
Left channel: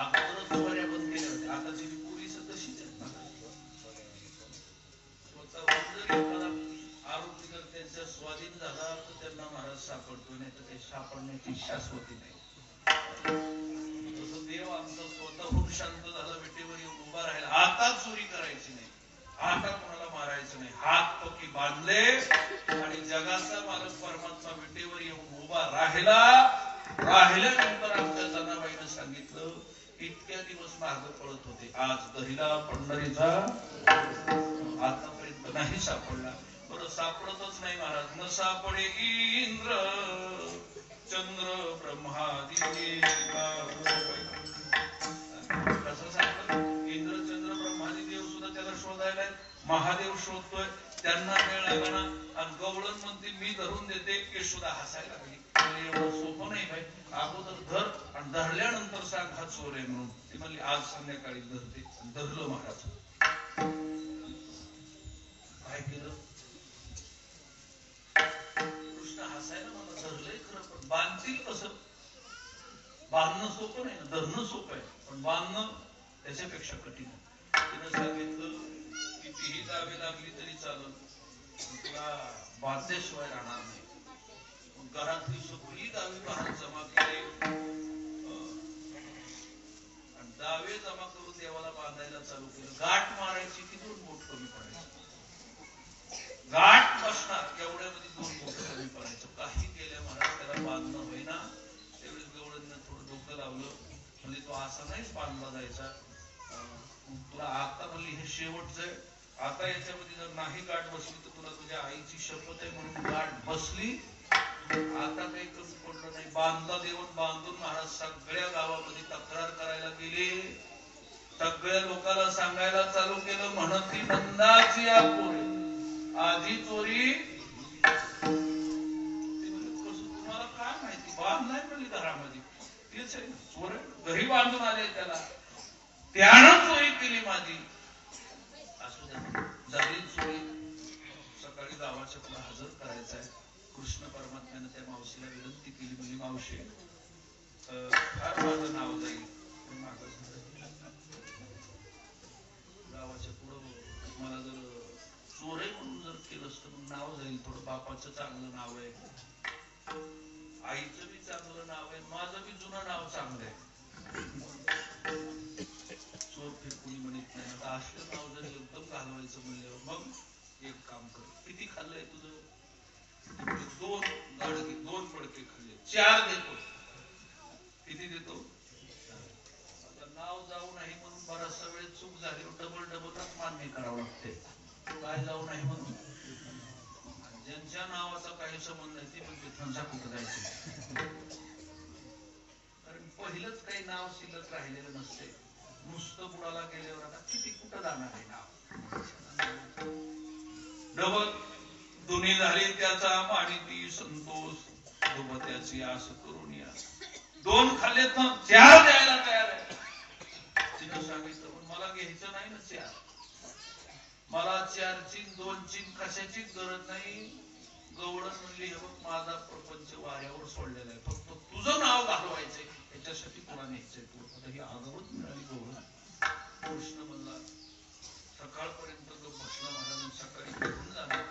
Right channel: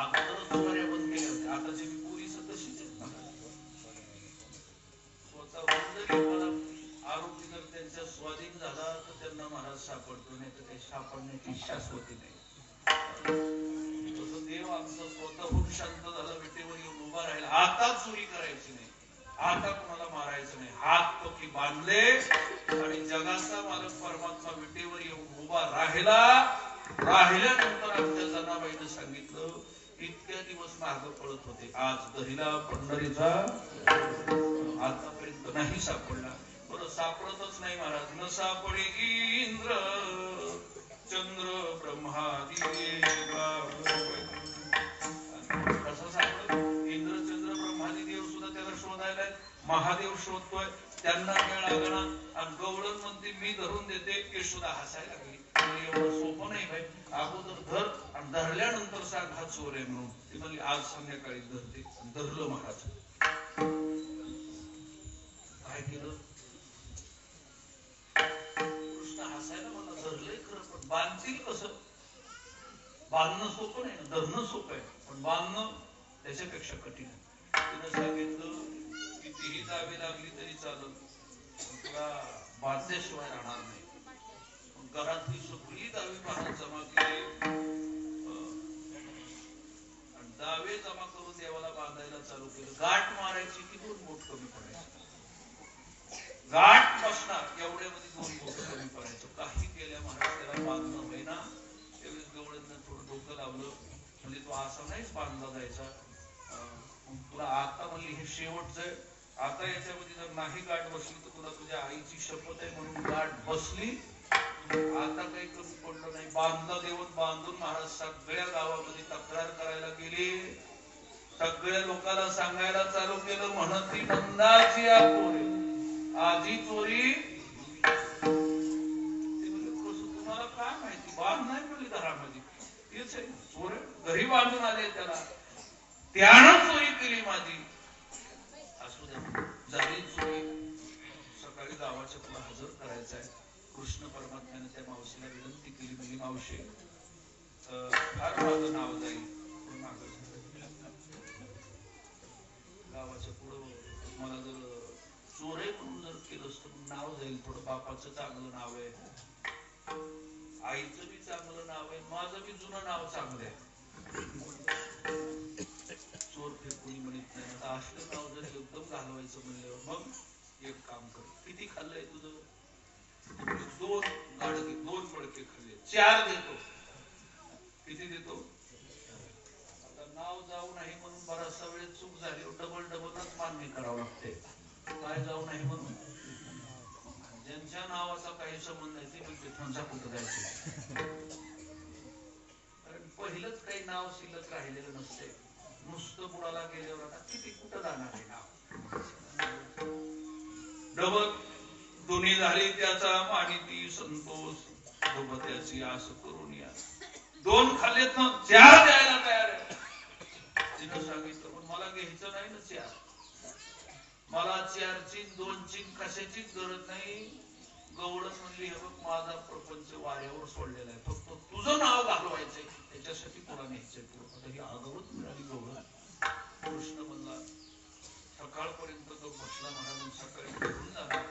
अगोदरच चोऱ्या बंद केल्या होत्या. आता जी पोलीस तशीच स्वतःहून जरी एखादा आरोपी जर त्यांच्या स्वाधीन झाला तर त्यांना महाराज सापडतो नाही तर काही सापडण्याची शाश्वती नाही. तसं देव आमचा स्वतःहून शांत झाला विटेवर येऊन उभा राहिला. आता चोरी करायची नाही आता कोणाला मारायचं नाही. हात पक्की बांधले आणि जगाचा मालक परमात्मा विटेवर येऊन उभा राहिला. राहिल्यानंतर आमच्या जनाबाईनं सांगितलं इतक्या दिवस मागे पळत होते आज दरीला पंढरीचा आतापर्यंत नाही सापडला. बरं सापडतच नाही महाराज. न सापडे की इंद्र चंद्र ब्रह्मादी कसं सापडलं. इंद्र चंद्र ब्रह्मादी देव सुद्धा त्याला शोधायला महादेव शोधतोय त्यांना वेळ लागला. आणि गवळण म्हणते मी धरून देते यशोदा हसायला लागली. एवढं सोपं नाही भाई. अगोदर धर आणि धरल्यानंतर सांग हा चोर आहे म्हणून. ती म्हणली आज संध्याकाळी धरते. धरलं महाराज. काय केलं कृष्ण हसायला मला धरलंय खरं पण बांधतील कसं. बांधणं सोपं नाही ना धरणं सोपं आहे पण बांधणं त्याच्यापेक्षा कठीण आहे. तिनं सांगितलं कितीही जावे लागली तरी चालत तुला बांधल्याशिवाय राहणार नाही. घरातली सगळी दावे महाराज जमा केले आणि दावे जमा करून देवाला बांधायला चालू केलं. गाठ मारायची की 2 बोट कमी पडायचं. गाठ बसणार एवढ्यामध्ये 2 बोट कमी पडायचं. काही केल्या महाराज त्याला बांधणं होईना. त्यावेळेस गवळणनं थोडं डोकं लावलं म्हणजे तो असा नाहीच बांधला जायचा. तुला आता म्हणली हे शेवटचं आहे. आता याच्यामध्ये जर नाही गाठ बसली तर तुला तुझ्या आईची शपथ आहे म्हणून गाठ बसली. आता काही कमी पडलं नाही. बांधला देऊन बांधून महाराज सगळ्या गावामध्ये तक्रार करायला गेले. सगळ्या लोकांना सांगायला चालू केलं म्हणत ती नंदाची आधी चोरी. तुम्हाला काय माहिती बांध नाही म्हणली घरामध्ये तेच आहे चोर घरी बांधून आले त्याला त्यानं चोरी केली माझी. असू द्या झाली चोरी. सकाळी गावाच्या पुढे हजर करायचं आहे. कृष्ण परमात्म्यानं त्या मावशीला विनंती केली म्हणजे मावशी फार माझं नाव जाईल पण मागं गावाच्या पुढं मला जर चोर आहे म्हणून जर केलं असतं पण नाव जाईल. थोडं बापाचं चांगलं नाव आहे आईचं बी चांगलं नाव आहे माझं बी जुनं नाव चांगलं आहे. चोर फिर कोणी म्हणत नाही. आता असलं नाव जर एकदम घालवायचं म्हणल्यावर मग एक काम कर किती खाल्लंय तुझं दोन गाडगे 2 मडके खाल्ले 4 देतो. किती देतो? आता नाव जाऊ नाही म्हणून बराचसा वेळ चूक झाली, डबलच मान्य करावं लागते. काय जाऊ नाही म्हणून? ज्यांच्या नावाचा काही संबंध नाही ते म्हणजे त्यांच्या कुठं जायचं. कारण पहिलंच काही नाव शिल्लक राहिलेलं नसते. नुसतं बुडाला गेल्यावर आता किती कुठं जाणार आहे नाव? डबल दोन्ही झाले त्याचा माणिकी संतोष सोबत्याची आस करून या. 2 खाल्लेत ना 4 द्यायला तयार आहे. तिनं सांगितलं पण मला घ्यायचं नाही ना 4. मला 4 ची 2 ची कशाचीच गरज नाही. गवळण म्हणली हे बघ माझा प्रपंच वाऱ्यावर सोडलेला आहे, फक्त तुझं नाव घालवायचंय त्याच्यासाठी तुला न्यायचंय. आता ही आगवत मिळाली गवळण. कृष्ण म्हणला सकाळपर्यंत जो बसला महाराज सकाळी घेऊन जाणार.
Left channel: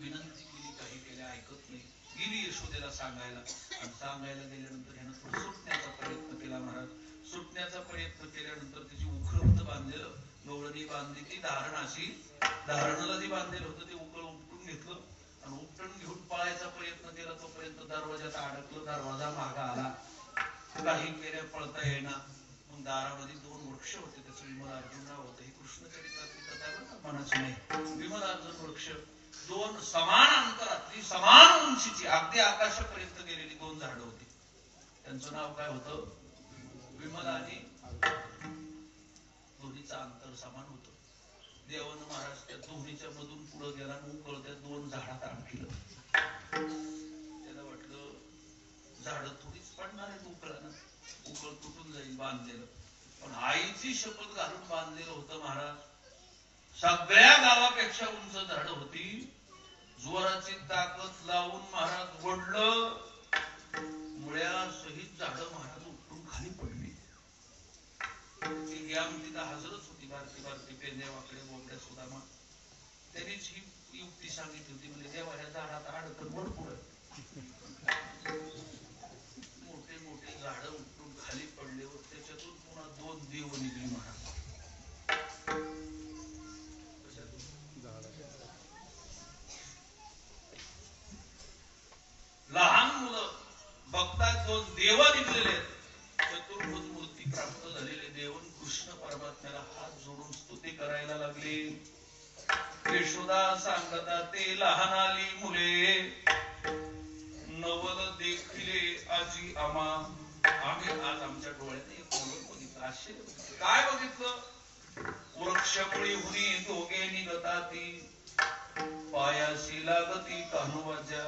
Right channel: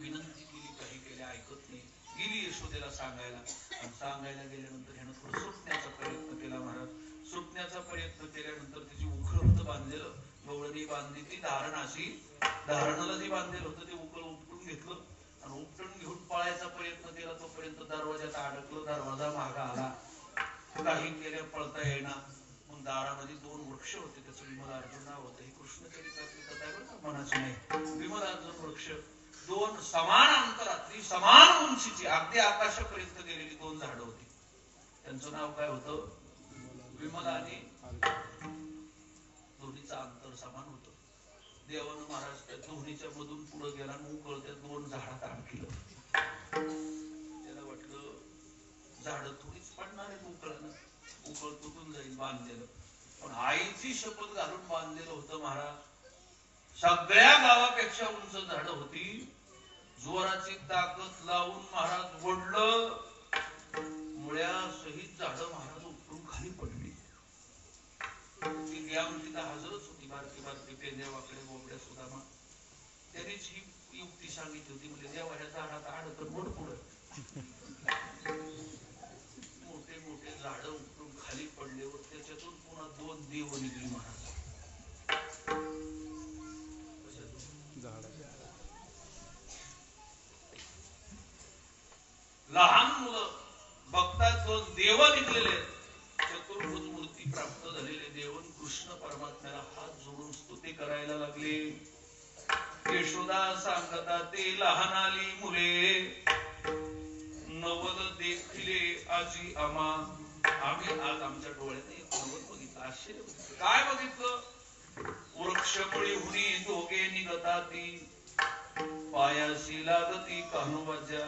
विनंती केली काही केल्या ऐकत नाही. गेली यशोदेला सांगायला आणि सांगायला गेल्यानंतर ह्यानं थोडं सुटण्याचा प्रयत्न केला. महाराज सुटण्याचा प्रयत्न केल्यानंतर त्याची उखळ होतं बांधलेलं. गवळणी बांधली ती धारणाशी. धारणाला जे बांधलेलं होतं ते उकळ उपटून घेतलं आणि उपटून घेऊन पळायचा प्रयत्न केला. तोपर्यंत दरवाजात अडकलं. दरवाजा मागा आला. काही केल्या पळता येईना. मग दारामध्ये 2 वृक्ष होते. त्याचं विमल अर्जुन नाव होतं. ही कृष्ण चरित्रातली कथा आहे बरं का, मनाची नाही. विमल अर्जुन वृक्ष 2 समान अंतरातली समान उंचीची अगदी आकाशापर्यंत गेलेली 2 झाडं होती. त्यांचं नाव काय होतं? विमल आणि दोन्हीचं अंतर समान होतं. देवानं महाराज त्या दोन्हीच्या मधून पुढे गेला आणि उकळ त्या 2 झाडात आणखीलं. त्याला वाटलं झाडं थोडीच पडणार आहेत उकळानं, उकळ तुटून जाईल बांधलेलं. पण आईची शपथ घालून बांधलेलं होतं महाराज. सगळ्या गावापेक्षा उंच झाडं होती. जोराची ताकद लावून महाराज ओढलं. मुळ्यासहित झाडं महाराज उपटून खाली पडली. ती गॅम तिला हजरच होती. बारकी बारकी पेंदे वाकडे बोबड्या सुद्धा. त्यांनीच ही युक्ती सांगितली होती. म्हणजे देवा ह्या झाडात अडकत मोड पुढे. मोठे मोठे झाडं उपटून खाली पडल्यावर त्याच्यातून पुन्हा 2 देव निघली महाराज. लहान मुलं बघतात 2 देव निघलेले. चतुर्भुज मूर्ती प्राप्त झालेले देवन कृष्ण परमात्म्याला हात जोडून स्तुती करायला लागले. यशोदा सांगता ते लहानाली मुले नवल देखिले आजी आम्हा. आम्ही आज आमच्या डोळ्याने एक नवल बघितलं. आश्चर्य बघितलं. काय बघितलं? वृक्षमुळी हुनी दोघे निघता ती पायाशी लागती कान्होबाच्या.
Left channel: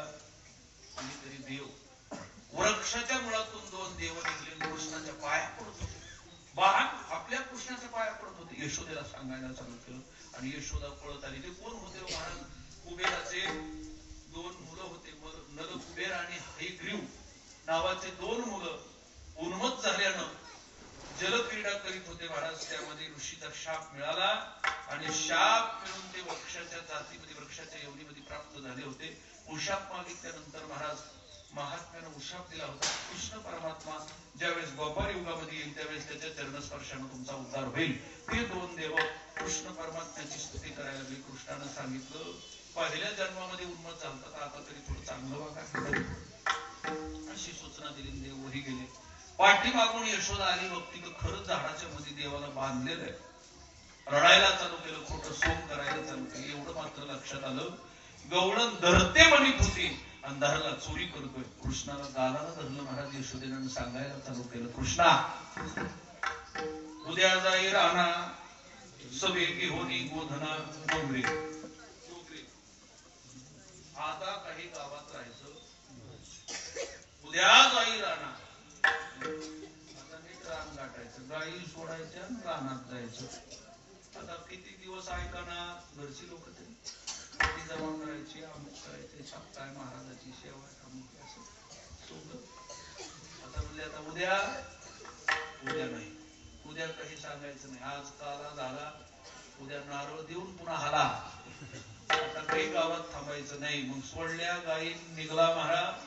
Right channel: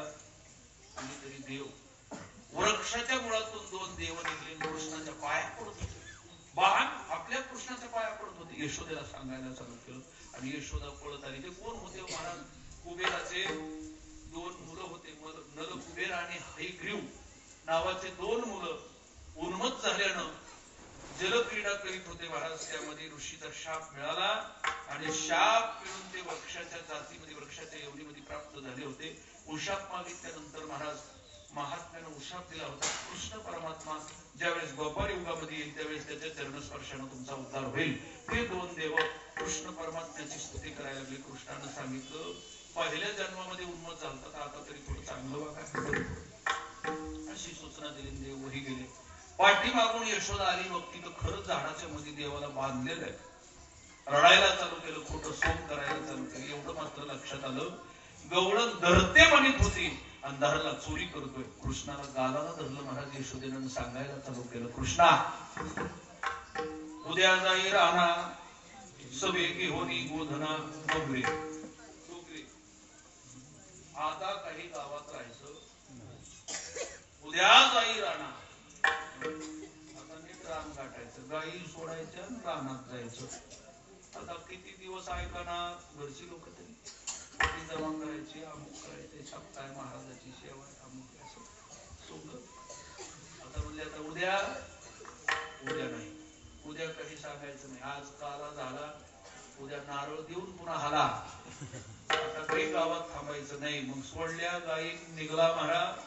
आणि तरी देव वृक्षाच्या मुळातून 2 देव निघले. कृष्णाच्या पाया पडत होते. वाहन आपल्या कृष्णाच्या पाया पडत होते. यशोदेला सांगायला चालू केलं आणि यशोदा पळत आली. ते कोण होते महाराज? कुबेराचे 2 मुलं होते. नल कुबेर आणि हयग्रीव नावाचे 2 मुलं उन्मत्त झाल्यानं जलक्रीडा करीत होते महाराज. त्यामध्ये ऋषीचा शाप मिळाला आणि शाप मिळून ते वृक्षाच्या जातीमध्ये वृक्षाच्या योनीमध्ये प्राप्त झाले होते. उशाप मागितल्यानंतर महाराज महात्म्यानं उशाप दिला होता. कृष्ण परमात्मा ज्यावेळेस द्वापार युगामध्ये येईल त्यावेळेस त्याच्या चरणस्पर्शानं तुमचा उद्धार होईल. ते 2 देव कृष्ण परमात्म्याची स्तुती करायला लागले. कृष्णानं सांगितलं पहिल्या जन्मामध्ये उन्मत्त झालं तर आता तरी थोडं चांगलं वागा अशी सूचना दिली. देव वही गेले. पाठीमागून यशोदा आली. बघती तर खरंच झाडाच्या मध्ये देवाला बांधलेलं आहे. रडायला चालू केलं. खोटं सोम करायला चालू केलं. एवढं मात्र लक्षात आलं गवळण धरते म्हणत होती आणि धरला चोरी करतोय. कृष्णाला गालाला धरलं महाराज. यशोदेनं सांगायला चालू केलं कृष्णा उद्या जाई राणा सवे घेऊनी गोधना डोंगरे. आता काही गावात राहायचं. उद्या जाई राणा. आता नीट रान गाठायचं. गाई सोडायच्या रानात जायचं. आता किती दिवस ऐकणार घरची लोक तरी जमा करायची. अमुक करायचे. सप्ताह महाराजाची सेवा अमुक असं सोंग. आता म्हणजे आता उद्या नाही. उद्या काही सांगायचं नाही. आज काला झाला. उद्या नारळ देऊन पुन्हा हाला. आता काही गावात थांबायचं नाही. मग सोडल्या गाई निघला महाराज.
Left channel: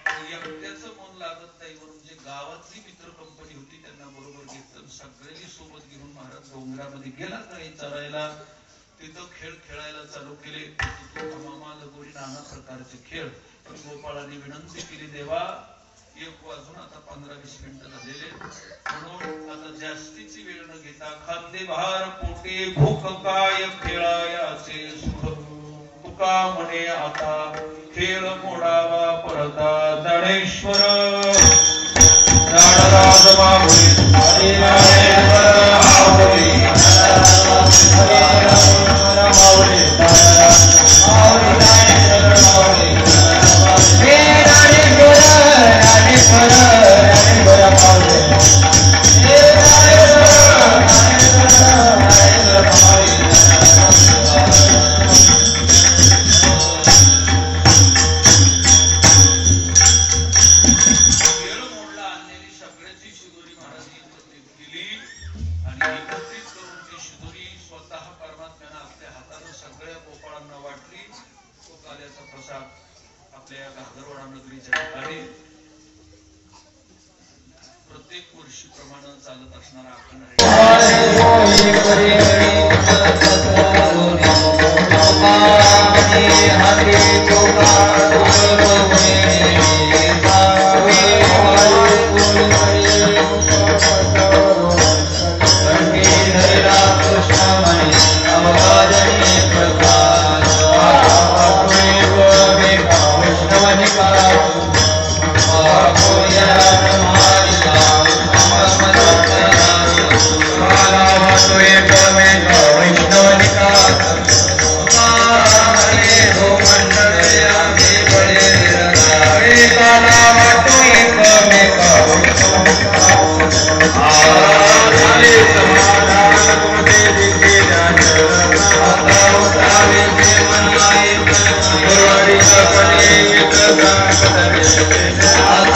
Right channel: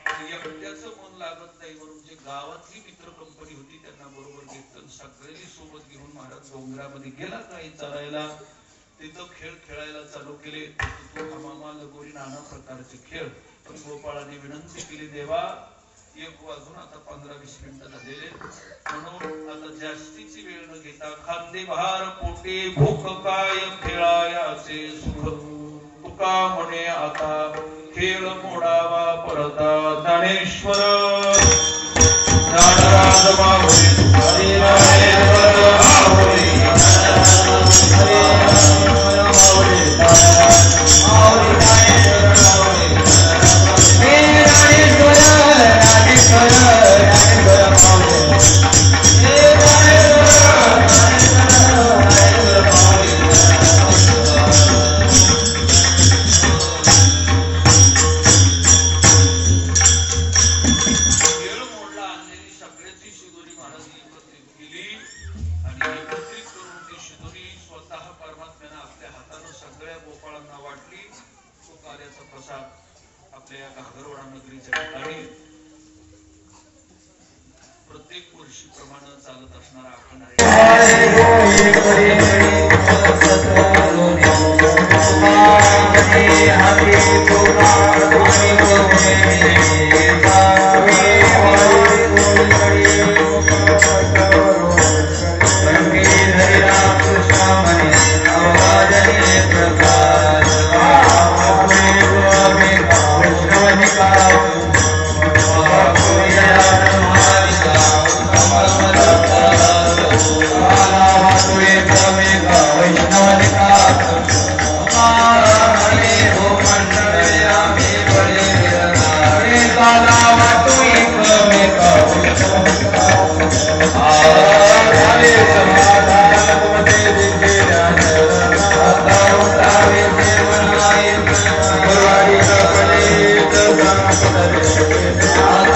एकट्याचं मन लागत नाही म्हणून जे गावातली मित्र कंपनी होती त्यांना बरोबर घेतलं. सगळ्यांनी सोबत घेऊन महाराज डोंगरामध्ये गेला काही चरायला. तिथं खेळ खेळायला चालू केले. मामा लगोरी नाना प्रकारचे खेळ. पण गोपाळाने विनंती केली, देवा 1 वाजून आता 15-20 मिनिटं झालेले, म्हणून आता जास्तीची वेळ न घेता खांदे भार पोटे भूक काय खेळायाचे सुख तुका म्हणे आता खेळ मोडावा परता ज्ञानेश्वर ज्ञानराज माऊली हरी हरी माऊली Hare